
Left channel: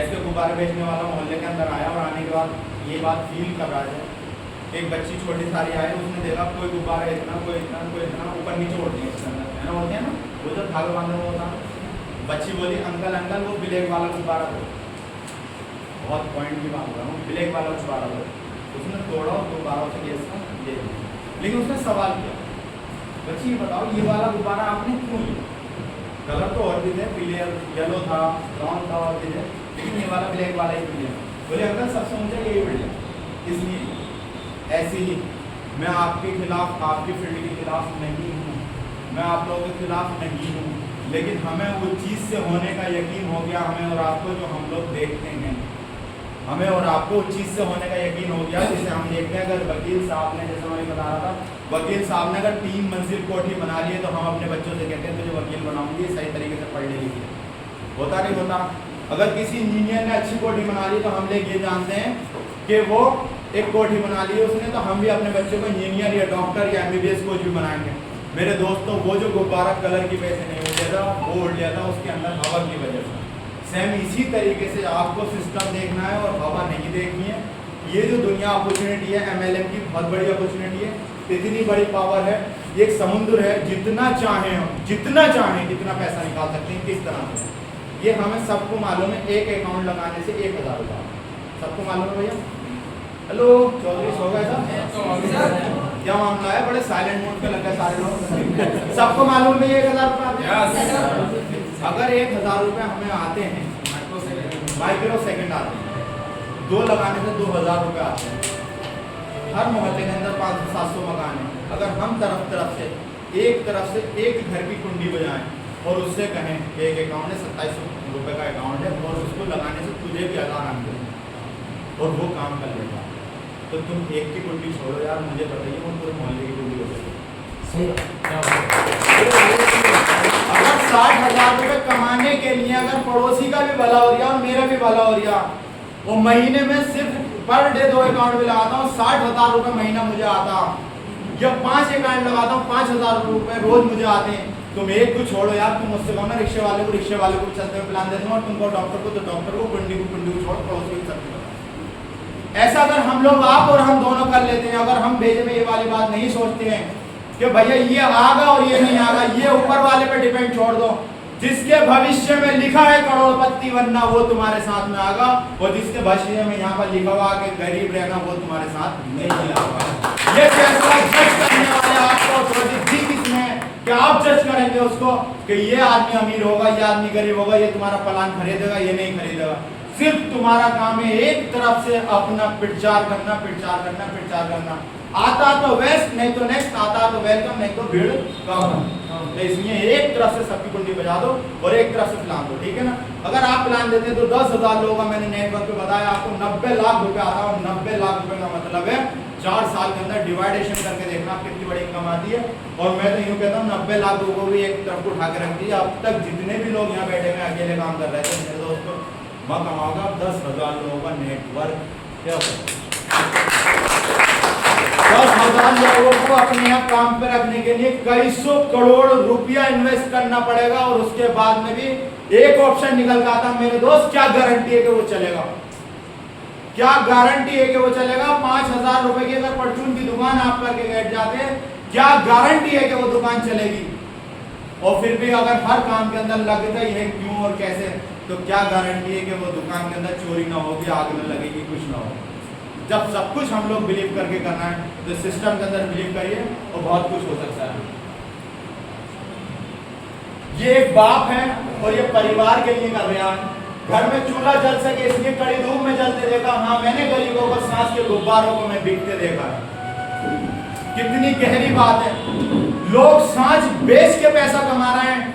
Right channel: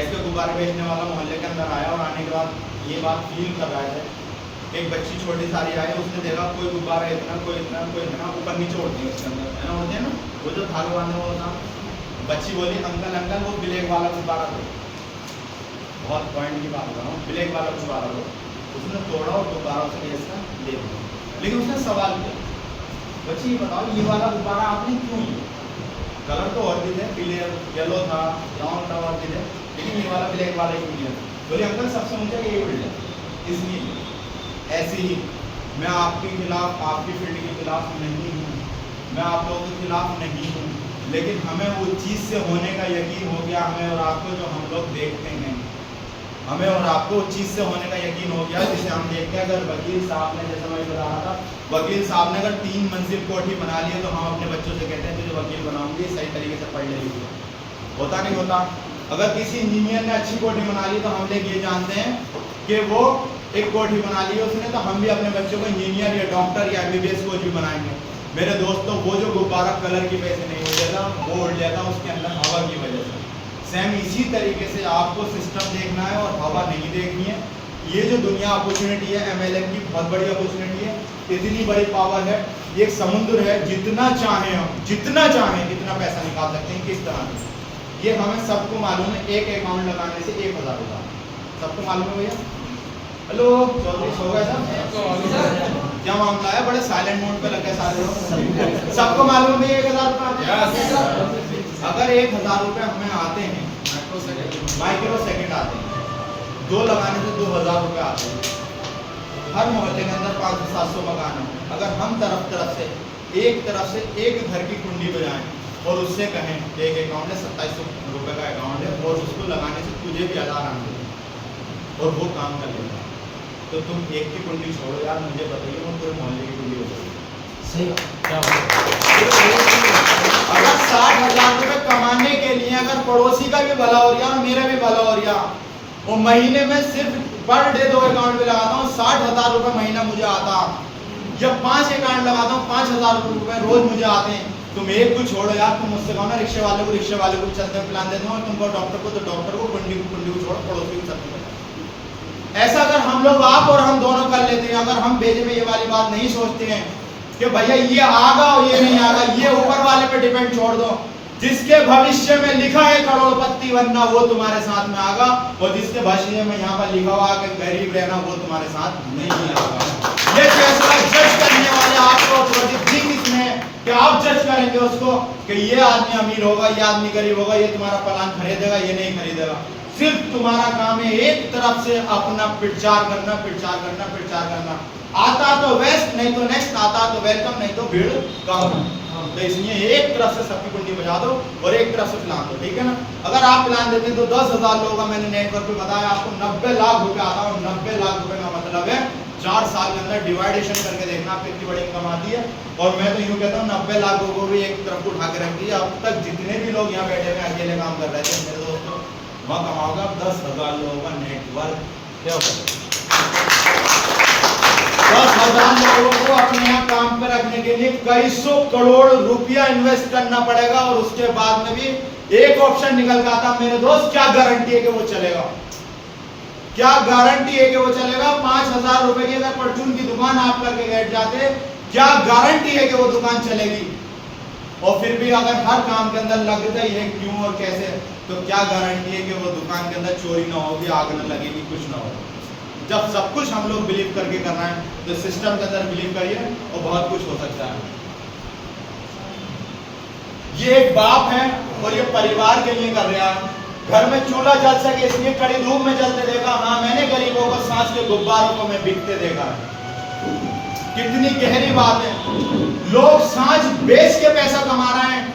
के गुब्बारे बेचने वाला मोहल्ले के अंदर आया और आने के बाद ये बात फील कर रहा है। एक बच्ची छोटी सारी आई, उसने देखा कोई गुब्बारा इतना, कोई इतना, कोई इतना, ऊपर नीचे उड़ते हैं उसके अंदर, है ना, उड़ते हैं ना, वो जो धागे बांधे वो होता। बच्ची बोली अंकल अंकल वो ब्लैक वाला गुब्बारा दो। बहुत पॉइंट की बात कर रहा हूँ, ब्लैक वाला गुब्बारा दो। उसने तोड़ा और गुब्बारा उसे गैस का दे दिया। लेकिन उसने सवाल किया, बच्ची ये बताओ ये वाला गुब्बारा आपने क्यों लिया? कलर तो और भी थे, पीले येलो था, ब्राउन था और भी थे, लेकिन ये वाला ब्लैक वाला ही मिल। बोले अंकल सबसे ऊंचा यही मिल जाए, इसलिए। ऐसे ही मैं आपके खिलाफ, आपकी फील्ड के खिलाफ नहीं हूँ, मैं आप लोगों के खिलाफ नहीं हूँ, लेकिन हमें वो चीज़ से होने का यकीन हो गया, हमें और आपको जो हम लोग देखते हैं, हमें और आपको उस चीज़ से होने का यकीन हो गया जिसे हम देखते हैं। अगर वकील साहब ने, जैसा मैं बता रहा था, वकील साहब ने अगर 3 मंजिल कोठी बना ली है तो हम अपने बच्चों से कहते हैं तुझे वकील बनाऊंगी, सही तरीके से पढ़ ले लीजिए। होता नहीं होता? अगर किसी इंजीनियर ने अच्छी कोठी बना ली तो हम लोग ये जानते हैं कि वो एक कोठी बना ली है उसने, तो हम भी अपने बच्चों को इंजीनियर या डॉक्टर या MBBS कोच भी बनाएंगे। मेरे दोस्तों, वो जो गुब्बारा कलर की वजह से नहीं उड़ जाता, वो उड़ जाता उसके अंदर हवा की वजह से। सेम इसी तरीके से आपको सिस्टम देखना है और हवा नहीं देखनी है। ये जो दुनिया अपॉर्चुनिटी है, MLM की बहुत बड़ी अपॉर्चुनिटी है, इतनी बड़ी पावर है, ये एक समुद्र है, जितना चाहें हम, जितना चाहें इतना पैसा निकाल सकते हैं। किस तरह से? ये हमें सबको मालूम है, एक अकाउंट लगाने से 1000 रुपये, सबको मालूम है भैया। हेलो चौधरी, सो गए साहब? क्या मामला है? बड़े साइलेंट मोड पे लगा सारे लोग। सबको मालूम है 1000 रुपये। अगर 1000 रुपये हमें आते हैं, माइक्रो सेकंड आते हैं, 2 लगाने से 2000 रुपये आते हैं। हर मोहल्ले के अंदर 500-700 मकान है। अगर हम तरफ से एक घर की कुंडी बजाएं और उससे कहें कि एक अकाउंट है, 2700 रुपये का अकाउंट है और उसको लगाने से तुझे भी 1000 आने और वो काम कर लेगा, तो तुम एक की कुंडी छोड़ो यार, मुझे बताइए वो पूरे मोहल्ले की कुंडी हो जाएगी। अगर 60,000 रुपये कमाने के लिए अगर पड़ोसी का भी भला हो रहा और मेरा भी भला हो रहा, वो महीने में सिर्फ पर डे 2 अकाउंट में लगाता हूँ, 60,000 रुपये महीना मुझे आता। जब 5 अकाउंट लगाता हूँ, 5,000 रुपये रोज मुझे आते हैं। तुम एक को छोड़ो यार, तुम मुझसे कहो ना रिक्शे वाले को चलते हुए प्लान दे दूंगा, तुमको डॉक्टर को तो डॉक्टर को, कुंडी को छोड़ो, पड़ोसी को सबकी बता। ऐसा अगर हम लोग, आप और हम दोनों कर लेते हैं, अगर हम भेजे में ये वाली बात नहीं सोचते हैं कि भैया ये आगा और ये नहीं आगा, ये ऊपर वाले पे डिपेंड छोड़ दो। जिसके भविष्य में लिखा है करोड़पति बनना वो तुम्हारे साथ में आगा, और जिसके भविष्य में यहाँ पर लिखा हुआ कि गरीब रहना वो तुम्हारे साथ नहीं आगा। ये फैसला जज करने वाले आपको अथॉरिटी दी किसने है कि आप जज करेंगे उसको कि ये आदमी अमीर होगा, ये आदमी गरीब होगा, ये तुम्हारा प्लान खरीदेगा, ये नहीं खरीदेगा। सिर्फ तुम्हारा काम है एक तरफ से अपना प्रचार करना, प्रचार करना, प्रचार करना। आता तो वेस्ट, नहीं तो नेक्स्ट, आता तो वेलकम, नहीं तो भीड़ कम। तो इसलिए एक तरफ से सबकी कुंडी बजा दो और एक तरफ से प्लान दो, ठीक है ना। अगर आप प्लान देते तो 10,000 लोगों का मैंने नेटवर्क पे बताया आपको 90 लाख रुपए आता है। और 90 लाख रुपए का मतलब है 4 साल के अंदर डिवाइडेशन करके देखना आप कितनी बड़ी इनकम आती है। और मैं तो यूँ कहता हूँ 90 लाख लोगों को भी एक तरफ को उठा के रख दीजिए। अब तक जितने भी लोग यहाँ बैठे हुए अकेले काम कर रहे थे मेरे दोस्तों, वह कमाओगा 10,000 लोगों का नेटवर्क। क्या होता है 10,000 लोगों को अपने यहाँ काम पे रखने के लिए कई सौ करोड़ रुपया इन्वेस्ट करना पड़ेगा। और उसके बाद में भी एक ऑप्शन निकल के आता मेरे दोस्त, क्या गारंटी है कि वो चलेगा? क्या गारंटी है कि वो चलेगा? 5,000 रुपए की अगर परचून की दुकान आप करके बैठ जाते, क्या गारंटी है कि वो दुकान चलेगी? और फिर भी अगर हर काम के अंदर लगता ही है क्यों और कैसे, तो क्या गारंटी है कि वो दुकान के अंदर चोरी ना होगी, आग ना लगेगी, कुछ ना हो। जब सब कुछ हम लोग बिलीव करके करना है तो सिस्टम के अंदर बिलीव करिए और बहुत कुछ हो सकता है। ये एक बाप है और ये परिवार के लिए कर रहा है। घर में चूल्हा जल सके इसलिए कड़ी धूप में जलते देखा। हाँ, मैंने गरीबों को सांस के गुब्बारों को मैं बिकते देखा है। कितनी गहरी बात है। लोग सांस बेच के पैसा कमा रहे हैं।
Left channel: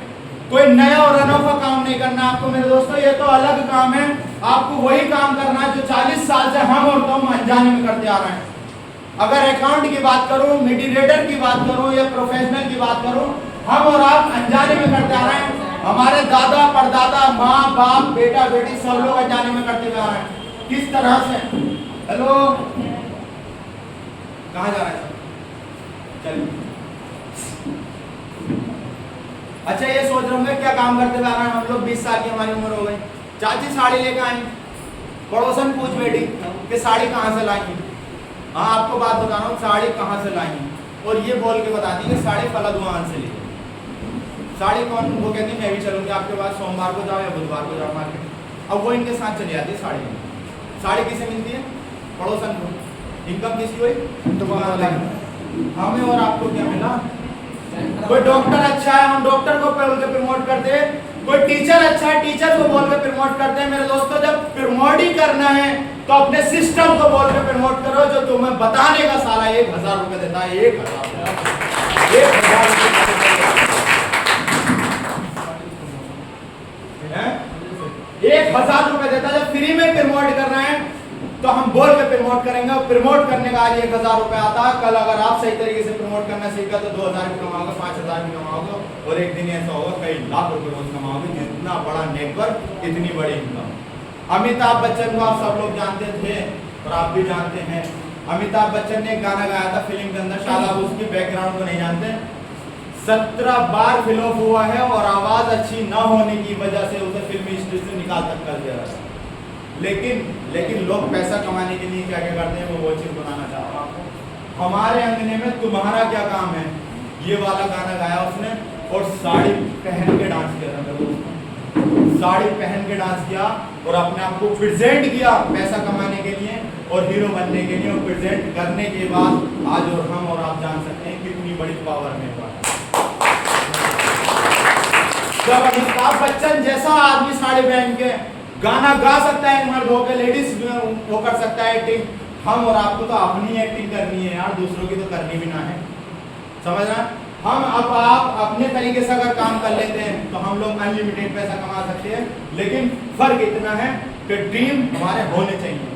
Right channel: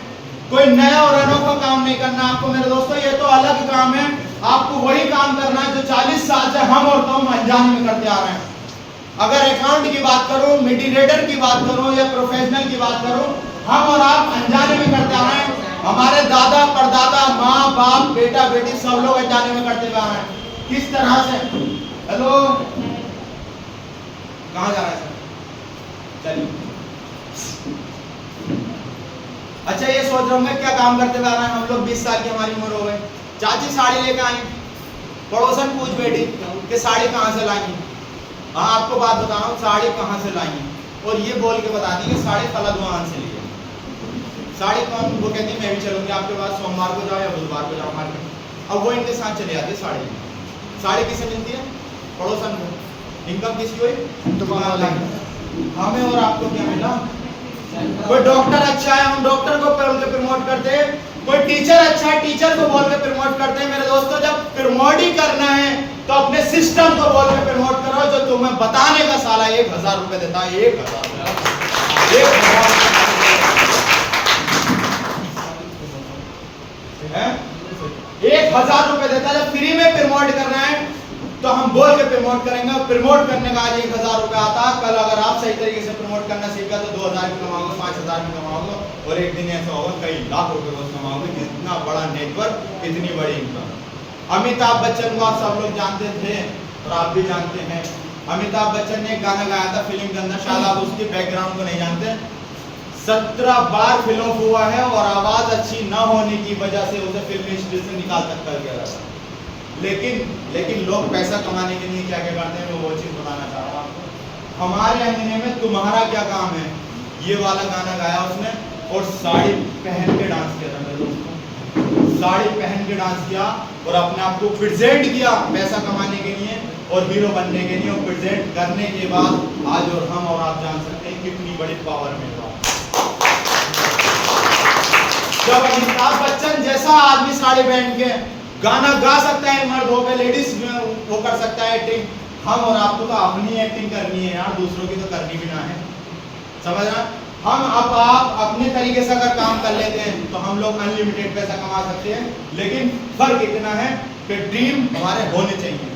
कोई नया और अनोखा काम नहीं करना आपको मेरे दोस्तों, ये तो अलग काम है। आपको वही काम करना है जो 40 साल से हम और तुम अनजाने में करते आ रहे हैं। अगर अकाउंट की बात करूं, मीडिएटर की बात करूं या प्रोफेशनल की बात करूं, हम और आप अनजाने में करते आ रहे हैं। हमारे दादा परदादा, माँ बाप, बेटा बेटी सब लोग अनजाने में करते आ रहे हैं। किस तरह से? हेलो, कहाँ जा रहे हैं सर? चलिए। अच्छा, ये सोच रहे होंगे क्या काम करते हुए आ रहे हैं हम लोग। 20 साल की हमारी उम्र हो गई। चाची साड़ी लेकर आई, पड़ोसन पूछ बैठी कि साड़ी कहाँ से लाई? हाँ, आपको बात बता रहा हूँ, साड़ी कहाँ से लाई? और ये बोल के बता दी कि साड़ी फलादुआन से ली है। साड़ी कौन? वो कहती मैं भी चलूँगी आपके पास, सोमवार को जाओ या बुधवार को जाओ मार्केट। अब वो इनके साथ चली जाती है साड़ी लेने। साड़ी किसे मिलती है? पड़ोसन को। इनकम किसकी हुई? दुकान वाले। हमें और आपको क्या मिला? कोई डॉक्टर अच्छा है, हम डॉक्टर को बोल के प्रमोट करते हैं। कोई टीचर अच्छा है, टीचर को बोल के प्रमोट करते हैं। मेरे दोस्तों, जब प्रमोट ही करना है तो अपने सिस्टम को बोल के प्रमोट करो जो तुम्हें बताने का साला 1,000 रुपए देता है। 1,000 रुपए देता है। जब फ्री में प्रमोट करना है तो हम बोल के प्रमोट करेंगे। प्रमोट करने का आज 1,000 रुपए आता है। कल अगर आप सही तरीके से प्रमोट करना सीखा तो 2,000 भी कमाओगे, 5,000 भी कमाओगे, और एक दिन ऐसा होगा कई लाख रुपए रोज कमाओगे। जितना बड़ा नेटवर्क इतनी बड़ी इनकम। अमिताभ बच्चन को आप सब लोग जानते थे और आप भी जानते हैं। अमिताभ बच्चन ने एक गाना गाया था फिल्म के अंदर, शायद आप उसके बैकग्राउंड को नहीं जानते। 17 बार फिल्म हुआ है और आवाज अच्छी न होने की वजह से उसे फिल्म हिस्ट्री से निकाल तक कर दिया गया। लेकिन लोग पैसा कमाने के लिए क्या क्या करते हैं, मैं वो चीज बताना चाह रहा हूँ आपको। हमारे अंगने में तुम्हारा क्या काम है, ये वाला गाना गाया उसने और साड़ी पहन के डांस किया था मेरे दोस्तों। साड़ी पहन के डांस किया और अपने आप को प्रेजेंट किया पैसा कमाने के लिए और हीरो बनने के लिए। और प्रेजेंट करने के बाद आज और हम और आप जान सकते हैं कितनी बड़ी पावर में हुआ। जब अमिताभ बच्चन जैसा आदमी साड़ी पहन के गाना गा सकता है, मर्द होकर लेडीज वो कर सकता है एक्टिंग, हम और आपको तो अपनी एक्टिंग करनी है यार, दूसरों की तो करनी भी ना है। समझ रहे हैं? हम अब आप अपने तरीके से अगर काम कर लेते हैं तो हम लोग अनलिमिटेड पैसा कमा सकते हैं। लेकिन फर्क इतना है कि ड्रीम हमारे होने चाहिए।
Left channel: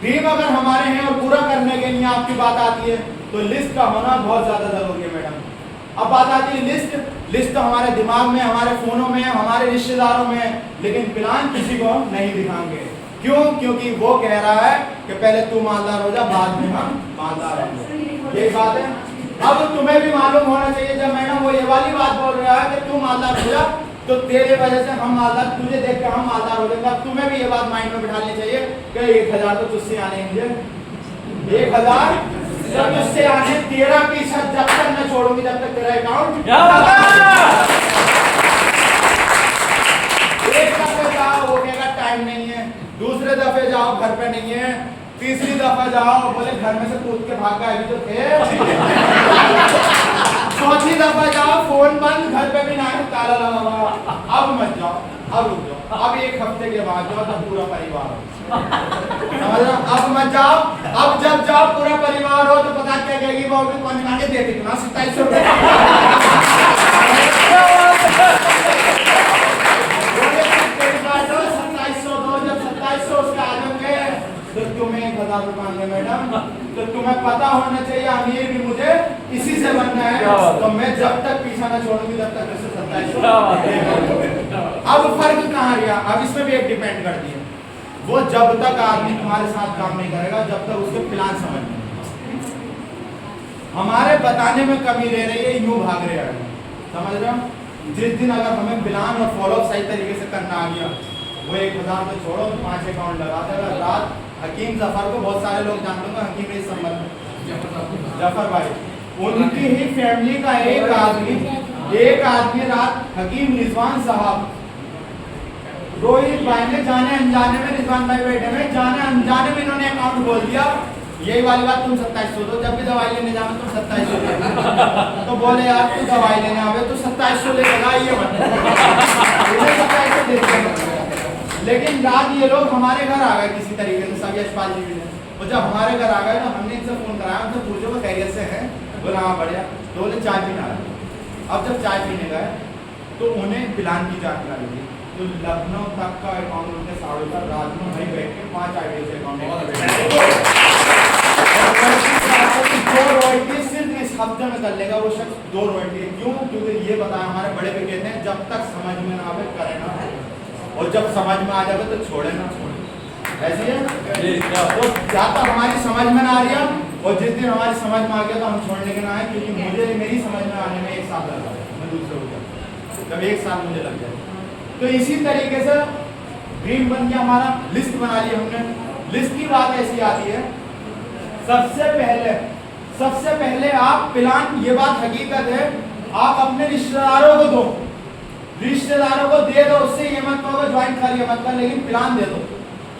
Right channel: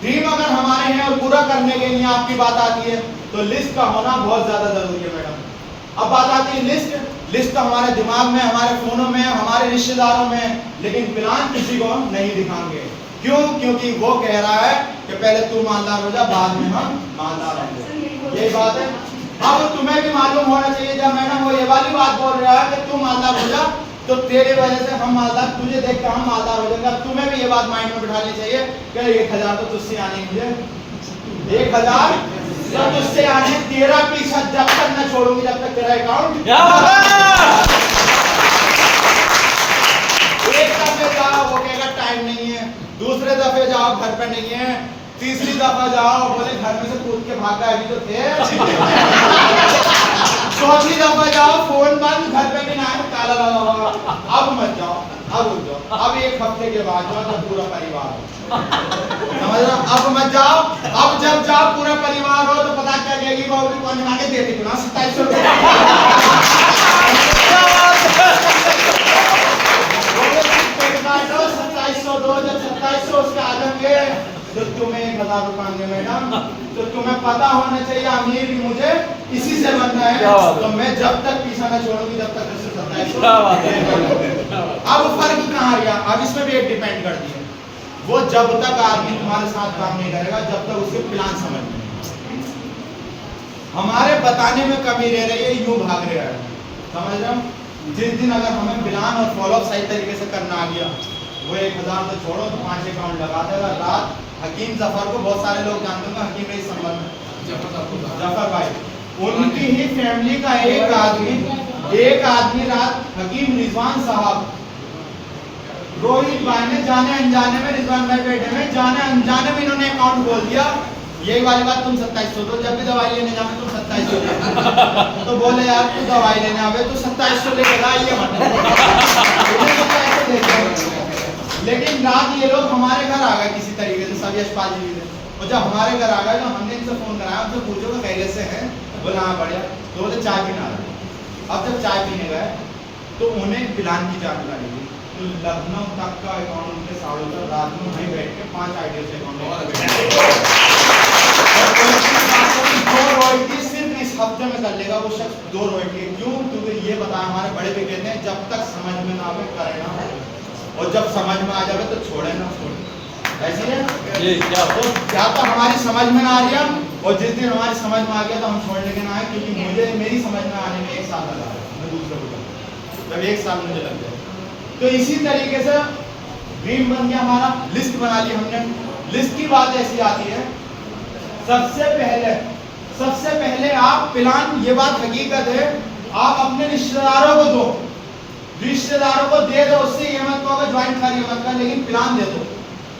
ड्रीम अगर हमारे हैं और पूरा करने के लिए आपकी बात आती है तो लिस्ट का होना बहुत ज्यादा जरूरी है मैडम। अब बात आती है लिस्ट तो हमारे दिमाग में, हमारे फोनों में, हमारे रिश्तेदारों में, लेकिन प्लान किसी को नहीं दिखाएंगे। क्यों? क्योंकि वो कह रहा है कि पहले तू मालदार हो जा, बाद में हम मालदार होंगे। यही बात है। अब तुम्हें भी मालूम होना चाहिए, जब मैडम वो ये वाली बात बोल रहा है कि तू मालदार हो जा तो तेरे वजह से हम मालदार, तुझे देख कर हम मालदार हो जाएंगे। तुम्हें भी ये बात माइंड में बिठानी चाहिए कि 1,000 तो तुझसे आने मुझे 1,000 तो तुझसे आने 13% जब तक न छोड़ूंगी जब तक तेरा अकाउंट एक दफे जाओ वो कहेगा टाइम नहीं है, दूसरे दफे जाओ घर पे नहीं है, तीसरी दफा जाओ बोले घर में से कूद के भाग गए अभी तो थे, चौथी दफा जाओ फोन बंद घर पे भी ना है ताला लगा हुआ। अब मत जाओ, अब रुक जाओ, अब एक हफ्ते के बाद जाओ जब पूरा परिवार हो, समझ रहे हो? अब मत जाओ, अब जब जाओ पूरा परिवार हो तो पता क्या कहेगी वो भी कौन मांगे देती ना 2700 2700 दो, जब 2700 उसके आ जाएंगे तो तुम्हें 1000 रुपए आएंगे मैडम, तो तुम्हें पता होना चाहिए अमीर भी मुझे इसी से बनना है, तो मैं जब तक पीछा ना छोड़ूंगी जब तक 2700। अब फर्क कहाँ रहा, अब इसमें भी एक डिपेंड करती है, वो जब तक आदमी तुम्हारे साथ काम नहीं करेगा जब तक उसके प्लान समझ में नहीं। हमारे बताने में कमी रह रही है, यूं भाग रहा है, समझ रहे हो? जिस दिन अगर हमें प्लान और फॉलोअप सही तरीके से करना आ गया, वो 1000 तो छोड़ो 5 अकाउंट लगाते हुए रात हकीम जफर को बहुत सारे लोग जानते होंगे, हकीम भाई संबंध जफर भाई, उनकी ही फैमिली का एक आदमी रात हकीम रिजवान साहब, रोहित भाई ने जाने अनजाने में, रिजवान भाई बैठे में जाने अनजाने में इन्होंने अकाउंट खोल दिया, यही वाली बात तुम 2700 दो, जब भी दवाई लेने जाओ तुम 2700 ले, तो बोले यार तू दवाई लेने आवे तो 2700 लेके जा, ये मत लेकिन रात ये लोग हमारे घर आ गए किसी तरीके से, सब यशपाल जी ने, और जब हमारे घर आ गए तो हमने इनसे फोन कराया, उनसे पूछो कि खैरियत से हैं, बोला हाँ बढ़िया, तो बोले चाय पीना है। अब जब चाय पीने गए तो उन्हें प्लान की जानकारी दी, तो लखनऊ तक का अकाउंट उनके साड़ों का रात में वहीं बैठ के 5 आईडी से अकाउंट दो रॉयल्टी सिर्फ इस हफ्ते में कर लेगा वो शख्स, 2 रॉयल्टी। क्यों? क्योंकि ये बताया हमारे बड़े भी कहते हैं जब तक समझ में ना आवे करे ना, और जब समझ में आ जावे तो छोड़े ना छोड़े, ऐसी है। तो क्या तो हमारी समझ में ना आ रही है, और जिस दिन हमारी समझ में आ गया तो हम छोड़ने के ना आए, क्योंकि मुझे मेरी समझ में आने में 1 साल लगा, मैं दूसरों को जब 1 साल मुझे लग गया। तो इसी तरीके से ड्रीम बन गया हमारा, लिस्ट बना ली हमने। लिस्ट की बात ऐसी आती है, सबसे पहले आप प्लान, ये बात हकीकत है, आप अपने रिश्तेदारों को दो, रिश्तेदारों को दे दो, उससे ये मत कहो ज्वाइंट करिए मत कर, लेकिन प्लान दे दो।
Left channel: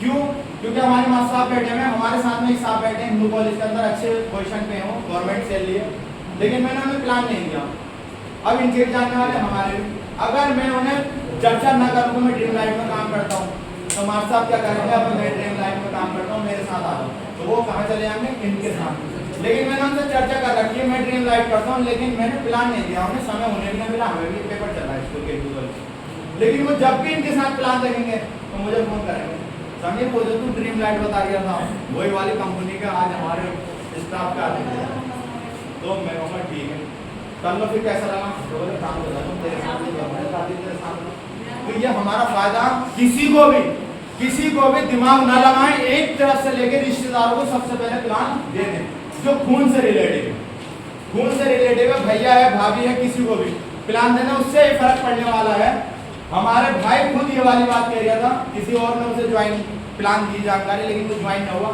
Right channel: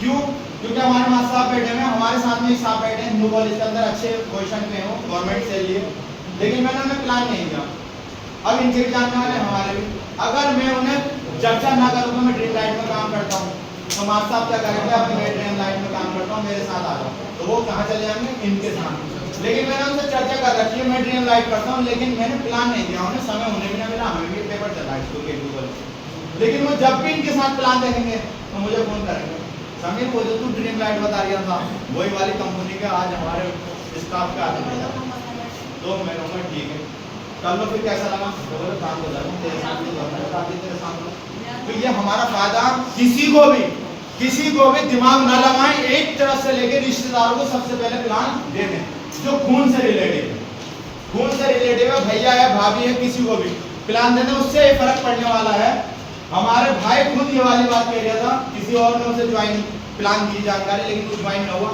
क्यों? क्योंकि हमारे मास्टर साहब बैठे हुए हैं, हमारे साथ में ही साहब बैठे हैं हिंदू कॉलेज के अंदर, अच्छे पोजीशन पे हो, गवर्नमेंट से लिए, लेकिन मैंने उन्हें प्लान नहीं दिया। अब इनके भी जानने वाले हमारे भी, अगर मैं उन्हें चर्चा ना करूँ तो मैं ड्रीम लाइट में काम करता हूँ, तो मास्टर साहब क्या करेंगे, अब मैं ड्रीम लाइट में काम करता हूँ मेरे साथ आ जाओ, तो वो कहाँ चले जाएंगे, इनके साथ। लेकिन मैंने उनसे चर्चा कर रखी है, मैं ड्रीम लाइट करता हूँ, लेकिन मैंने प्लान नहीं दिया उन्हें, समय उन्हें भी ना मिला, हमें भी पेपर चल रहा है स्कूल के गूगल, लेकिन वो जब भी इनके साथ प्लान देखेंगे तो मुझे फोन करेंगे, समीर वो जो तू ड्रीम लाइट बता रहा था वही वाली कंपनी का आज हमारे स्टाफ का आदमी देगा, तो मैं कहूँगा ठीक है कर लो, फिर कैसा लगा, तो बोले काम हो जाएगा तेरे सामने। तो ये हमारा फायदा, किसी को भी दिमाग ना लगाएं, एक तरफ से लेके रिश्तेदारों को सबसे पहले प्लान दे दें, जो खून से रिलेटेड है, भैया है भाभी है, किसी को भी प्लान देना, उससे फर्क पड़ने वाला है। हमारे भाई खुद ये वाली बात कह रहा था, किसी और ने उसे ज्वाइन प्लान दी जानकारी, लेकिन कुछ ज्वाइन ना हुआ,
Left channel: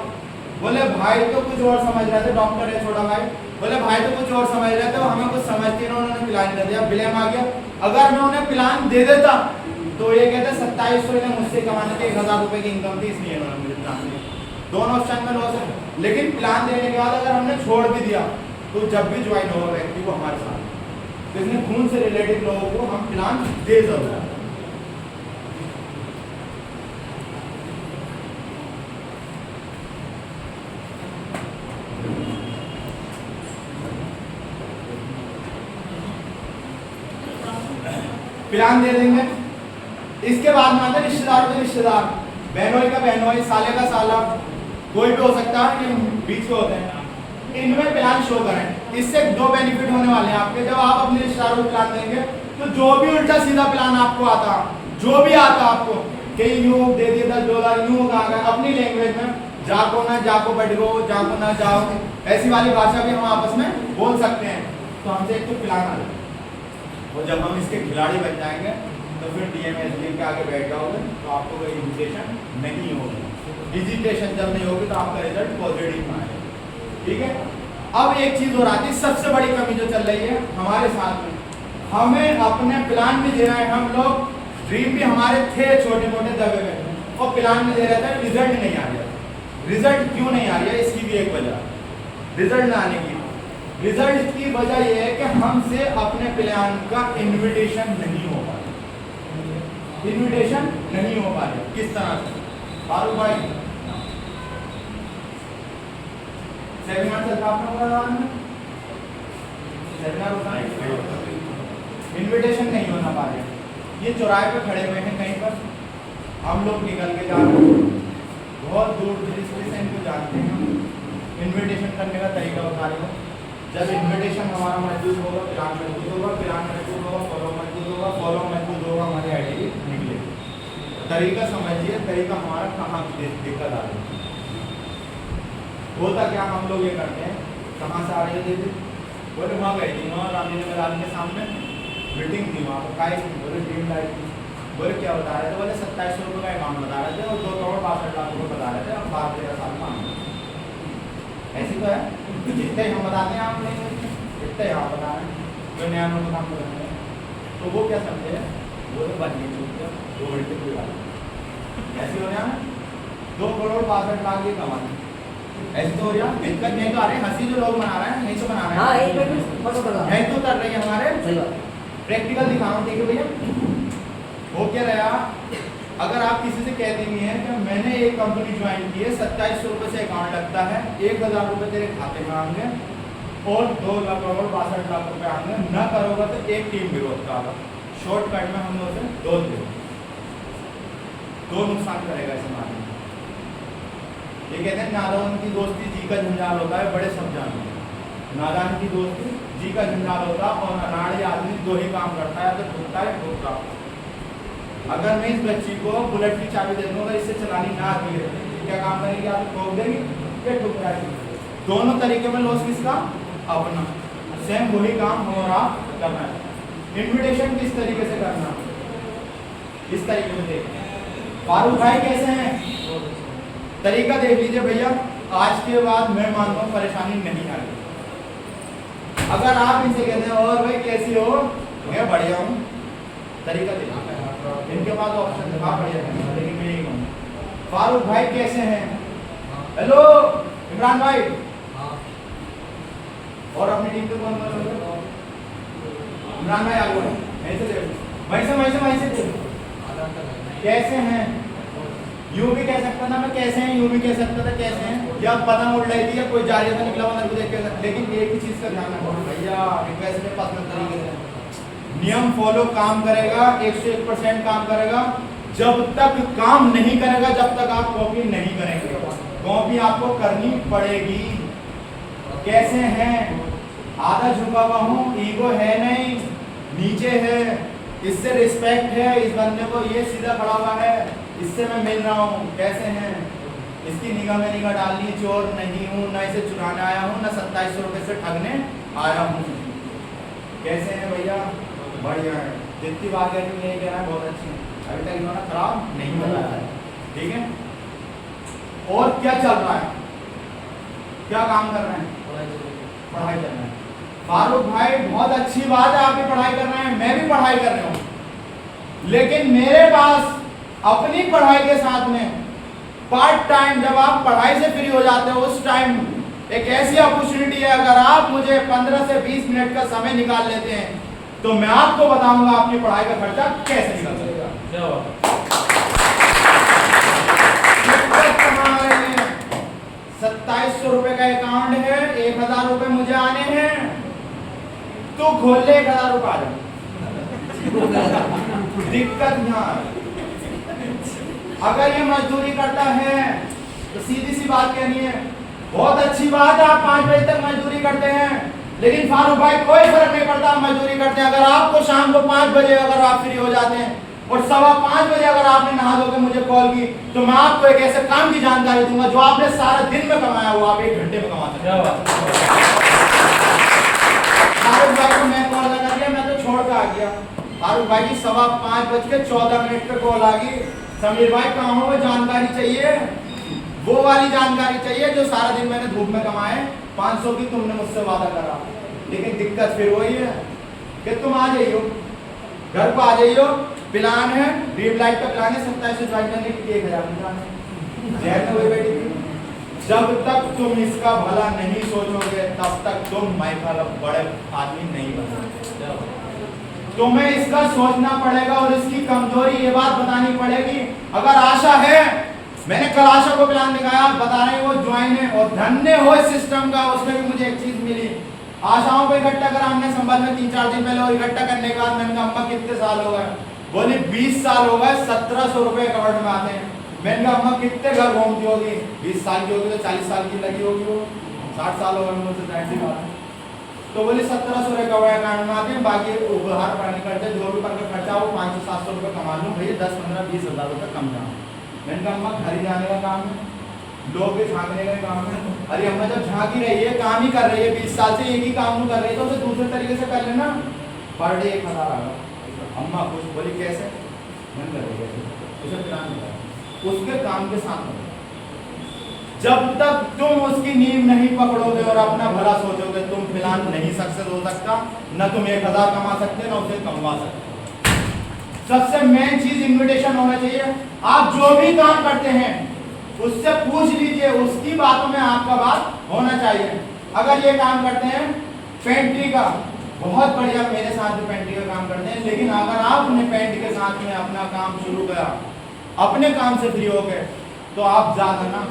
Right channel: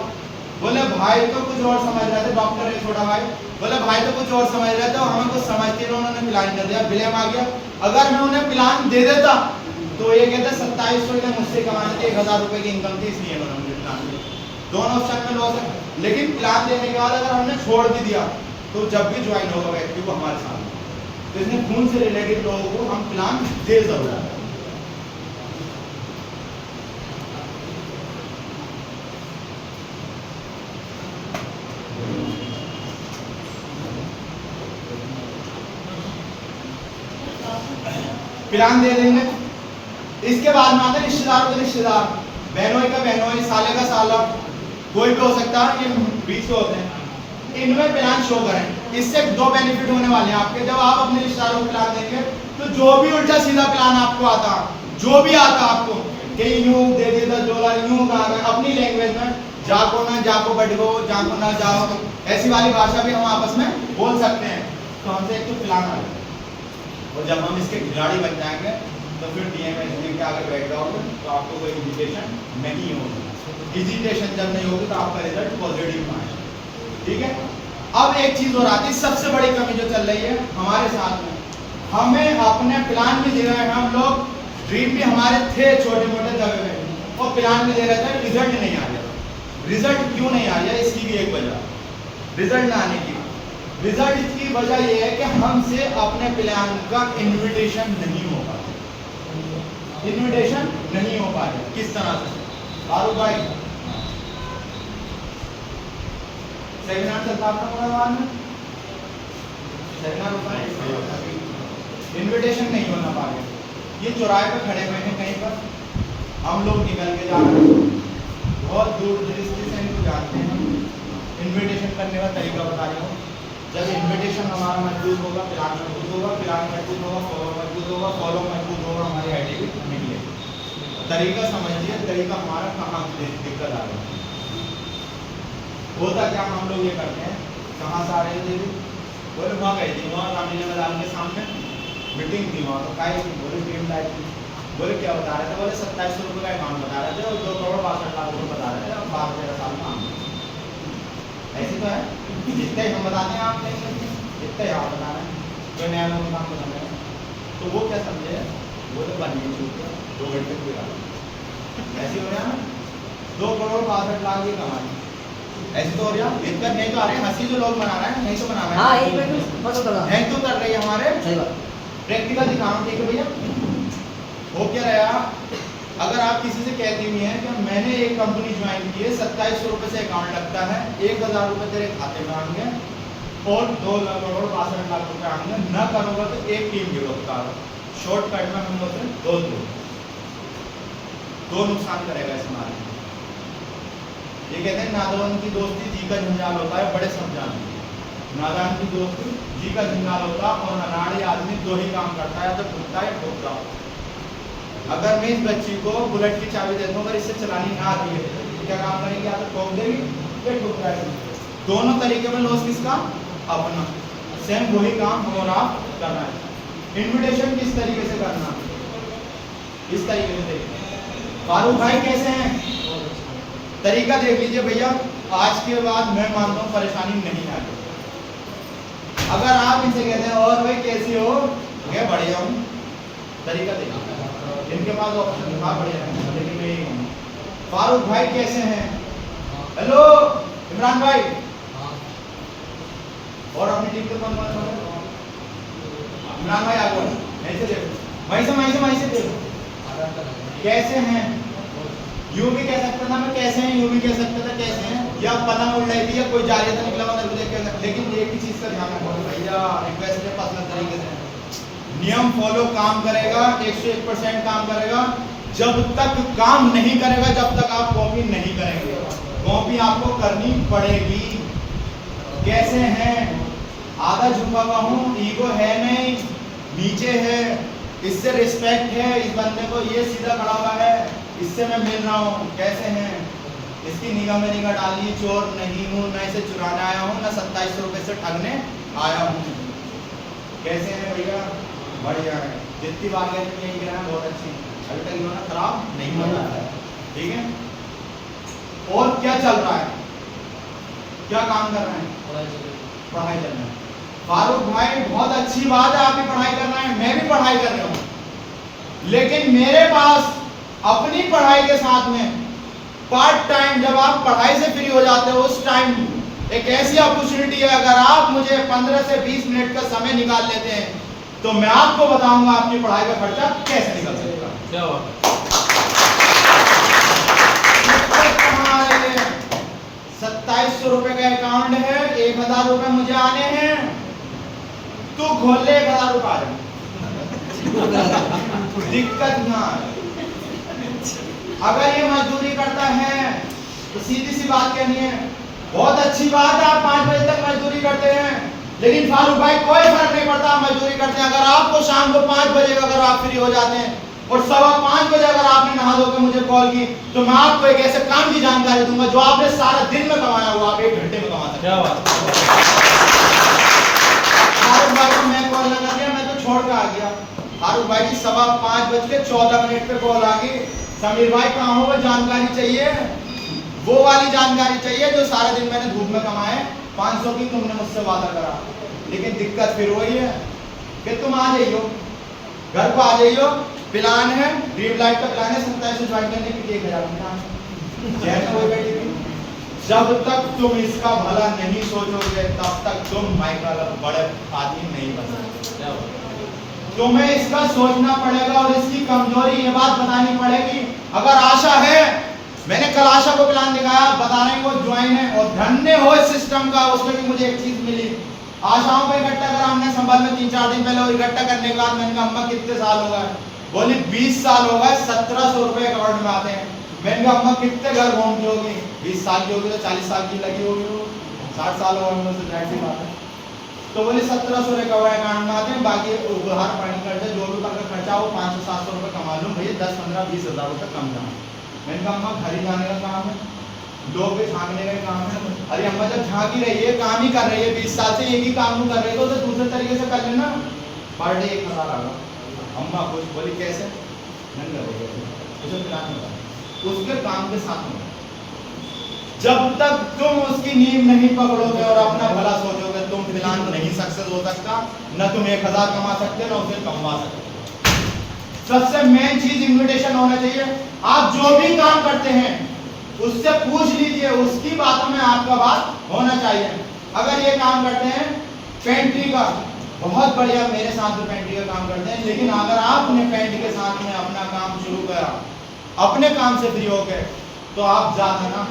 बोले भाई तो कुछ और समझ रहे थे, डॉक्टर है छोटा भाई, बोले भाई तो कुछ और समझ रहे थे, हमें कुछ समझते नहीं, उन्होंने प्लान कर दिया, ब्लेम आ गया। अगर मैं उन्हें प्लान दे देता तो ये कहते 2700 ने मुझसे कमाने थे, 1000 रुपए की इनकम थी, इसलिए इन्होंने मुझे प्लान दिया। दोनों ऑप्शन में लॉस है, लेकिन प्लान देने के बाद अगर हमने छोड़ भी दिया तो जब भी ज्वाइन होगा व्यक्ति वो हमारे साथ, तो इसलिए खून से रिलेटेड लोगों को हम प्लान दे जरूर। प्लान दे देंगे। इसके बाद में आता है रिश्तेदारों के रिश्तेदार, बहनोई का बहनोई, साले का साला, कोई भी हो सकता है, ये बीच के होते हैं, इनमें प्लान शो करें। इससे 2 बेनिफिट होने वाले हैं आपके, जब आप अपने रिश्तेदारों को प्लान देंगे तो जो भी उल्टा सीधा प्लान आपको आता, जो भी आता आपको कि यूं दे दिया था डॉलर, यूं कहा गया अपनी लैंग्वेज में, जाको ना जाको बटगो, जाको ना जाओ, ऐसी वाली भाषा भी हम आपस में बोल सकते हैं। तो हमसे एक तो प्लान आ जाए, और जब हम इसके खिलाड़ी बन जाएंगे तो फिर DMSD के आगे बैठ जाओगे तो आपको कोई हेजिटेशन नहीं होगी। हेजिटेशन जब नहीं होगी तो आपका रिजल्ट पॉजिटिव में आएगा, ठीक है। अब एक चीज और आती है, सबसे बड़ी कमी जो चल रही है हमारे साथ में, हमें अपने प्लान भी दे रहे हैं हम लोग, ड्रीम भी हमारे थे छोटे मोटे दबे हुए, और प्लान भी दे रहे थे, रिजल्ट नहीं आ रहा। रिजल्ट क्यों नहीं आ रहा है, इसकी भी एक वजह, रिजल्ट ना आने की रिजल्ट की वजह यह है कि हमसे अपने प्लान का इनविटेशन नहीं हो पाता, इनविटेशन नहीं हो पाता। किस तरह से फारूक भाई, सेमिनार चलता आपका में, सेमिनार होता है, इनविटेशन नहीं होना पा रहे। ये चौराहे पे खड़े हुए हैं कहीं पर, हम लोग निकल के जा रहे हैं, बहुत दूर दृष्टि से इनको जानते हैं हम। इनविटेशन करने का तरीका बता रही हूँ, जब इनविटेशन हमारा मजबूत होगा, प्लान मजबूत होगा, प्लान मजबूत होगा, फॉलो मजबूत होगा, फॉलो मजबूत होगा, हमारी आईडी भी निकलेगी। तरीका समझिए, तरीका हमारा कहाँ दिक्कत आ रही है। होता क्या, हम लोग ये करते हैं, कहाँ से आ रही हो दीदी, बोले वहाँ गई थी, वहाँ रामलीला मैदान के सामने मीटिंग थी, वहाँ पर खाई थी, बोले ड्रीम लाइफ थी, बोले क्या बता रहे थे, बोले 2700 रुपये का अकाउंट बता रहे थे और 2 करोड़ 62 लाख रुपये बता रहे थे, अब 12-13 साल में आएंगे। ऐसी तो है, जितने हम बताते हैं आप नहीं, जितने आप बता रहे हैं, कोई नया नोट काम कर रहे हैं, तो वो क्या समझे, वो तो बनिए छूट गया 2 घंटे की बात, ऐसी हो रहा है ना, 2 करोड़ 62 लाख ये कमा ली, ऐसे तो हो रहा, दिक्कत नहीं तो आ रही, हंसी जो लोग मना रहे हैं नहीं तो मना रहे हैं, नहीं तो कर रही है हमारे, प्रैक्टिकल दिखा रहा हूँ, ठीक है भैया। हो क्या रहा, अगर आप किसी से कहते भी हैं कि मैंने एक कंपनी ज्वाइन की है, 2700 रुपये से अकाउंट लगता है, 1000 रुपये तेरे खाते में आएंगे और 2 करोड़ 62 लाख रुपये आएंगे, न करोगे तो एक टीम गिरोह का शॉर्टकट में हम लोग से 2 नुकसान करेगा इस मामले में। ये कहते हैं नादान की दोस्ती जी का झंझाल होता है, बड़े सब जानते हैं, नादान की दोस्ती जी का झंझाल होता है, और नादान आदमी 2 ही काम करता है, या तो ठुकता है या ठोकता। अगर मैं इस बच्ची को बुलेट की चाबी दे दूँ, अगर इससे चलानी ना आती है क्या काम करेगी, या तो ठोक देगी या ठुक जाएगी, दोनों तरीके में लॉस किसका, अपना। सेम वही काम हम और आप करना है। इन्विटेशन किस तरीके से करना, इस तरीके से देखिए। फारूक भाई कैसे हैं, तरीका देख लीजिए भैया, आज के बाद मैं मानता हूँ परेशानी नहीं आएगी। अगर आप इनसे कहते हैं और भाई कैसी हो, मैं बढ़िया हूँ, तरीका देखिए, इनके पास ऑप्शन था बढ़िया है, लेकिन मैं यही कहूँ फारूक भाई कैसे हैं, हेलो इमरान भाई, और अपनी टीम को कौन कौन है, इमरान भाई आगे ऐसे देखो, वहीं से देखो कैसे हैं, यूं भी कह सकता था मैं कैसे हैं, यूं भी कह सकता था कैसे हैं, या पतंग उड़ रही थी या कोई जा रहा था निकला हुआ देख के, लेकिन एक ही चीज का ध्यान रखो भैया, रिक्वेस्ट है पर्सनल तरीके से, नियम फॉलो काम करेगा, 101% काम करेगा, जब तक काम नहीं करेगा जब तक आप कॉपी नहीं करेंगे, कॉपी आपको करनी पड़ेगी। कैसे हैं, आधा झुका हुआ हूँ, ईगो है नहीं, नीचे है, इससे रिस्पेक्ट है, इस बंदे को ये सीधा खड़ा हुआ है, इससे मैं मिल रहा हूँ, कैसे हैं, इसकी निगाह में निगाह डालिए, चोर नहीं हूँ, न इसे चुराने आया हूँ, न 2700 रुपये से ठगने आया हूँ। कैसे हैं भैया, बढ़िया है, जितनी बार गए तुम यही कहना बहुत अच्छी है, अभी तक इन्होंने खराब नहीं बताया है, ठीक है। और क्या चल रहा है, क्या काम कर रहे हैं, पढ़ाई चल रहा है। फारूक भाई बहुत अच्छी बात है, आप भी पढ़ाई कर रहे हैं, मैं भी पढ़ाई कर रहा हूँ, लेकिन मेरे पास अपनी पढ़ाई के साथ में पार्ट टाइम, जब आप पढ़ाई से फ्री हो जाते हो उस टाइम एक ऐसी अपॉर्चुनिटी है, अगर आप मुझे 15 से 20 मिनट का समय निकाल लेते हैं तो मैं आपको बताऊंगा आपकी पढ़ाई का खर्चा कैसे निकल सकता है। 2700 रुपए का अकाउंट है, 1000 रुपए मुझे आने हैं, तो खोल ले 1000 रुपए आ जाए, दिक्कत यहाँ है। अगर ये मजदूरी करता है तो सीधी सी बात कहनी है, बहुत अच्छी बात है आप 5 बजे तक मजदूरी करते हैं, लेकिन फारूक भाई कोई फर्क नहीं पड़ता आप मजदूरी करते हैं। अगर आपको शाम को 5 बजे अगर आप फ्री हो जाते हैं और 5:15 बजे अगर आपने नहा धो के मुझे कॉल की, तो मैं आपको एक ऐसे काम की जानकारी दूंगा जो आपने सारा दिन में कमाया हुआ आप 1 घंटे में कमा सकते हैं। फारूक भाई को मैं कॉल लगा दिया, मैं तो छोड़ के आ गया। फारूक भाई की 5:14 पे कॉल आ गई, समीर भाई कहाँ हो, वो जानकारी चाहिए, वो वाली जानकारी चाहिए जो सारा दिन मैंने धूप में कमाए 500 की तुमने मुझसे वादा करा, लेकिन दिक्कत फिर वही है कि तुम आ जाइयो, घर को आ जाइयो, प्लान है ड्रीम लाइफ का प्लान है 27 से ज्वाइन करने की, 1000 प्लान है, जहर में वही बैठी थी। जब तक तुम इसका भला नहीं सोचोगे तब तक तुम माइकल बड़े आदमी नहीं बन सकते। तुम्हें इसका सोचना पड़ेगा और इसकी कमजोरी ये बात बतानी पड़ेगी। अगर आशा है, मैंने कल आशा को प्लान दिखाया, बता रहे वो ज्वाइन है, और धन्य हो इस सिस्टम का, उसमें भी मुझे एक चीज मिली। आशाओं को इकट्ठा करा हमने संभल में 3-4 दिन पहले, और इकट्ठा करने के बाद मैंने कहा अम्मा कितने साल हो गए? बोली 20 साल हो गए, 1700 रुपए कवर्ड में आते हैं। मैंने कहा अम्मा कितने घर घूमती होगी? 20 साल की होगी तो 40 साल की लगी होगी, वो 60 साल हो गए मुझसे, जाहिर सी बात है। तो बोली 1700 रिकवर अकाउंट में आते हैं, बाकी उधार पड़ने खर्चा जो भी का खर्चा वो 500-700 रुपये कमा लूँ भैया, 10-15-20 हज़ार रुपये कम जाए। मैंने कहा अम्मा घर ही जाने का काम है, लोग भी झांकने का काम है। अरे अम्मा जब झांक ही रही है, काम ही कर रही है, 20 साल से एक ही काम कर रही है, तो उसे दूसरे तरीके से कर लेना। पर डे 1000 आ रहा, अम्मा कुछ बोली कैसे? मन कर रही है उसे प्लान कर, उसके काम के साथ में जब तक तुम उसकी नींव नहीं पकड़ोगे और अपना भला सोचोगे, तुम प्लान नहीं सक्सेस हो सकता। न तुम 1000 कमा सकते, न उसे कमवा सकते। सबसे मेन चीज इन्विटेशन होना चाहिए। आप जो भी काम करते हैं उससे पूछ लीजिए, उसकी बातों में आपका बात होना चाहिए। अगर ये काम करते हैं पेंट्री का, बहुत बढ़िया, मेरे साथ भी पेंट्री का काम करते हैं, लेकिन अगर आपने पेंट के साथ में अपना काम शुरू करा, अपने काम से फ्री हो गए, तो आप ज्यादा ना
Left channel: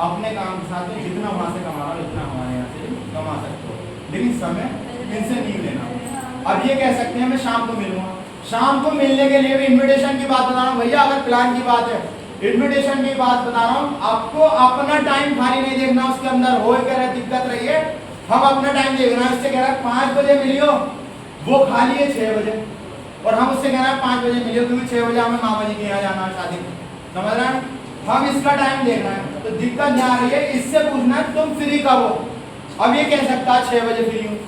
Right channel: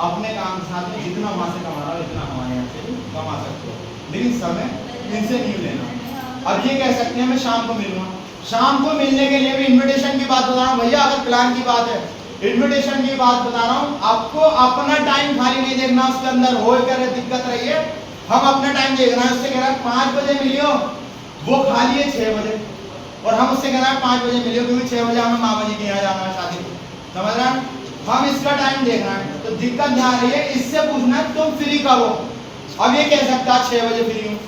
अपने काम के साथ में जितना वहां से कमा रहा हो इतना हमारे यहाँ से कमा सकते हो, लेकिन समय इनसे नहीं लेना। अब ये कह सकते हैं मैं शाम को मिलूंगा, शाम को मिलने के लिए भी इन्विटेशन की बात बता रहा हूँ भैया। अगर प्लान की बात है, इन्विटेशन की बात बता रहा हूँ, आपको अपना टाइम खाली नहीं देखना, उसके अंदर हो क्या दिक्कत रही है, हम अपना टाइम देख रहे हैं। उससे कह रहा है 5 बजे मिलियो, वो खाली है 6 बजे, और हम उससे कह रहे हैं 5 बजे मिलियो, क्योंकि 6 बजे हमें मामा जी के यहाँ जाना है शादी में, समझ रहे हैं? हम इसका टाइम देख रहे हैं, तो दिक्कत यहाँ आ रही है। इससे पूछना है तुम फ्री कब हो। अब ये कह सकता 6 बजे फ्री हूँ,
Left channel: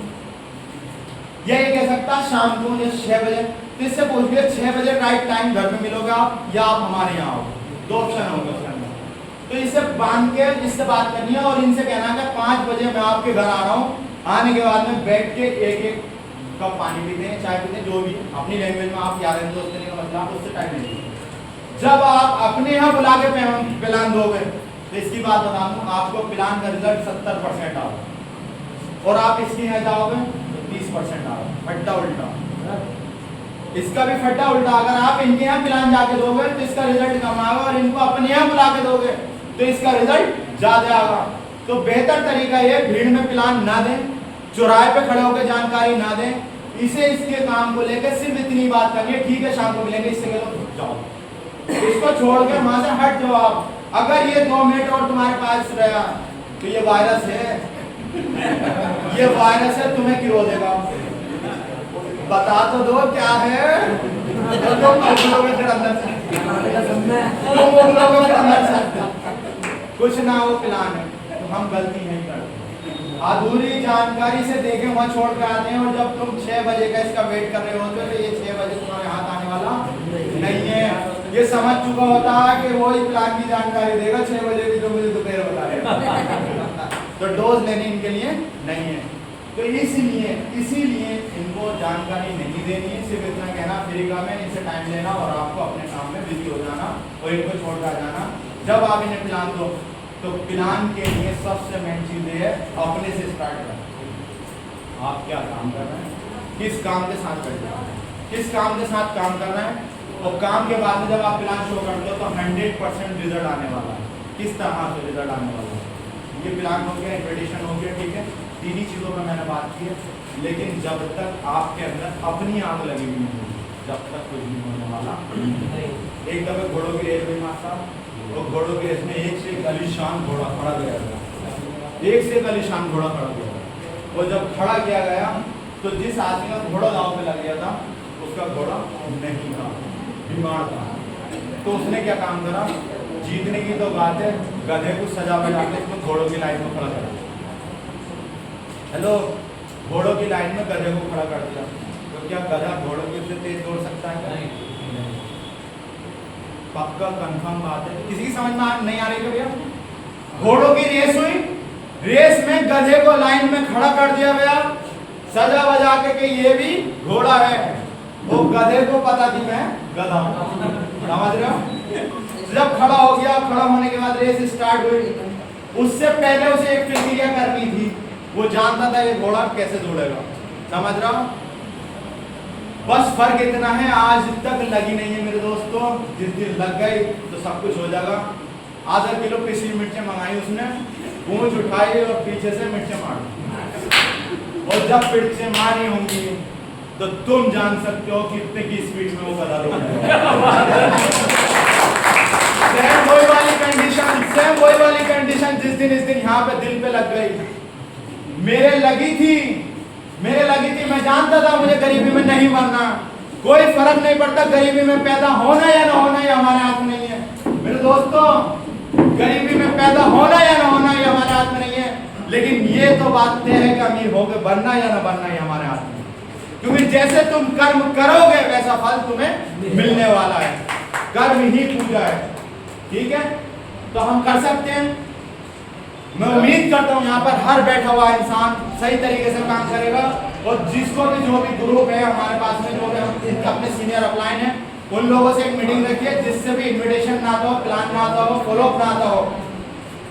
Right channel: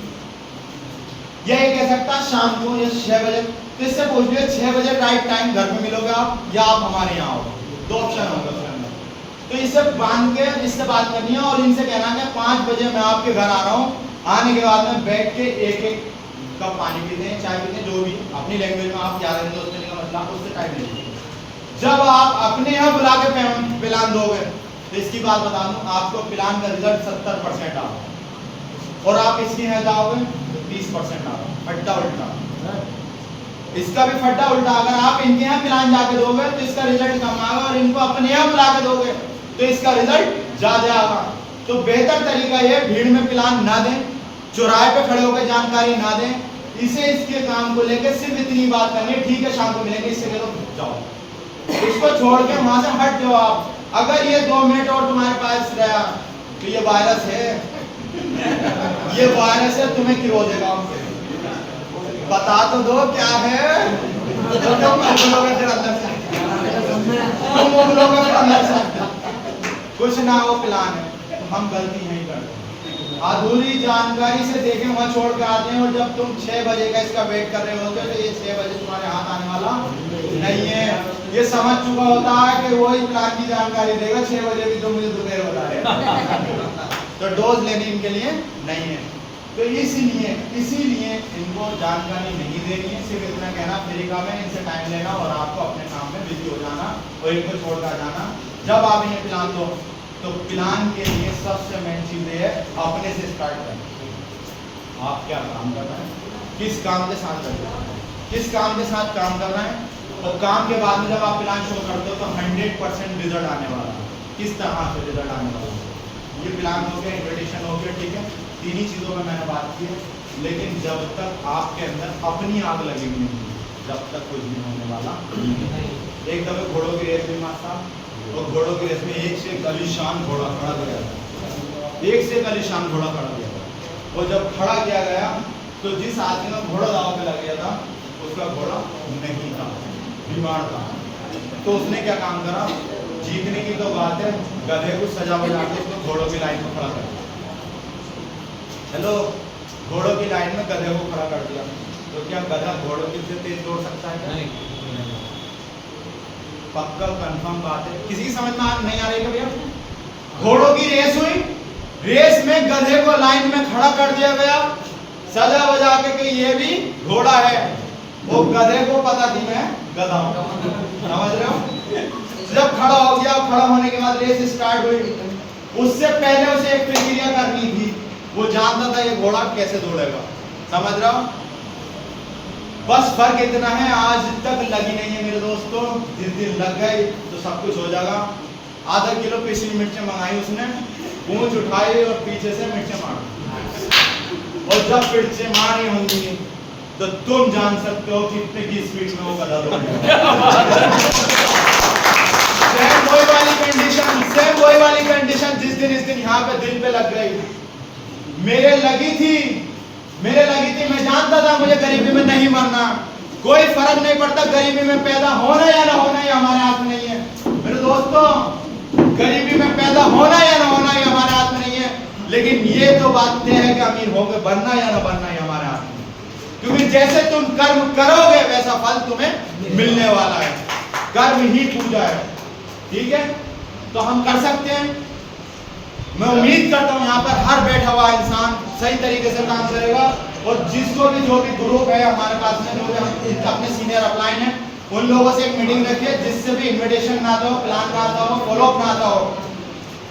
या ये कह सकता शाम को या 6 बजे, तो इससे पूछ लिया 6 बजे राइट टाइम घर में मिलोगे आप, या आप हमारे यहाँ आओगे, 2 ऑप्शन होगा उसके अंदर। तो इससे बांध के इससे बात करनी है, और इनसे कहना है 5 बजे मैं आपके घर आ रहा हूँ, आने के बाद में बैठ के एक कप पानी पीते हैं, चाय पीते हैं, जो भी अपनी लैंग्वेज में आप क्या रहते हो, उसके का मतलब उससे टाइम ले लीजिए। जब आप अपने यहाँ बुला के प्लान दोगे, तो इसकी बात बता दूं, आपको प्लान का रिजल्ट 70% आ रहा, और आप इसके यहाँ जाओगे तो 30% आ रहा, फट्टा उल्टा। इसका भी फट्टा उल्टा। अगर आप इनके यहाँ प्लान जाके दोगे तो इसका रिजल्ट कम आएगा, और इनको अपने यहाँ बुला के दोगे तो इसका रिजल्ट ज्यादा आएगा। तो बेहतर तरीका ये, भीड़ में प्लान ना दें, चौराहे पे खड़े होकर जानकारी ना दें, इसे इसके काम को लेकर सिर्फ इतनी बात करनी है, ठीक है शाम को मिलेंगे, इससे कह दो जाओ, इसको छोड़ के वहां से हट जाओ आप। अगर ये 2 मिनट और तुम्हारे पास रहा तो ये वायरस है, ये वायरस है, तुम्हें गिरो देगा। बता तो दो क्या है, तो तुम उगलोगे फिर अंदर से, तुम उगलोगे फिर अंदर से, कुछ ना वो प्लान है। तो हम गलती नहीं करते, अधूरी जानकारी से देखे वहां छोड़ के आते हैं, और जब तुम 6 बजे का इसका वेट कर रहे होते हो तो ये 6 बजे तुम्हारे हाथ आने वाला नहीं है। ये समझ चुका होता है कि वही प्लान की जानकारी देगा 6 बजे भी, जो मुझे दोपहर होता है। तो डोज लेनी इनके लिए नहीं है। तो इसीलिए इनको जानकारी नहीं देनी है, सिर्फ इतना कहना फ्री काम है, इनसे टाइम लेना और आपको अपने काम में बिजी हो जाना और इनको छोड़ कर जाना। जब आप इन्हें प्लान दो तो प्लान के लिए सबसे मेन चीज है अपने से स्टार्ट करें। आप क्या काम कर रहे हैं, किस काम के साथ कर रहे हैं, किस काम के साथ काम कर रहे हैं, और काम के बाद में जब आप प्लान शो करते हो तो 100% रिजल्ट आने वाला है। किस तरह से रिजल्ट आने वाला है, ये प्लान हो गया, इन्विटेशन हो गया, ठीक है, 3 ही चीज़ों में मैंने बात की है। लेकिन जब तक आपके अंदर अपनी आग लगेगी नहीं, जब तक कुछ नहीं होने वाला। एक दफे घोड़ों की रेस हुई मास्टर, और घोड़ों की रेस में एक से एक आलीशान घोड़ा खड़ा गया था, एक से एक आलीशान घोड़ा खड़ा किया था। और जब खड़ा किया गया तो जिस आदमी का घोड़ा दाव पे लग गया था उसका घोड़ा नहीं था, बीमार था। तो उसने क्या काम करा, जीतने की तो बात है, गधे को सजा बैठा के उसको घोड़ों की लाइन में खड़ा कर दिया। हेलो, घोड़ों की लाइन में गधे को खड़ा कर दिया। तो क्या गधा घोड़ों की से तेज दौड़ सकता है क्या? नहीं। पक्का कंफर्म बात है। किसी की समझ में नहीं आ रही है भैया? घोड़ों की रेस हुई, रेस में गधे को लाइन में खड़ा कर दिया गया, सजा बजा के कि ये भी घोड़ा है। वो गधे को पता थी मैं गधा हूं, समझ रहे हो। जब खड़ा हो गया, खड़ा होने के बाद रेस स्टार्ट हुई। उससे पहले उसे एक प्रक्रिया करनी थी, वो जानता था ये घोड़ा कैसे दौड़ेगा, समझ रहा हो। बस फर्क इतना है, आज तक लगी नहीं है मेरे दोस्तों। जिस दिन लग गई तो सब कुछ हो जाएगा। आधा किलो पिछली मिर्चें मंगाई उसने, पूंछ उठाई और पीछे से मिर्चें मारी, और जब मिर्चें मारी होंगी तो तुम जान सकते हो कितने की स्पीड में वो गधा दौड़ेगा। सेम वही वाली कंडीशन, सेम वही वाली कंडीशन जिस दिन इस दिन यहाँ पे दिल पे लग गई। मेरे लगी थी, मैं जानता था मुझे गरीबी में नहीं मरना। कोई फर्क नहीं पड़ता गरीबी में पैदा होना या ना होना, ये हमारे हाथ में नहीं है मेरे दोस्तों। गरीबी में पैदा होना या ना होना ये हमारे हाथ में नहीं है, लेकिन ये तो बात तय है कि अमीर होकर बनना या ना बनना ये हमारे हाथ में। क्योंकि जैसे तुम कर्म करोगे वैसा फल तुम्हें मिलने वाला है। कर्म ही पूजा है, ठीक है। तो हम कर सकते हैं। मैं उम्मीद करता हूं यहाँ पर हर बैठा हुआ इंसान सही तरीके से काम करेगा, और जिसको भी जो भी ग्रुप है हमारे पास में, जो भी हम अपने सीनियर अपलाइन है, उन लोगों से एक मीटिंग रखिए जिससे भी इनविटेशन ना आता हो, प्लान ना आता हो, फॉलोअप ना आता हो,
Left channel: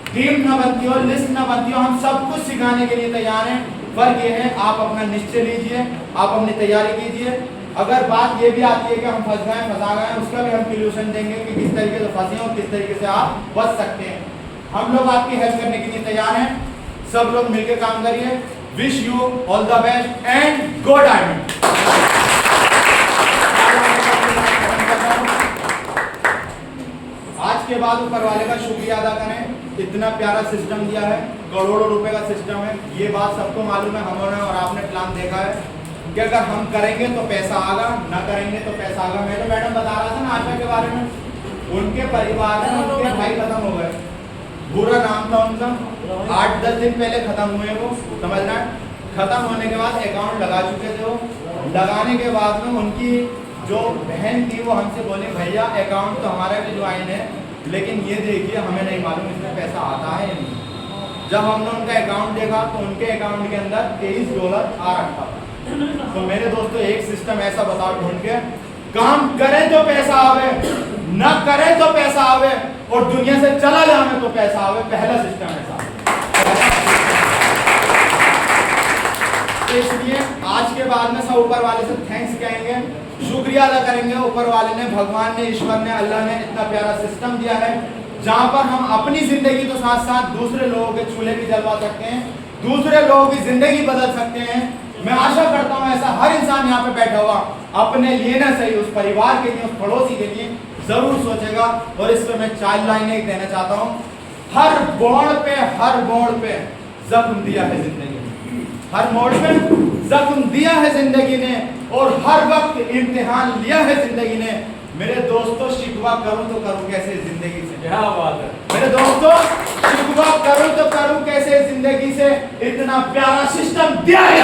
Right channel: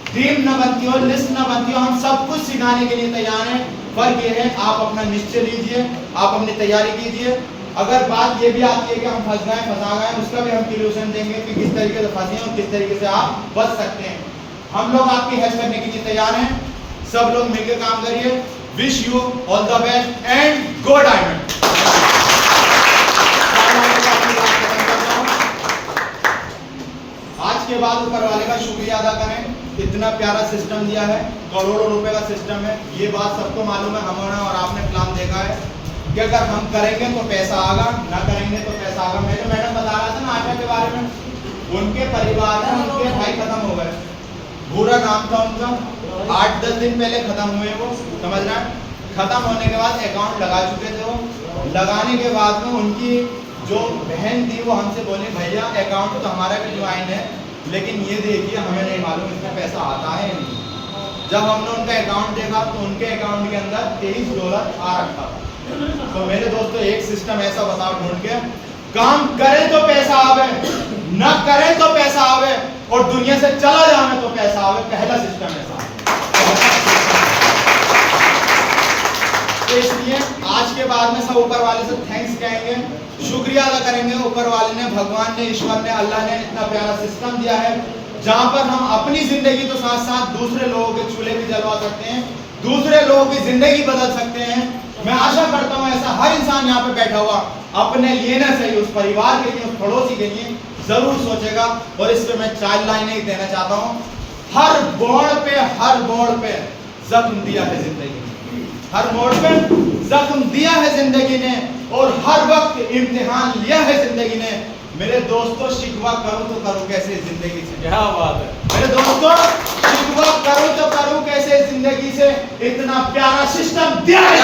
टीम ना बनती हो, लिस्ट ना बनती हो। हम सब कुछ सिखाने के लिए तैयार हैं। फर्क ये है आप अपना निश्चय लीजिए, आप अपनी तैयारी कीजिए। अगर बात ये भी आती है कि हम फंसा गए, उसका भी हम सॉल्यूशन देंगे कि किस तरीके से फंसे और किस तरीके से आप बच सकते हैं। हम लोग आपकी हेल्प करने के लिए तैयार हैं। सब लोग मिलकर काम करिए। Wish you all the best and go diamond. आज के बाद ऊपर वाले का शुक्रिया अदा करें, इतना प्यारा सिस्टम दिया है, करोड़ों रुपए का सिस्टम है। ये बात सबको मालूम है, हमने और आपने प्लान देखा है कि अगर हम करेंगे तो पैसा आएगा, ना करेंगे तो पैसा आएगा। मैं तो मैडम बता रहा था ना आशा के बारे में, उनके परिवार में उनके भाई खत्म हो गए, बुरा नाम था उनका, 8-10 दिन पहले खत्म हुए वो, समझ रहे हैं। खत्म होने के बाद अकाउंट लगा चुके थे वो, लगाने के बाद में उनकी जो बहन थी वो हमसे बोले भैया अकाउंट तो हमारा भी ज्वाइन है, लेकिन ये देखिए हमें नहीं मालूम इसमें पैसा आता है या नहीं। जब हमने उनका अकाउंट देखा तो उनके अकाउंट के अंदर $23 आ रखा था। तो मेरे दोस्तों एक सिस्टम ऐसा बताओ ढूंढ के, काम करें तो पैसा आवे, न करें तो पैसा आवे, और दुनिया से चला जाए तो पैसा आवे। पहला सिस्टम ऐसा। तो इसलिए आज के बाद में सब ऊपर वाले से थैंक्स कहेंगे, शुक्रिया अदा करेंगे। ऊपर वाले ने, भगवान ने, ईश्वर ने, अल्लाह ने इतना प्यारा सिस्टम दिया है जहां पर हम अपनी जिंदगी तो साथ साथ दूसरे लोगों के चूल्हे भी जलवा सकते हैं, दूसरे लोगों की जिंदगी बदल सकते हैं। मैं आशा करता हूं ऐसा हर इंसान यहाँ पे बैठा हुआ अपने लिए ना सही, उस परिवार के लिए, उस पड़ोसी के लिए जरूर सोचेगा। और इस पे मैं 4 लाइनें देना चाहता हूँ। हर मोड़ पे जख्म दिया है जिंदगी ने, हर मोड़ पे जख्म दिया है जिंदगी ने, और हर वक्त इम्तिहान लिया है जिंदगी ने। मेरे दोस्तों शिकवा करूं तो करूं कैसे जिंदगी से, क्या बात है मेरे दोस्तों, शिकवा करूं तो करूं कैसे जिंदगी से, इतना प्यारा सिस्टम दिया है।